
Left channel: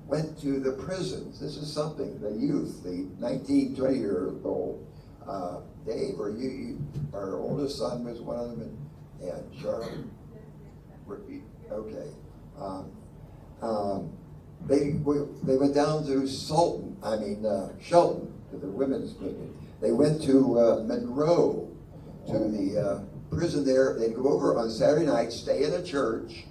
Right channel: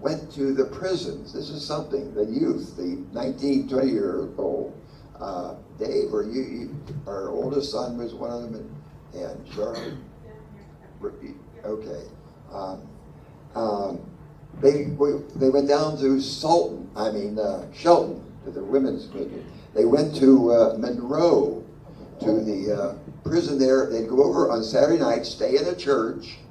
went to the prisons. This is something, the youth, the 19, 20-year-old, Dave, or you, our oldest son was one of them, and Charlie, okay. They went down to Shelton, to the women's prison. They went to Monroe, to the prison there. They'd go over on Saturday night, stay in a church,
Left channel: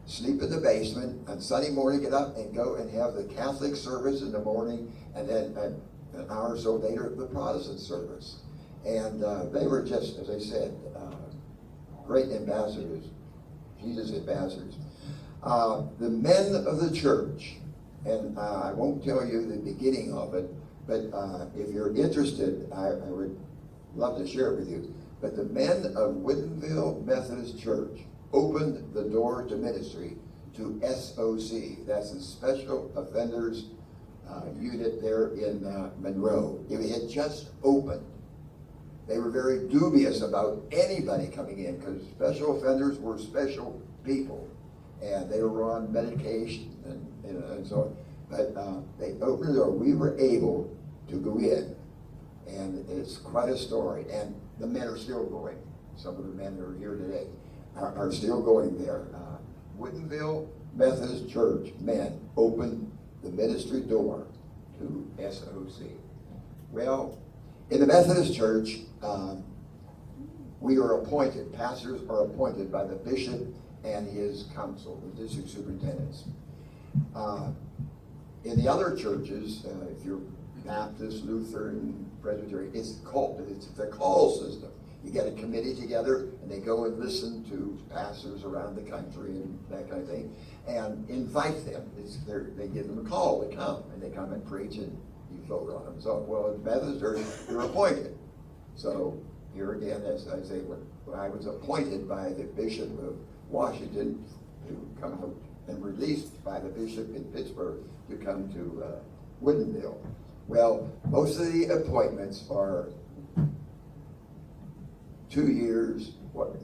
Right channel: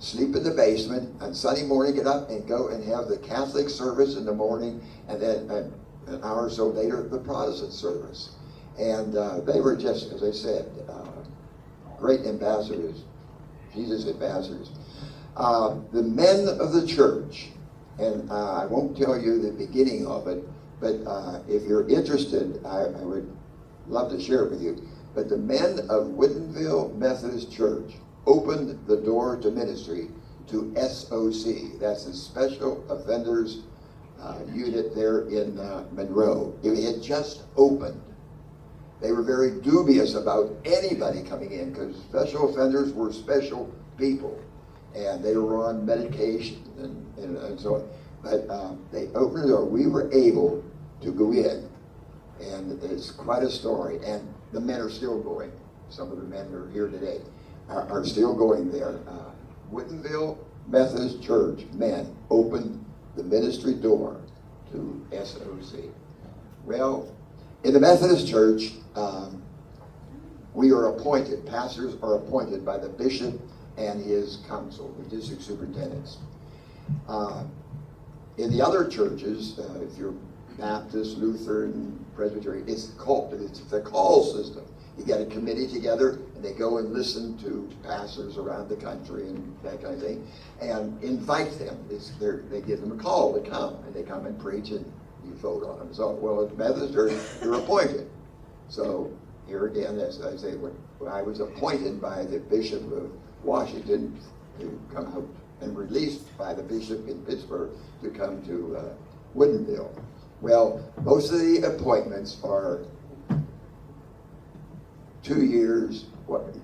sleep in the basement, on Sunday morning get up and go and have the Catholic service in the morning, and then an hour or so later, the Protestant service. And they were just, as I said, great ambassadors, Jesus ambassadors. The men of the church, and I won't tell you the beginning of it, but if you're interested, I would love to share it with you. But the men of Woodinville Methodist Church opened the door to ministry to SOC. That's the Special Offenders Unit there in Monroe. It had just opened. They were very dubious about anybody coming in because special offenders were special people and they were on medication and so on. But they opened the door. We were able to go in, and it's quite a story. And the men are still going. Some of the men that are here today are still going there. Woodinville Methodist Church men opened the ministry door to SOC. Well, in the Methodist Church, we are appointed, pastors are appointed by the bishop and his council, the district superintendents. In the other churches, if you're Baptist, Lutheran, Presbyterian, it's the call system. You get a committee together, and they go and listen to pastors around the country and that kind of thing, and invite them. They give them a call to come, and they come and preach, and you vote on them. So, well, at the Methodist Church, you're appointed. So, here again, as I say, when I was appointed by the Bishop of Washington to come out and released by the Bishop in Pittsburgh to come to Woodinville. Well, most of the appointments are 2 years,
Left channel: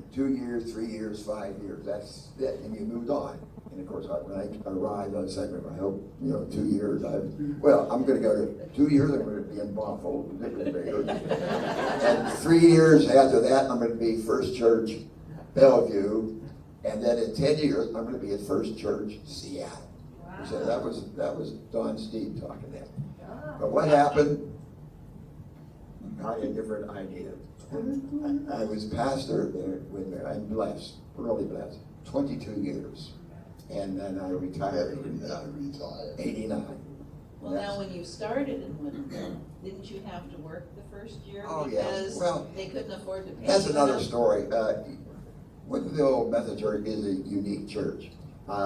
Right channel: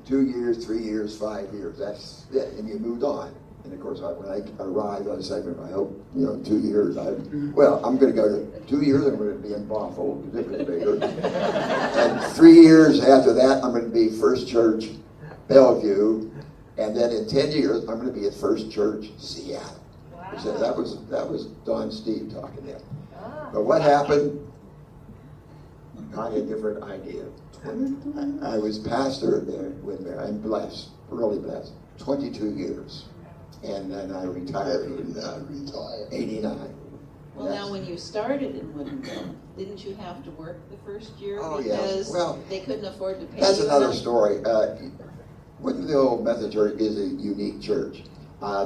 2 years, 3 years, 5 years, that's it, and you moved on. And of course, when I arrived, I said, I hope, 2 years, I'm going to go 2 years, I'm going to be in Bothell, and 3 years after that, I'm going to be First Church, Bellevue, and then in 10 years, I'm going to be at First Church, Seattle. Wow. So that was Don Steve talking then. But what happened? Got a different idea. I was pastor there I'm blessed, really blessed, 22 years. And then I retired in 89. Well, now when you started in Woodinville, didn't you have to work the first year? Oh, because well, they couldn't afford to pay that's you? another story. Woodinville Methodist Church is a unique church.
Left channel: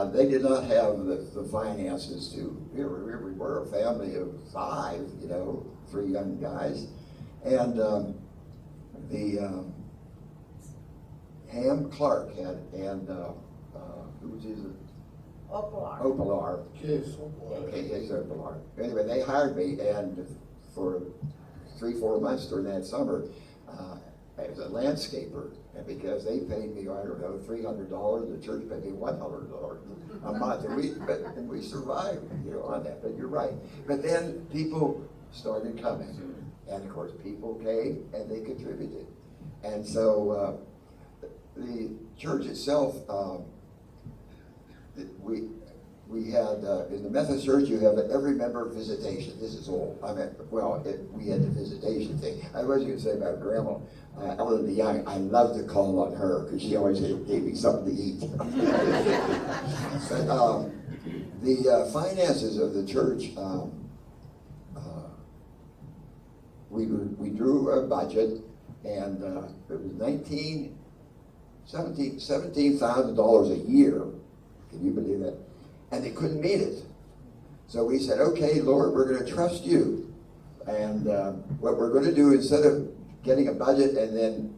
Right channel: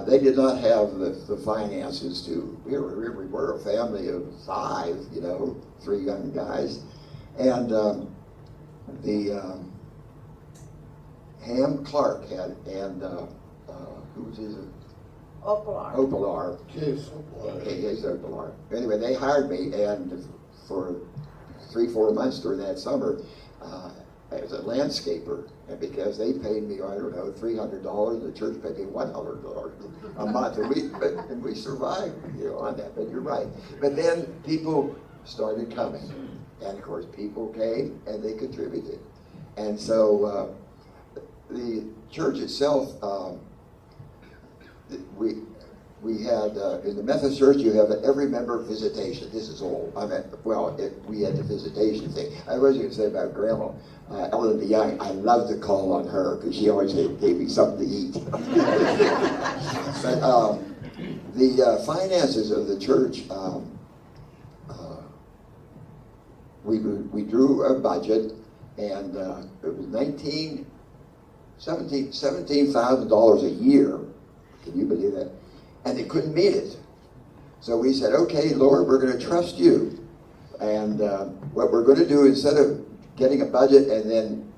They did not have the finances to, we were a family of 5, 3 young guys. And Ham Clark and who was his? Opalar. His Opalar. Anyway, they hired me, and for 3-4 months during that summer, as a landscaper, and because they paid me, I don't know, $300, the church paid me $100 a month, and we survived, on that. But you're right. But then people started coming, and of course, people came and they contributed, and so the church itself, we had in the Methodist Church, you have an every member visitation. This is old. We had a visitation thing. I was going to say about Grandma. Ellen DeYoung, I love to call on her because she always gave me something to eat. But the finances of the church, we drew a budget, and it was $17,000 a year. Can you believe that? And they couldn't meet it. So we said, okay, Lord, we're going to trust you. And what we're going to do, instead of getting a budget and then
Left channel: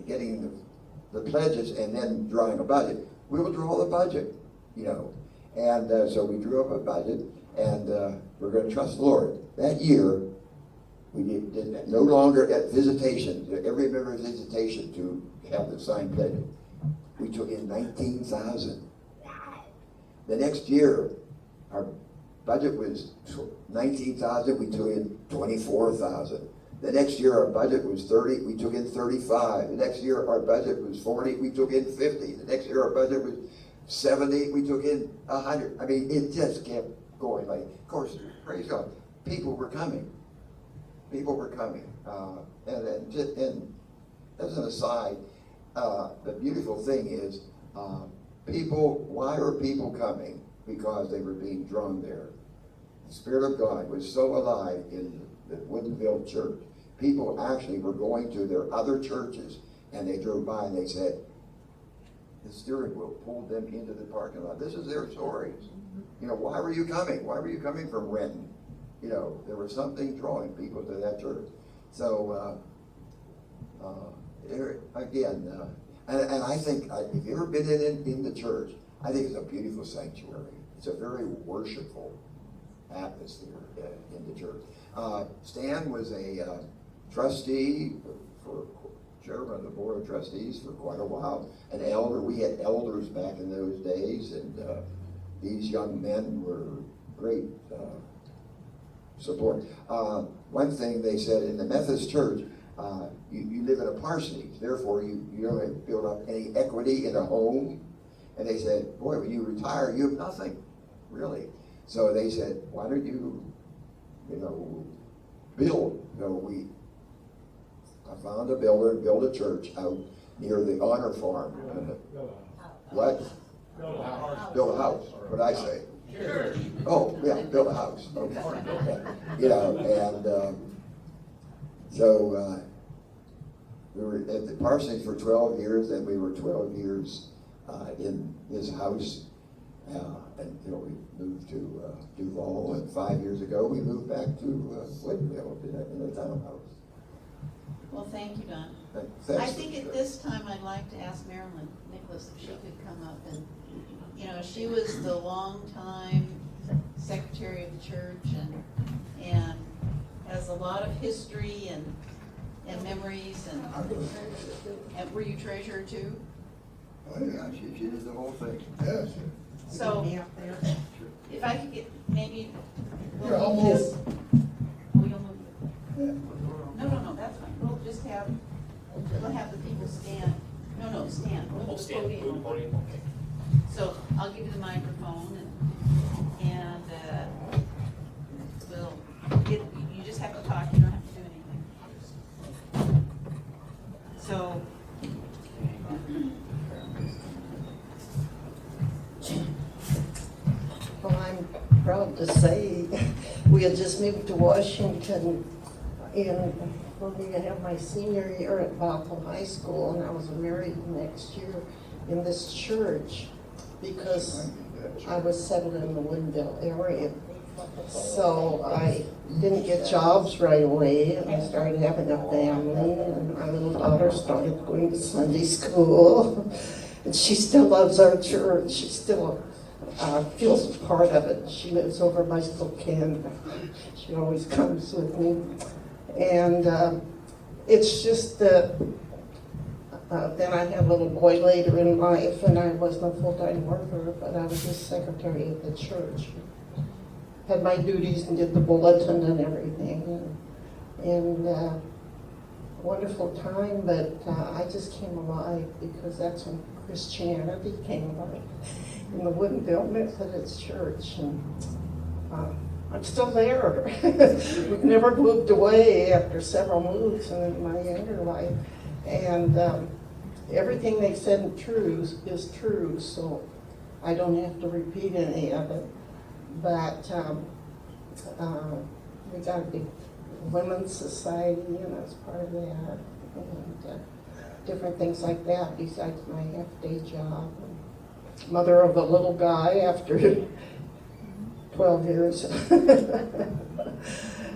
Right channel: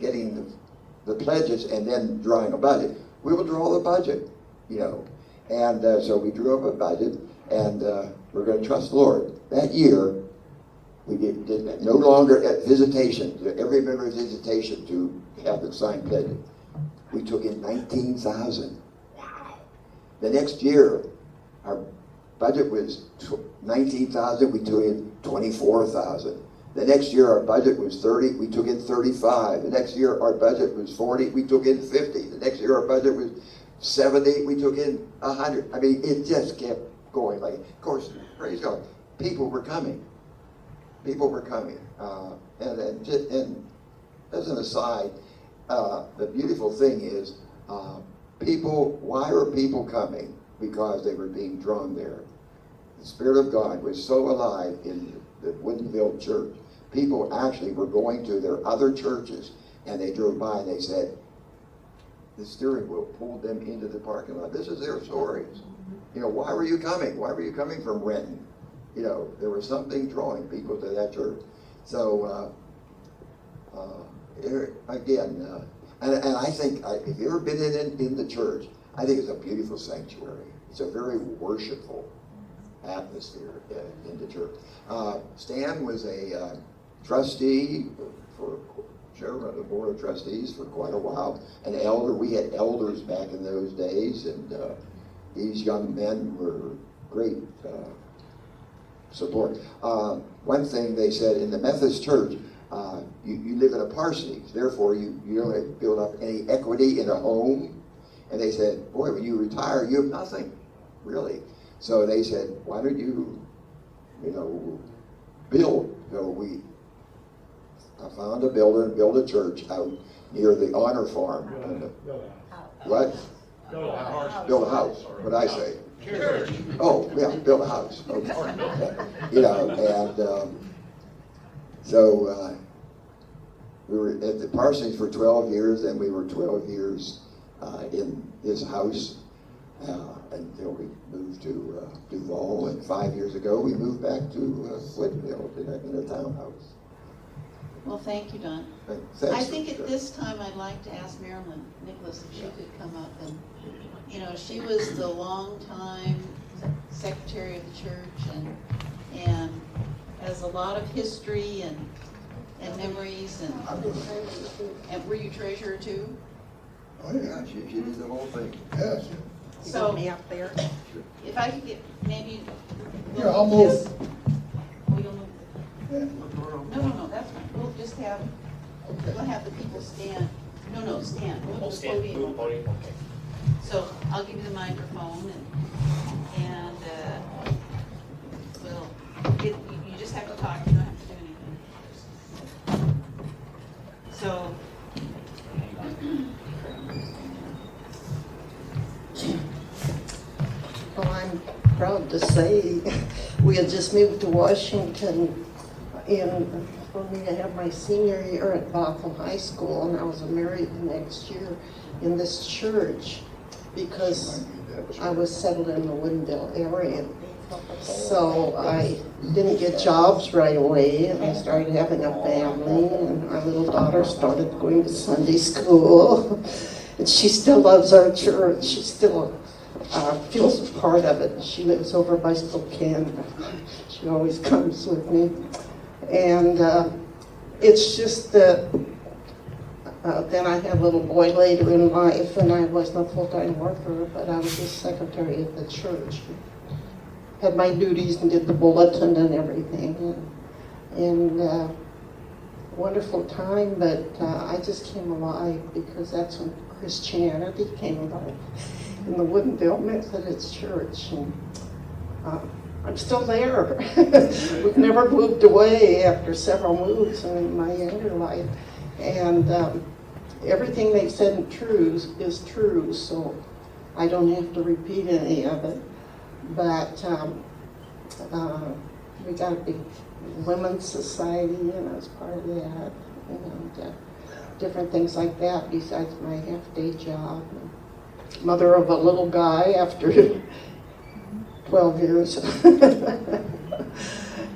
getting the pledges and then drawing a budget, we will draw the budget, And so we drew up a budget, and we're going to trust the Lord. That year, we did that. No longer at visitation, every member visitation to have the signed pledge. We took in $19,000. Wow. The next year, our budget was $19,000. We took in $24,000. The next year, our budget was $30. We took in $35. The next year, our budget was $40. We took in $50. The next year, our budget was $70. We took in $100. I mean, it just kept going. Of course, praise God, people were coming. And as an aside, the beautiful thing is, why are people coming? Because they were being drawn there. The Spirit of God was so alive in the Woodinville church. People actually were going to their other churches, and they drove by and they said, the steering wheel pulled them into the parking lot. This is their stories. Why were you coming? Why were you coming from when? There was something drawing people to that church. So, again, and I think, if you've ever been in the church, I think it's a beautiful sanctuary. It's a very worshipful atmosphere in the church. Stan was a trustee for chairman of the board of trustees for quite a while, an elder. We had elders back in those days, and these young men were great support. One thing they said in the Methodist church, you live in a parsonage, therefore you don't have to build up any equity in a home. And they said, boy, when you retire, you have nothing, really. So they said, why don't you, build to build a church out near the Honor Farm. What? Build a house. What did I say? Church. Oh, yeah, build a house. Okay. You know, and so we were at the Parsons for 12 years, and we were 12 years in his house until we moved to Duval, and 5 years ago we moved back to Woodinville in a townhouse. Well, thank you, Don. Thanks. I think at this time I'd like to ask Marilyn Nicholas if she could come up and, you know, she was the longtime secretary of church and has a lot of history and memories and were you treasurer too? Oh, yeah, You did the whole thing. yes. So, Be up there. if I could get maybe. Yeah, I'll move. No, that's fine, we'll just have, we'll have the people stand, no, stand, we'll podium. So I'll give you the microphone and we'll get, you just have to talk, you don't have to do anything. So. Well, I'm proud to say we had just moved to Washington when we had my senior year at Bothell High School, and I was married next year in this church because I was settled in the Woodinville area. So I didn't get jobs right away, and I started having a family, and my little daughter started going to Sunday school. And she still loves our church. She still feels part of it. She lives over by Spokane. She always comes with me. And it's just that then I had a little boy later in life, and I wasn't a full-time worker, but I was the secretary of the church. Had my duties and did the bulletin and everything. And wonderful time, but I just came alive because that's when Christianity came alive in the Woodinville Methodist Church. And I'm still there. We've never moved away after several moves in my younger life. And everything they said is true, so I don't have to repeat any of it. But we got a big women's society, and I was part of that, and different things like that besides my half-day job. Mother of a little guy after 12 years.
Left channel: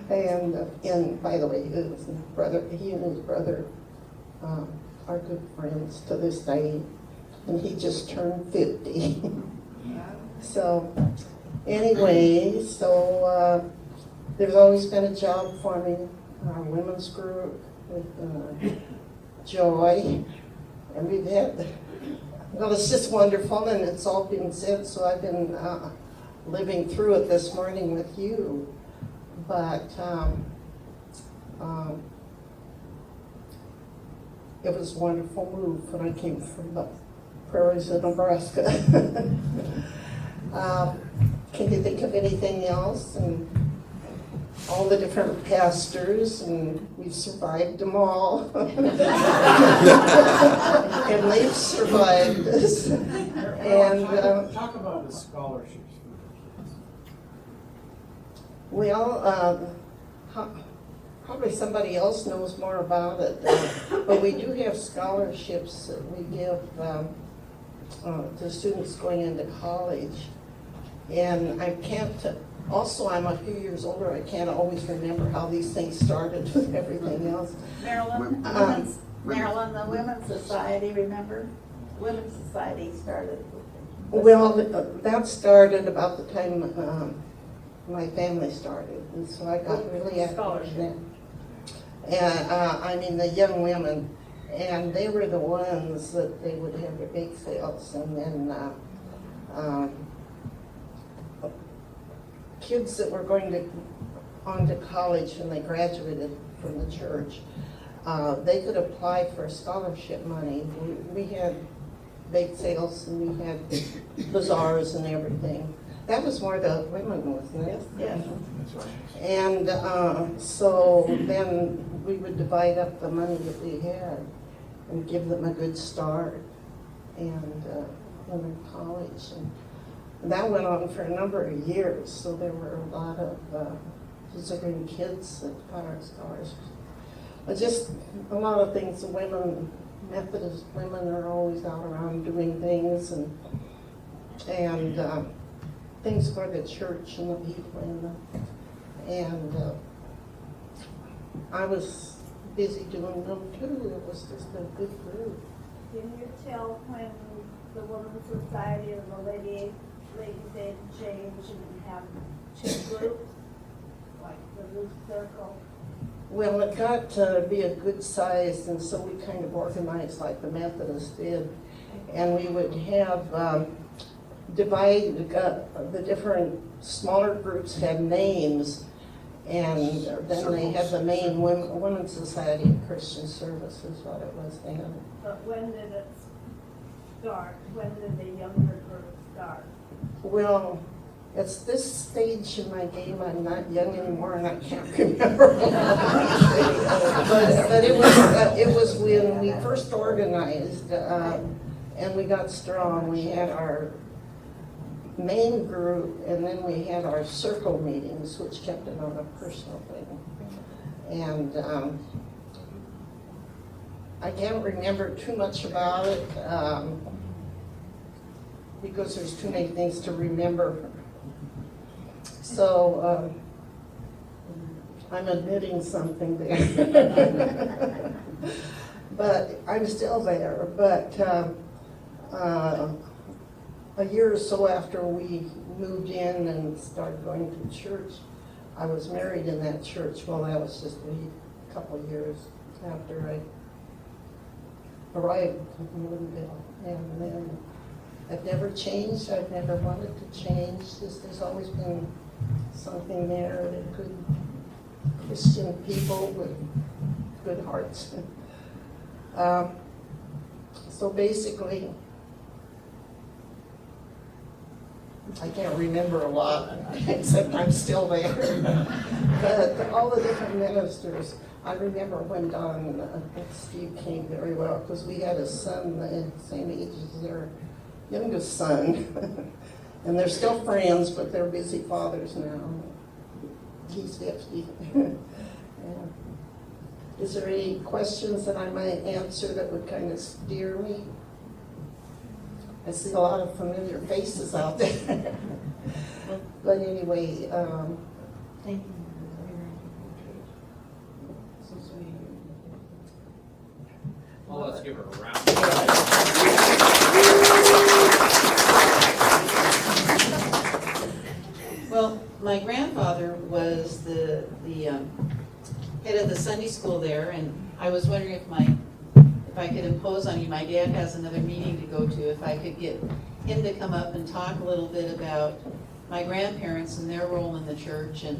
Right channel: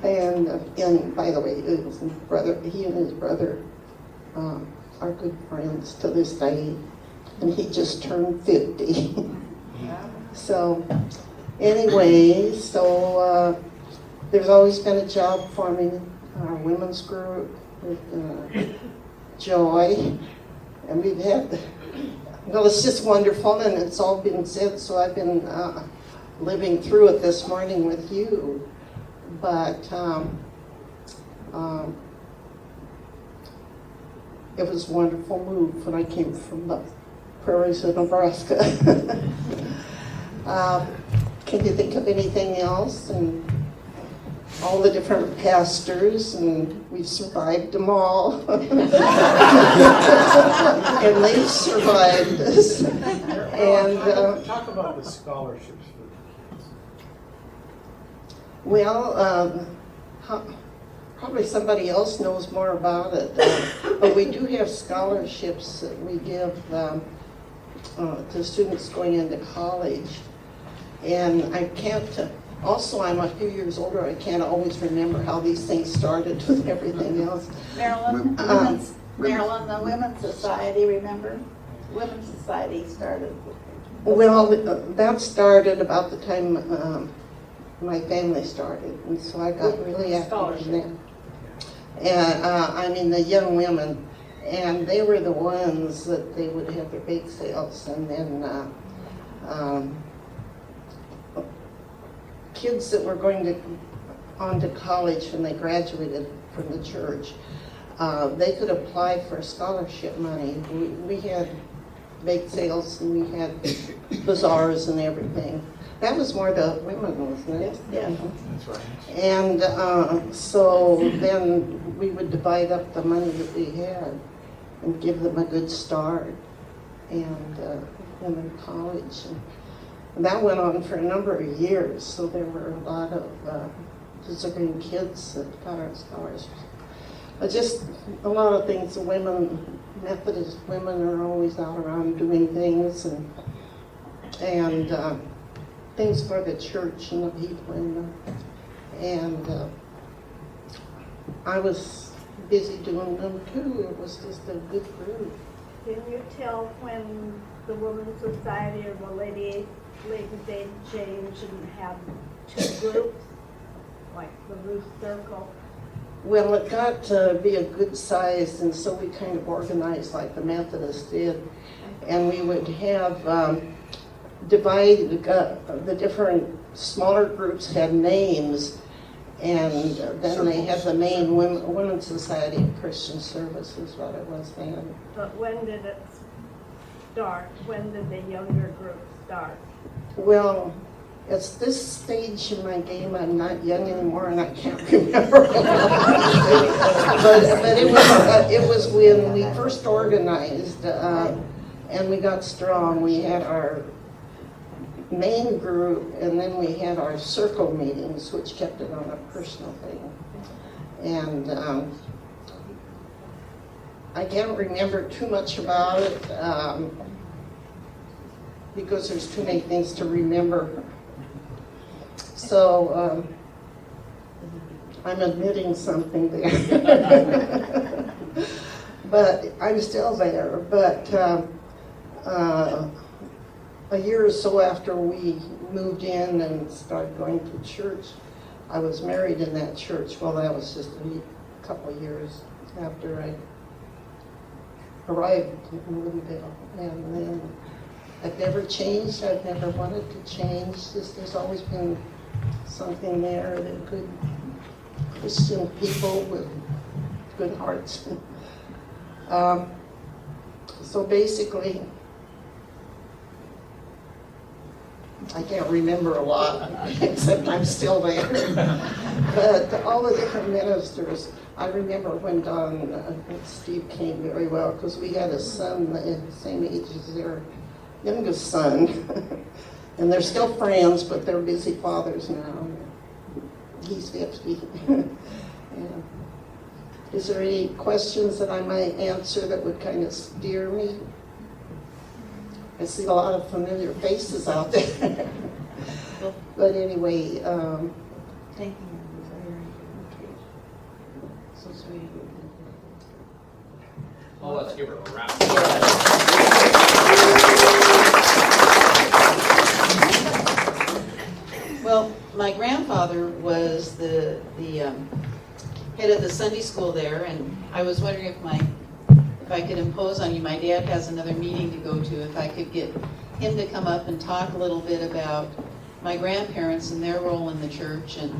And by the way, he and his brother are good friends to this day, and he just turned 50. So anyway, there's always been a job for me, our women's group with Joy, and we've had, well, it's just wonderful, and it's all been said, so I've been living through it this morning with you. But it was a wonderful move when I came from the prairies of Nebraska. Can you think of anything else? And all the different pastors, and we've survived them all. And they've survived us. And talk about the scholarships. well, probably somebody else knows more about it. But we do have scholarships that we give to students going into college. And I can't, also I'm a few years older, I can't always remember how these things started with everything else. Marilyn, the Women's Society, remember? Women's Society started. Well, that started about the time my family started, and so I got really active in that. And I mean, the young women, and they were the ones that they would have the bake sales, and then kids that were going on to college when they graduated from the church, they could apply for scholarship money. We had bake sales, and we had bazaars and everything. That was more the women, wasn't it? Yeah. And so then we would divide up the money that we had and give them a good start and in college. And that went on for a number of years, so there were a lot of deserving kids that got our scholarships. But just a lot of things, women, Methodist women are always out around doing things and things for the church and the people and I was busy doing them too. It was just a good group. Can you tell when the Women's Society and the Ladies' Aid changed and have two groups, like the loose circle? Well, it got to be a good size, and so we kind of organized like the Methodists did. And we would have divide the different smaller groups had names, and then they had the main Women's Society of Christian Service is what it was named. But when did it start? When did the younger group start? Well, at this stage in my game, I'm not young anymore, and I can't remember. but it was when we first organized, and we got strong. We had our main group, and then we had our circle meetings, which kept it on a personal thing. And I can't remember too much about it because there's too many things to remember. So I'm admitting something there. But I'm still there. But a year or so after we moved in and started going to church, I was married in that church. Well, that was just a couple of years after I arrived in Woodinville. And then I've never changed. I've never wanted to change. There's always been something there that good Christian people with good hearts. So basically, I can't remember a lot, except I'm still there. But all the different ministers, I remember when Don and Steve came very well, because we had a son the same age as their youngest son. And they're still friends, but they're busy fathers now. He's 50. Yeah. Is there any questions that I might answer that would kind of steer me? I see a lot of familiar faces out there. But anyway, thank you. So sweet. Well, let's give her a round. Well, my grandfather was the head of the Sunday school there, and I was wondering if I could impose on you. My dad has another meeting to go to. If I could get him to come up and talk a little bit about my grandparents and their role in the church, and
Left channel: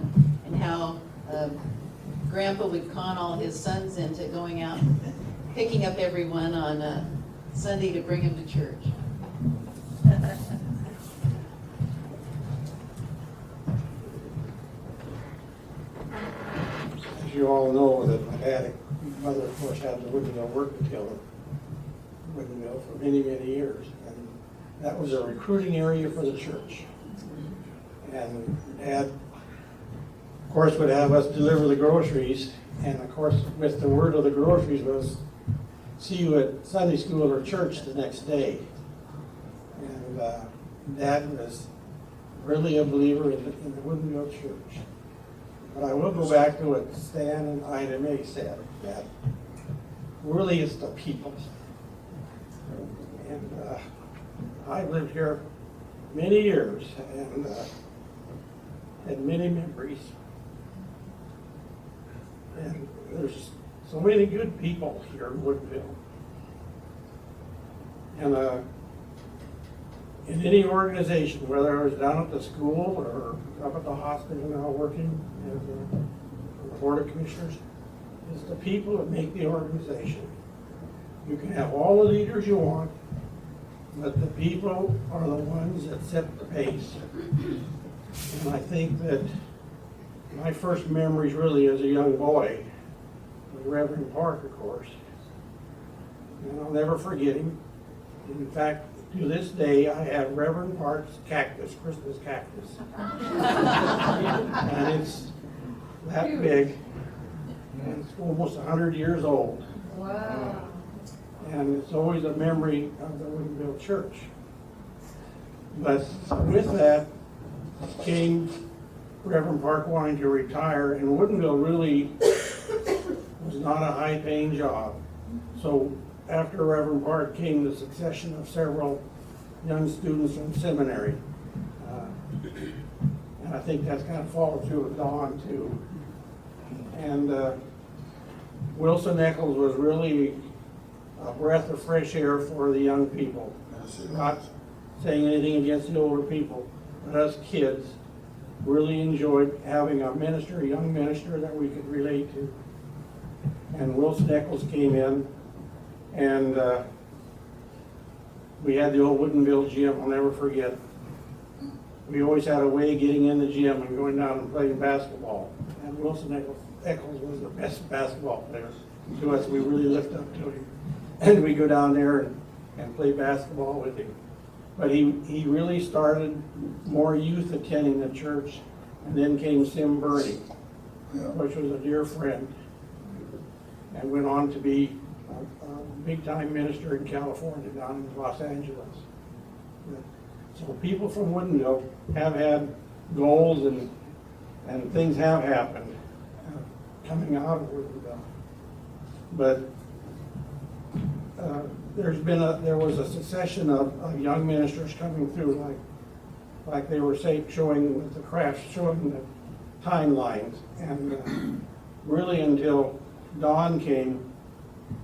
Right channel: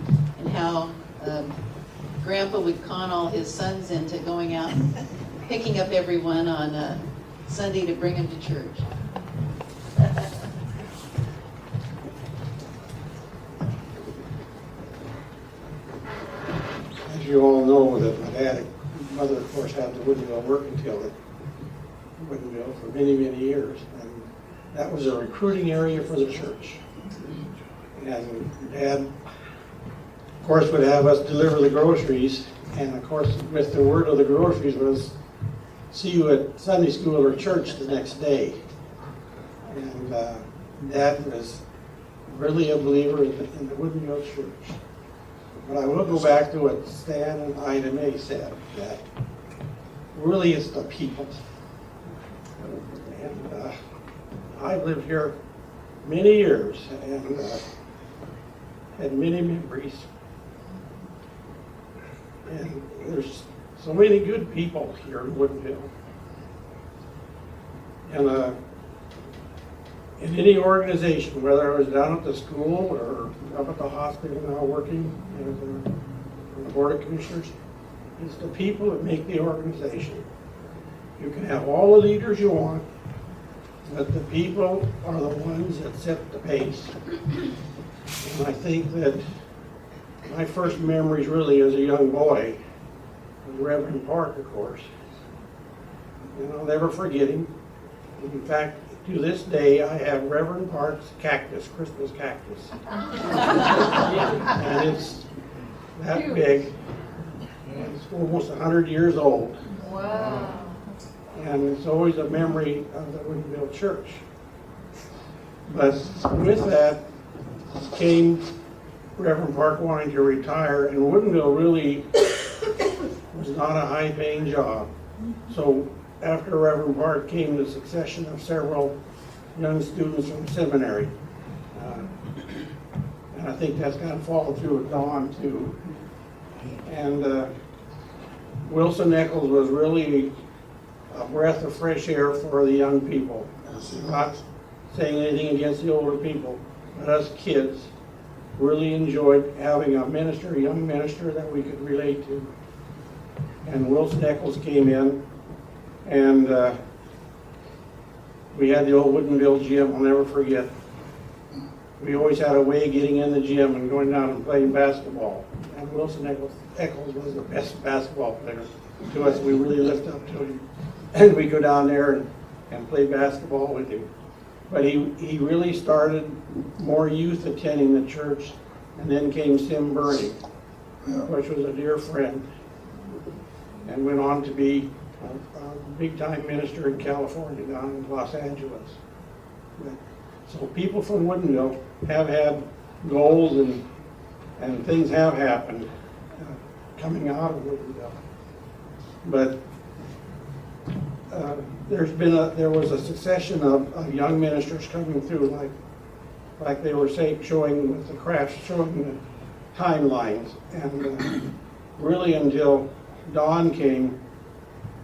how Grandpa would con all his sons into going out and picking up everyone on Sunday to bring him to church. You all know that my dad, mother, of course, had the Woodinville Working Together, Woodinville, for many, many years. And that was a recruiting area for the church. And Dad, of course, would have us deliver the groceries. And of course, with the word of the groceries was, see you at Sunday school or church the next day. And Dad was really a believer in the Woodinville church. But I will go back to what Stan and Ida May said, that really it's the people. And I've lived here many years and had many memories. And there's so many good people here in Woodinville. And in any organization, whether I was down at the school or up at the hospital now working as the Board of Commissioners, it's the people that make the organization. You can have all the leaders you want, but the people are the ones that set the pace. And I think that my first memories really as a young boy, was Reverend Park, of course. And I'll never forget him. In fact, to this day, I have Reverend Park's cactus, Christmas cactus. And it's that big, and it's almost 100 years old. Wow. And it's always a memory of the Woodinville Church. But with that came Reverend Park wanting to retire, and Woodinville really was not a high-paying job. So after Reverend Park came the succession of several young students from seminary. And I think that's going to fall through with Dawn too. And Wilson Eccles was really a breath of fresh air for the young people. Not saying anything against the older people, but us kids really enjoyed having a minister, a young minister that we could relate to. And Wilson Eccles came in, and we had the old Woodinville gym, I'll never forget. We always had a way getting in the gym and going down and playing basketball. And Wilson Eccles was the best basketball player to us. We really looked up to him. And we go down there and play basketball with him. But he really started more youth attending the church, and then came Sim Burney, which was a dear friend, and went on to be a big-time minister in California, down in Los Angeles. So people from Woodinville have had goals, and things have happened coming out of Woodinville. But there was a succession of young ministers coming through, like they were saying, showing with the crash, showing the timelines, and really until Dawn came.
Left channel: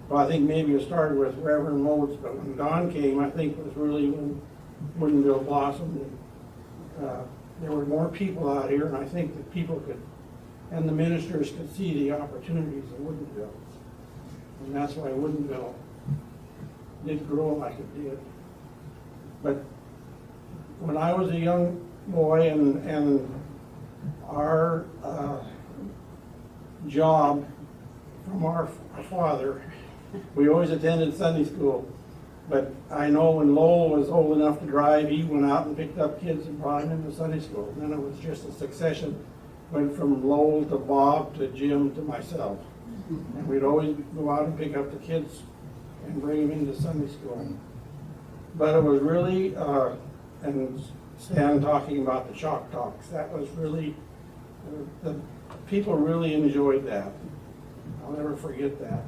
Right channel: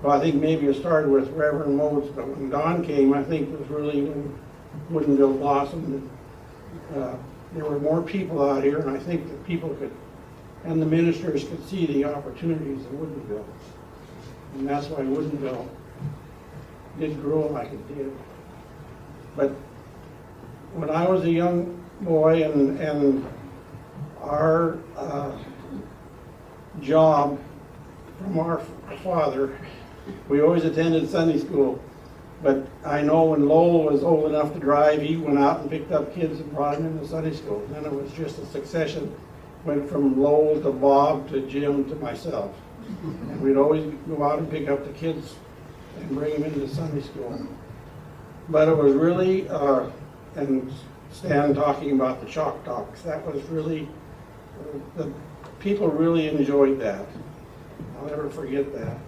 Well, I think maybe it started with Reverend Modes, but when Dawn came, I think it was really when Woodinville blossomed. There were more people out here, and I think that people could, and the ministers could see the opportunities in Woodinville. And that's why Woodinville did grow like it did. But when I was a young boy, and our job from our father, we always attended Sunday school. But I know when Lowell was old enough to drive, he went out and picked up kids and brought them into Sunday school. And then it was just a succession. Went from Lowell to Bob to Jim to myself. And we'd always go out and pick up the kids and bring them into Sunday school. But it was really, and Stan talking about the chalk talks, that was really, the people really enjoyed that. I'll never forget that.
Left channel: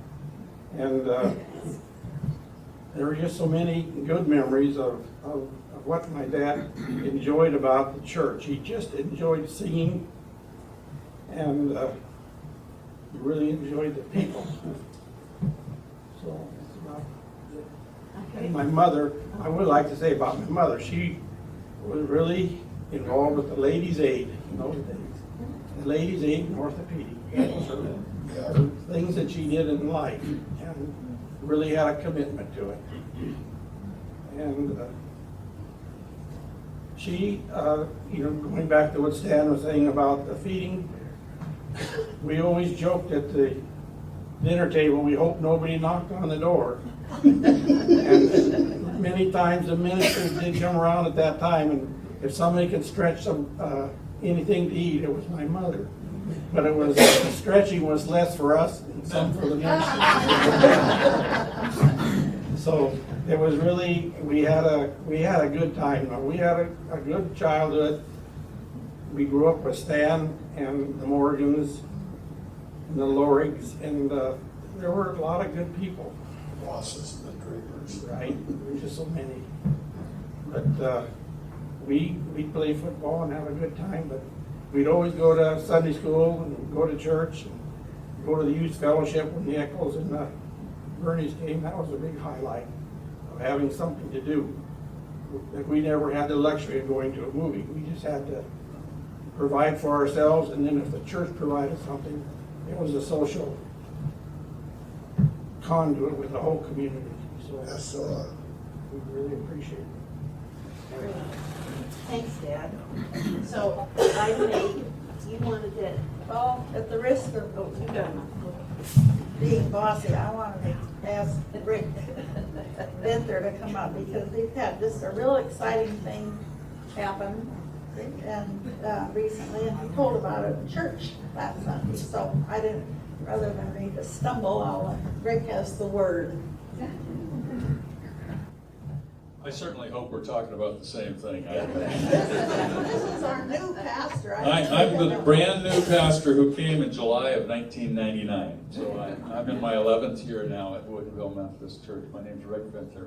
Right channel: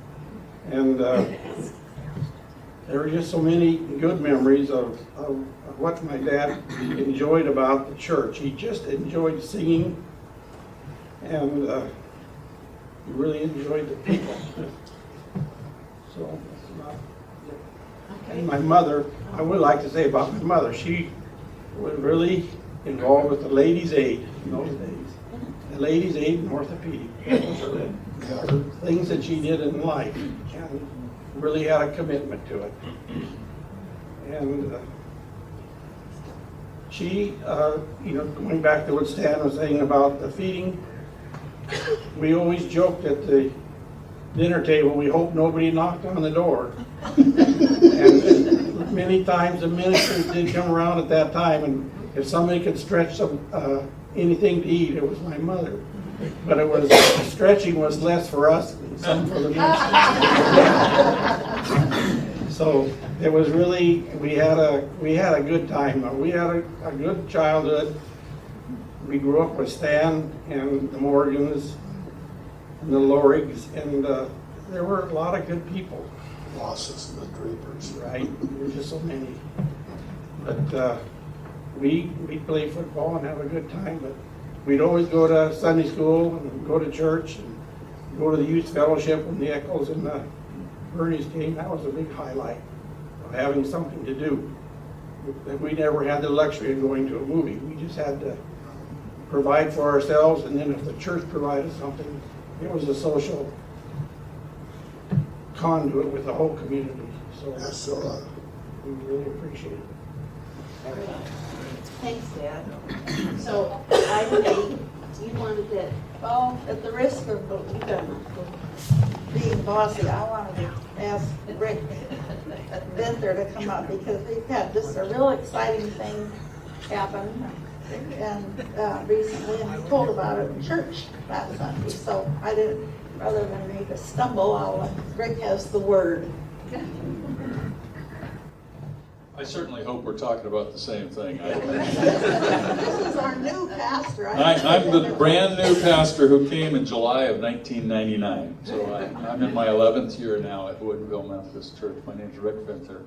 And there were just so many good memories of what my dad enjoyed about the church. He just enjoyed singing, and he really enjoyed the people. So, and my mother, I would like to say about my mother, she was really involved with the Ladies' Aid in those days. The Ladies' Aid in orthopedic. The things that she did in life, and really had a commitment to it. And she, going back to what Stan was saying about the feeding, we always joked at the dinner table, we hope nobody knocked on the door. And many times the ministers did come around at that time. If somebody could stretch some anything to eat, it was my mother. But it was stretching was less for us than some for the ministers. So it was really, we had a good time. We had a good childhood. We grew up with Stan and the Morgans and the Lorries, and there were a lot of good people. Losses, the Drapers. Right, there were just so many. But we played football and had a good time. But we'd always go to Sunday school and go to church, and go to the youth fellowship and the Eccles and the Bernie's team. That was a big highlight of having something to do. And we never had the luxury of going to a movie. We just had to provide for ourselves, and then if the church provided something, it was a social conduit with the whole community. So Yes, we really appreciate it. Thanks, Dad. So, item 8, you wanted to sort of being bossy, I wanted to ask Rick Bender to come up because we've had this a real exciting thing happen. And recently, and we told about it in church last Sunday, so I didn't, rather than make a stumble, Rick has the word. I certainly hope we're talking about the same thing. This is our new pastor. I'm the brand new pastor who came in July of 1999. So I'm in my 11th year now at Woodinville Methodist Church. My name's Rick Venter.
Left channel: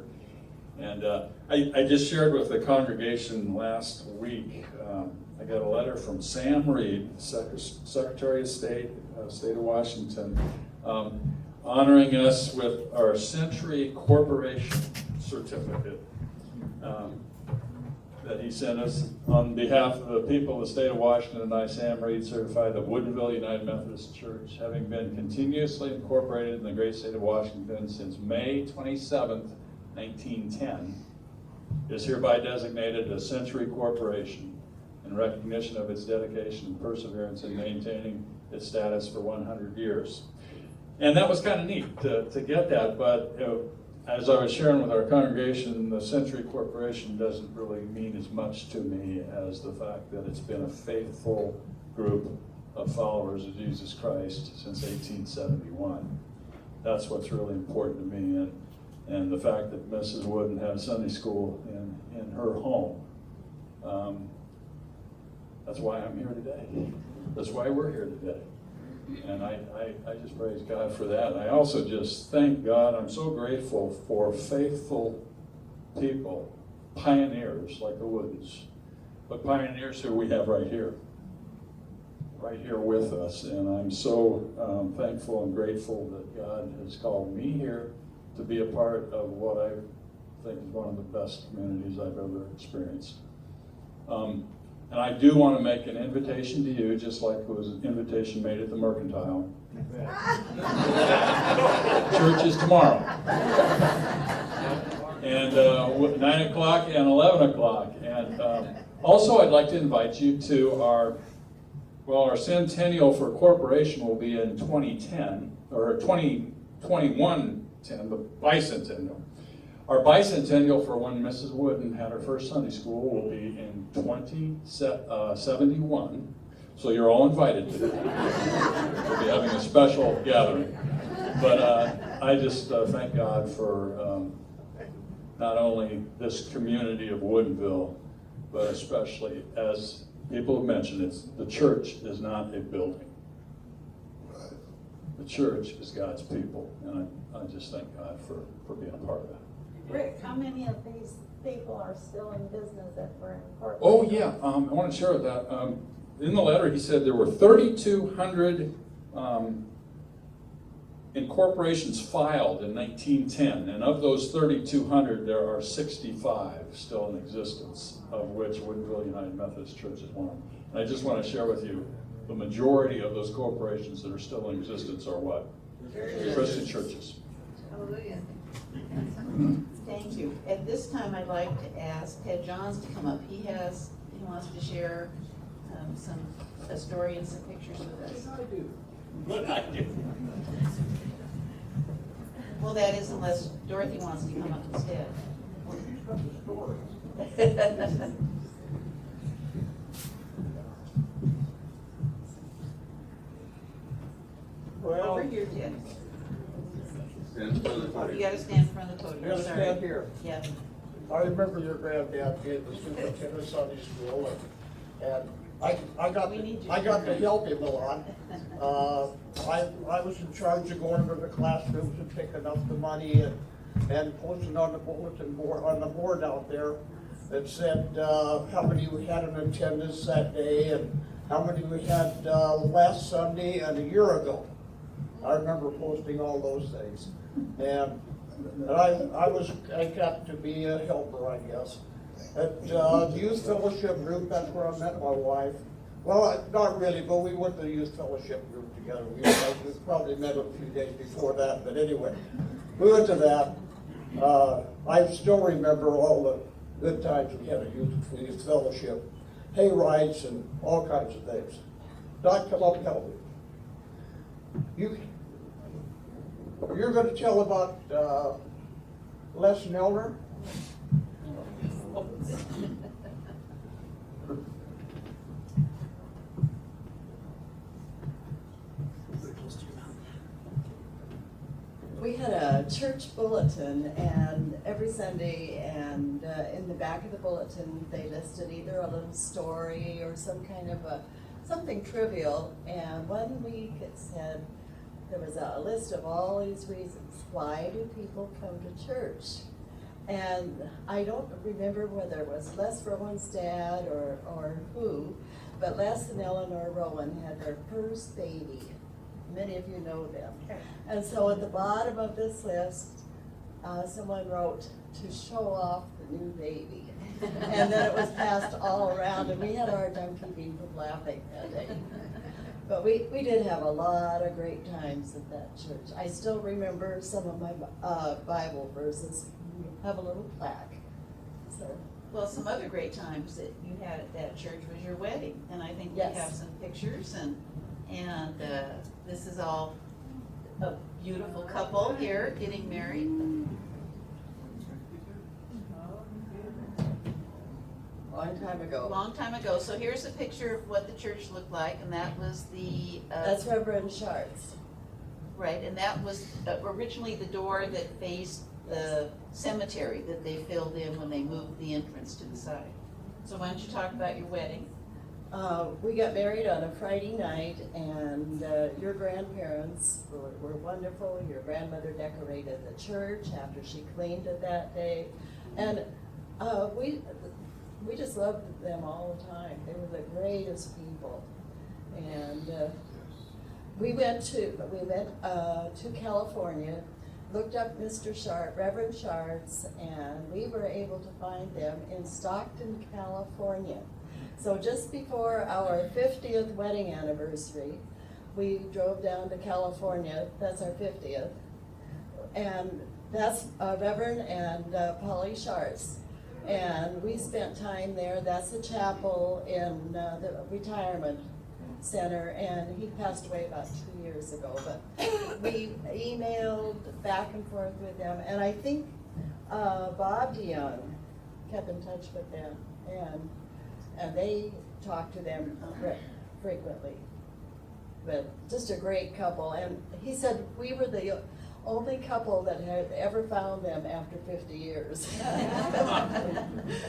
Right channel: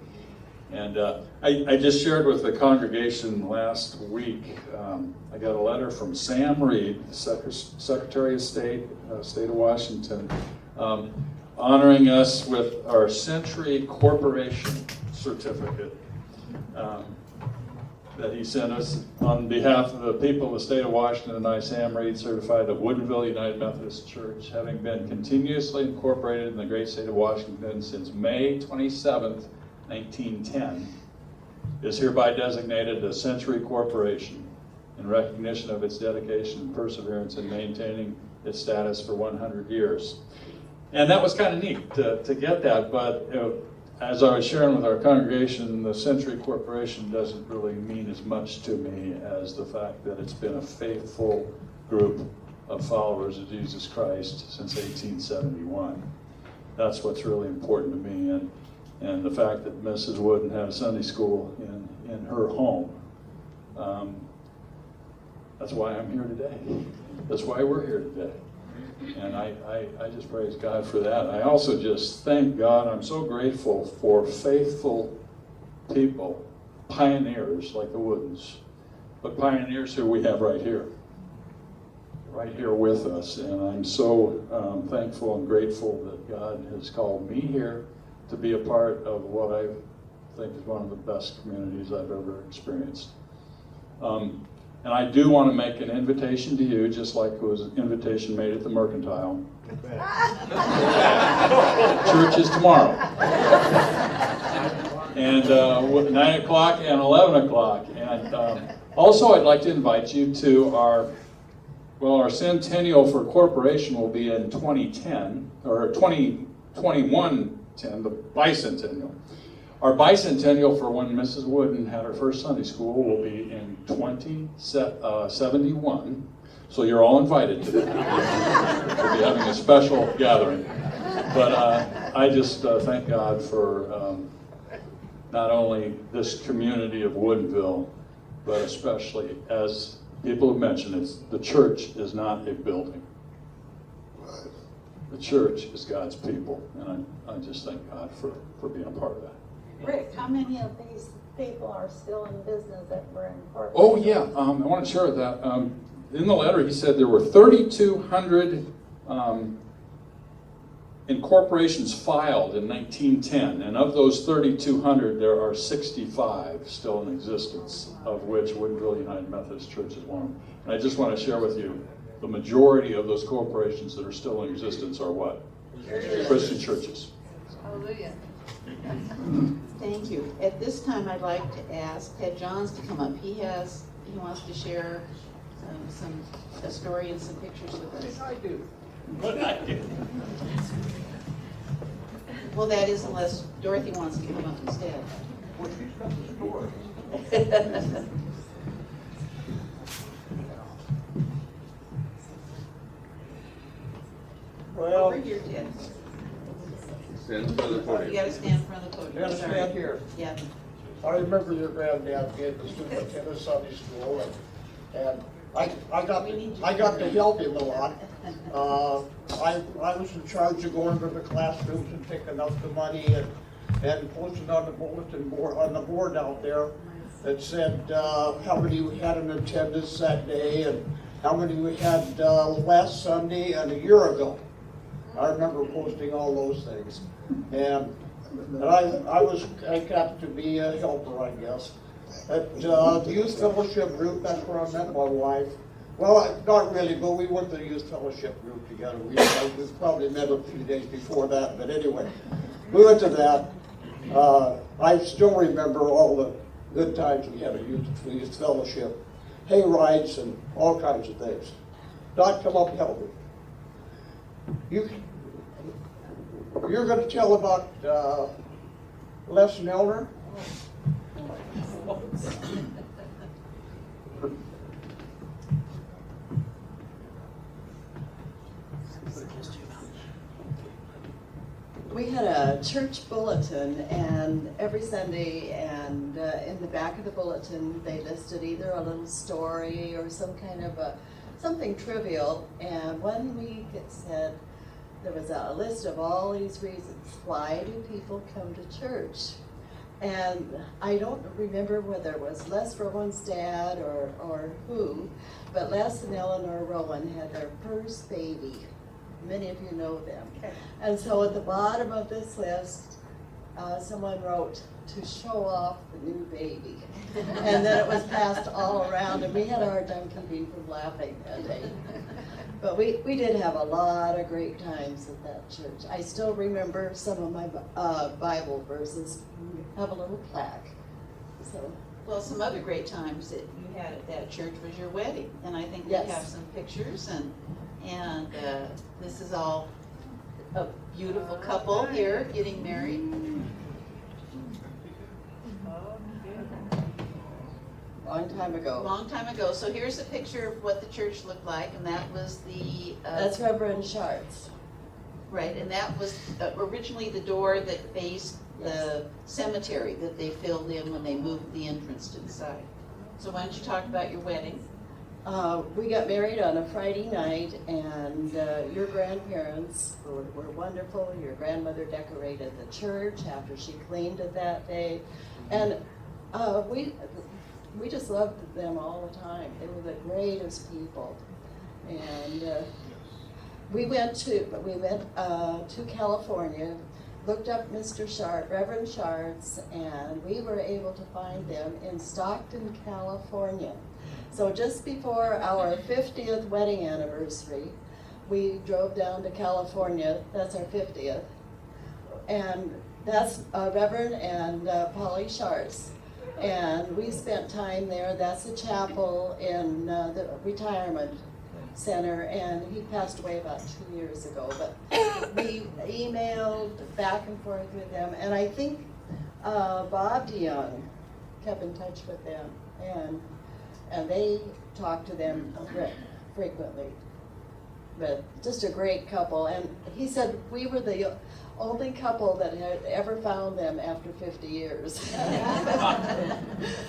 And I just shared with the congregation last week, I got a letter from Sam Reed, the Secretary of State, State of Washington, honoring us with our Century Corporation certificate that he sent us on behalf of the people of the state of Washington. And I, Sam Reed, certify that Woodinville United Methodist Church, having been continuously incorporated in the great state of Washington since May 27th, 1910, is hereby designated a Century Corporation in recognition of its dedication and perseverance in maintaining its status for 100 years. And that was kind of neat to get that, but as I was sharing with our congregation, the Century Corporation doesn't really mean as much to me as the fact that it's been a faithful group of followers of Jesus Christ since 1871. That's what's really important to me, and the fact that Mrs. Wooden had a Sunday school in her home. That's why I'm here today. That's why we're here today. And I just praise God for that. And I also just thank God, and I'm so grateful for faithful people, pioneers like the Woodens, but pioneers who we have right here with us. And I'm so thankful and grateful that God has called me here to be a part of what I think is one of the best communities I've ever experienced. And I do want to make an invitation to you, just like there was an invitation made at the Mercantile. Church is tomorrow. And 9 o'clock and 11 o'clock. And also I'd like to invite you to our centennial for corporation will be in 2010, or 2021-10, the bicentennial. Our bicentennial for when Mrs. Wooden had her first Sunday school will be in 2071. So you're all invited to that. We'll be having a special gathering. But I just thank God for not only this community of Woodinville, but especially, as people have mentioned, the church is not a building. The church is God's people, and I just thank God for being a part of that. Rick, how many of these people are still in business that were in Portland? Oh yeah, I want to share that. In the letter, he said there were 3,200 incorporations filed in 1910, and of those 3,200, there are 65 still in existence, of which Woodinville United Methodist Church is one. And I just want to share with you, the majority of those corporations that are still in existence are what? Christian churches. Hallelujah. Thank you. At this time, I'd like to ask Ted Johns to come up. He wants to share a story and some pictures with us. I do. What I do. Well, that is unless Dorothy wants to come up instead. Well, Over here, Ted. Stand in front of the You podium. gotta stand in front of the podium. just stand here. Yeah. I remember your granddad getting the students in the Sunday school, and I got to help him a lot. I was in charge of going to the classrooms and picking up the money and posting on the bulletin board, on the board out there that said how many we had in attendance that day and how many we had last Sunday and a year ago. I remember posting all those things. And I got to be a helper, I guess. At the youth fellowship group, that's where I met my wife. Well, not really, but we went to the youth fellowship group together. We probably met a few days before that, but anyway. We went to that. I still remember all the good times we had at youth fellowship. Hay rides and all kinds of things. Doc, come on, help me. You're gonna tell about, Les Milner? We had a church bulletin, and every Sunday, and in the back of the bulletin, they listed either a little story or some kind of something trivial. And one week it said there was a list of all these reasons why do people come to church. And I don't remember whether it was Les Rowan's dad or who, but Les and Eleanor Rowan had their first baby. Many of you know them. And so at the bottom of this list, someone wrote, to show off the new baby. And then it was passed all around, and we had a hard time keeping from laughing that day. But we did have a lot of great times at that church. I still remember some of my Bible verses. We have a little plaque. So, Well, some other great times that you had at that church was your wedding, and I think we Yes. have some pictures, and this is all a beautiful couple here getting married. long time A ago. long time ago. So here's a picture of what the church looked like, and that was the That's Reverend Sharts. right, and that was originally the door that faced the cemetery that they filled in when they moved the entrance to the side. So why don't you talk about your wedding? We got married on a Friday night, and your grandparents were wonderful. Your grandmother decorated the church after she cleaned it that day, and we just loved them all the time. They were the greatest people, and we went to California, looked up Mr. Shart, Reverend Sharts, and we were able to find them in Stockton, California. So just before our 50th wedding anniversary, we drove down to California. That's our 50th. And that's Reverend and Polly Sharts. And we spent time there. That's the chapel in the retirement center. And he passed away about 2 years ago. But we emailed back and forth with them. And I think Bob Dion kept in touch with them. And they talked to them frequently. But just a great couple. And he said we were the only couple that had ever found them after 50 years.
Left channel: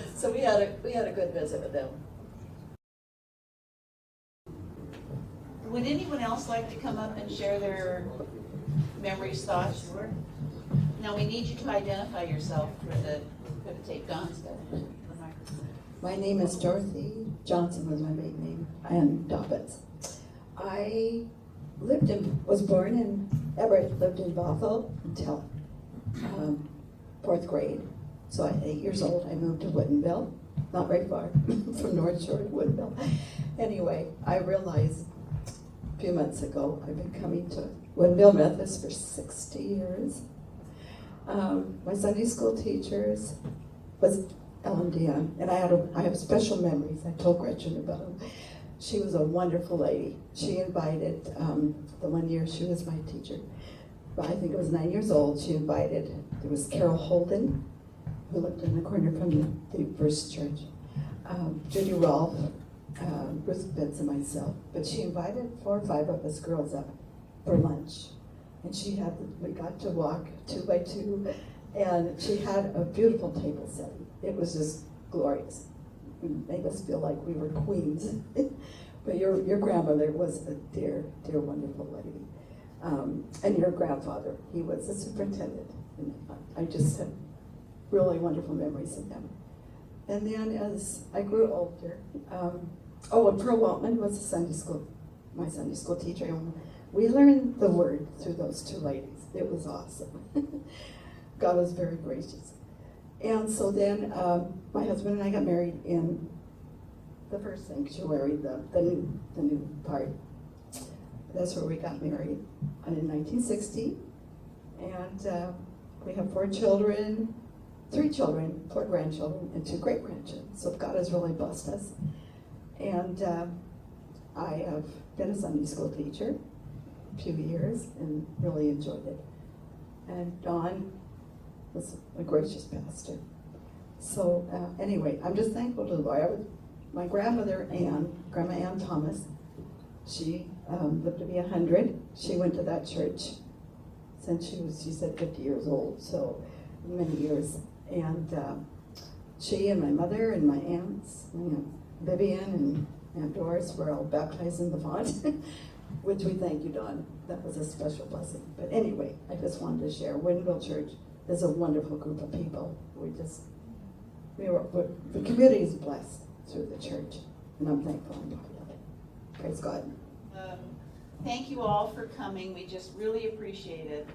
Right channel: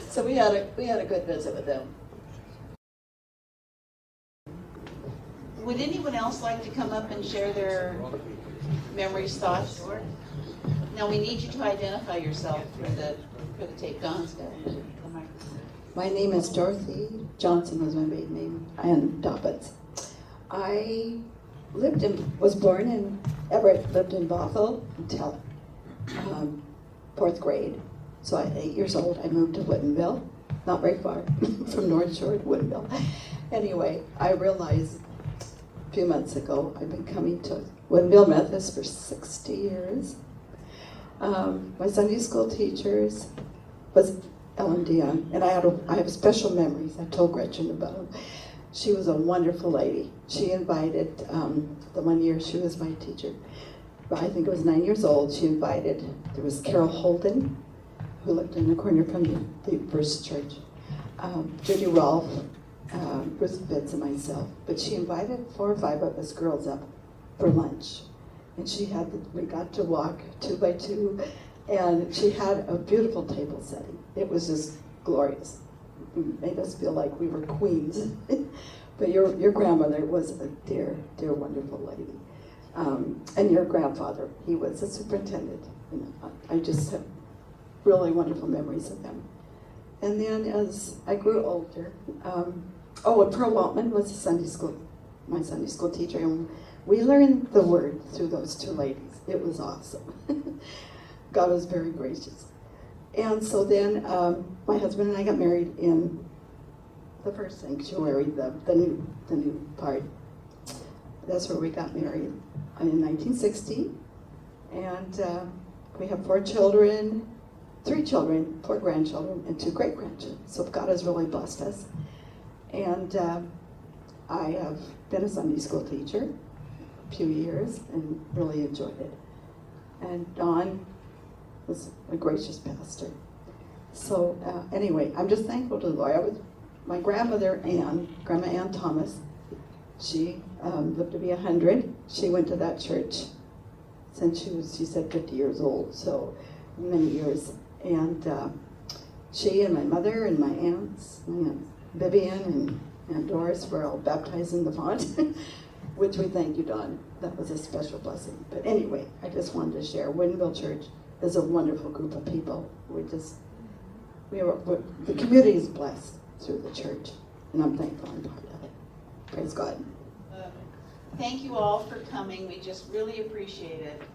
So we had a good visit with them. Would anyone else like to come up and share their memories, thoughts? Now we need you to identify yourself for the tape. Dawn's got it. My name is Dorothy. Johnson was my maiden name, and Dobbins. I was born in Everett, lived in Bothell until 4th grade. So at 8 years old, I moved to Woodinville, not very far from North Shore to Woodinville. Anyway, I realized a few months ago I've been coming to Woodinville Methodist for 60 years. My Sunday school teachers was Dion, and I have special memories. I told Gretchen about them. She was a wonderful lady. She invited, the one year she was my teacher, I think it was 9 years old, she invited, there was Carol Holden, who lived in the corner from the First Church, Judy Rolfe, Bruce Betts, and myself. But she invited 4 or 5 of us girls up for lunch. And we got to walk 2 by 2, and she had a beautiful table setting. It was just glorious. It made us feel like we were queens. But your grandmother was a dear, dear, wonderful lady. And your grandfather, he was a superintendent. And I just had really wonderful memories of him. And then as I grew older, and Pearl Waltman was my Sunday school teacher. And we learned the word through those 2 ladies. It was awesome. God was very gracious. And so then my husband and I got married in the first sanctuary, the new part. That's where we got married in 1960. And we have 4 children, 3 children, 4 grandchildren, and 2 great-grandchildren. So God has really blessed us. And I have been a Sunday school teacher. few years and really enjoyed it. And Don was a gracious pastor. So anyway, I'm just thankful to the Lord. My grandmother Ann, Grandma Ann Thomas, she lived to be 100. She went to that church since she said 50 years old, so many years. And she and my mother and my aunts, my Aunt Vivian and Aunt Doris were all baptized in the font, which we thank you, Don. That was a special blessing. But anyway, I just wanted to share. Woodinville Church is a wonderful group of people. The community is blessed through the church, and I'm thankful and proud of it. Praise God. Thank you all for coming. We just really appreciate it.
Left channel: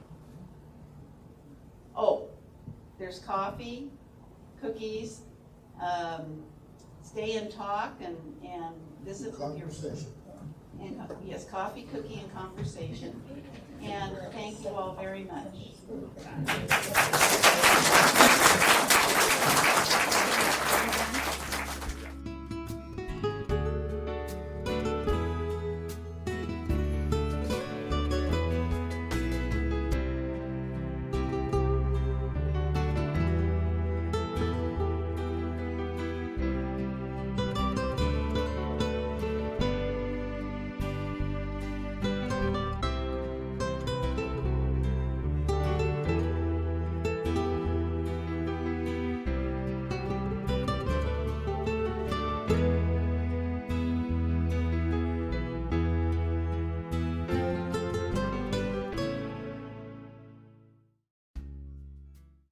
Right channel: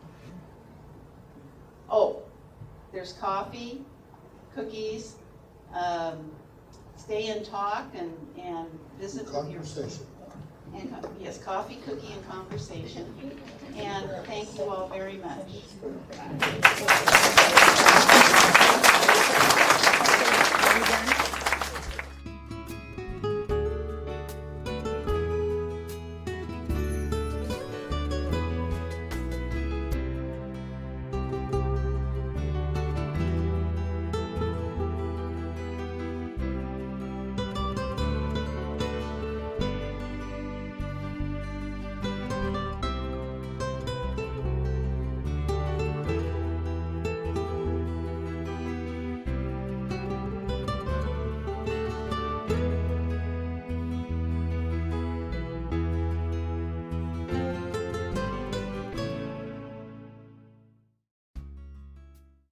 Oh, there's coffee, cookies, stay and talk and visit with your Conversation. and yes, coffee, cookie, and conversation. And thank you all very much.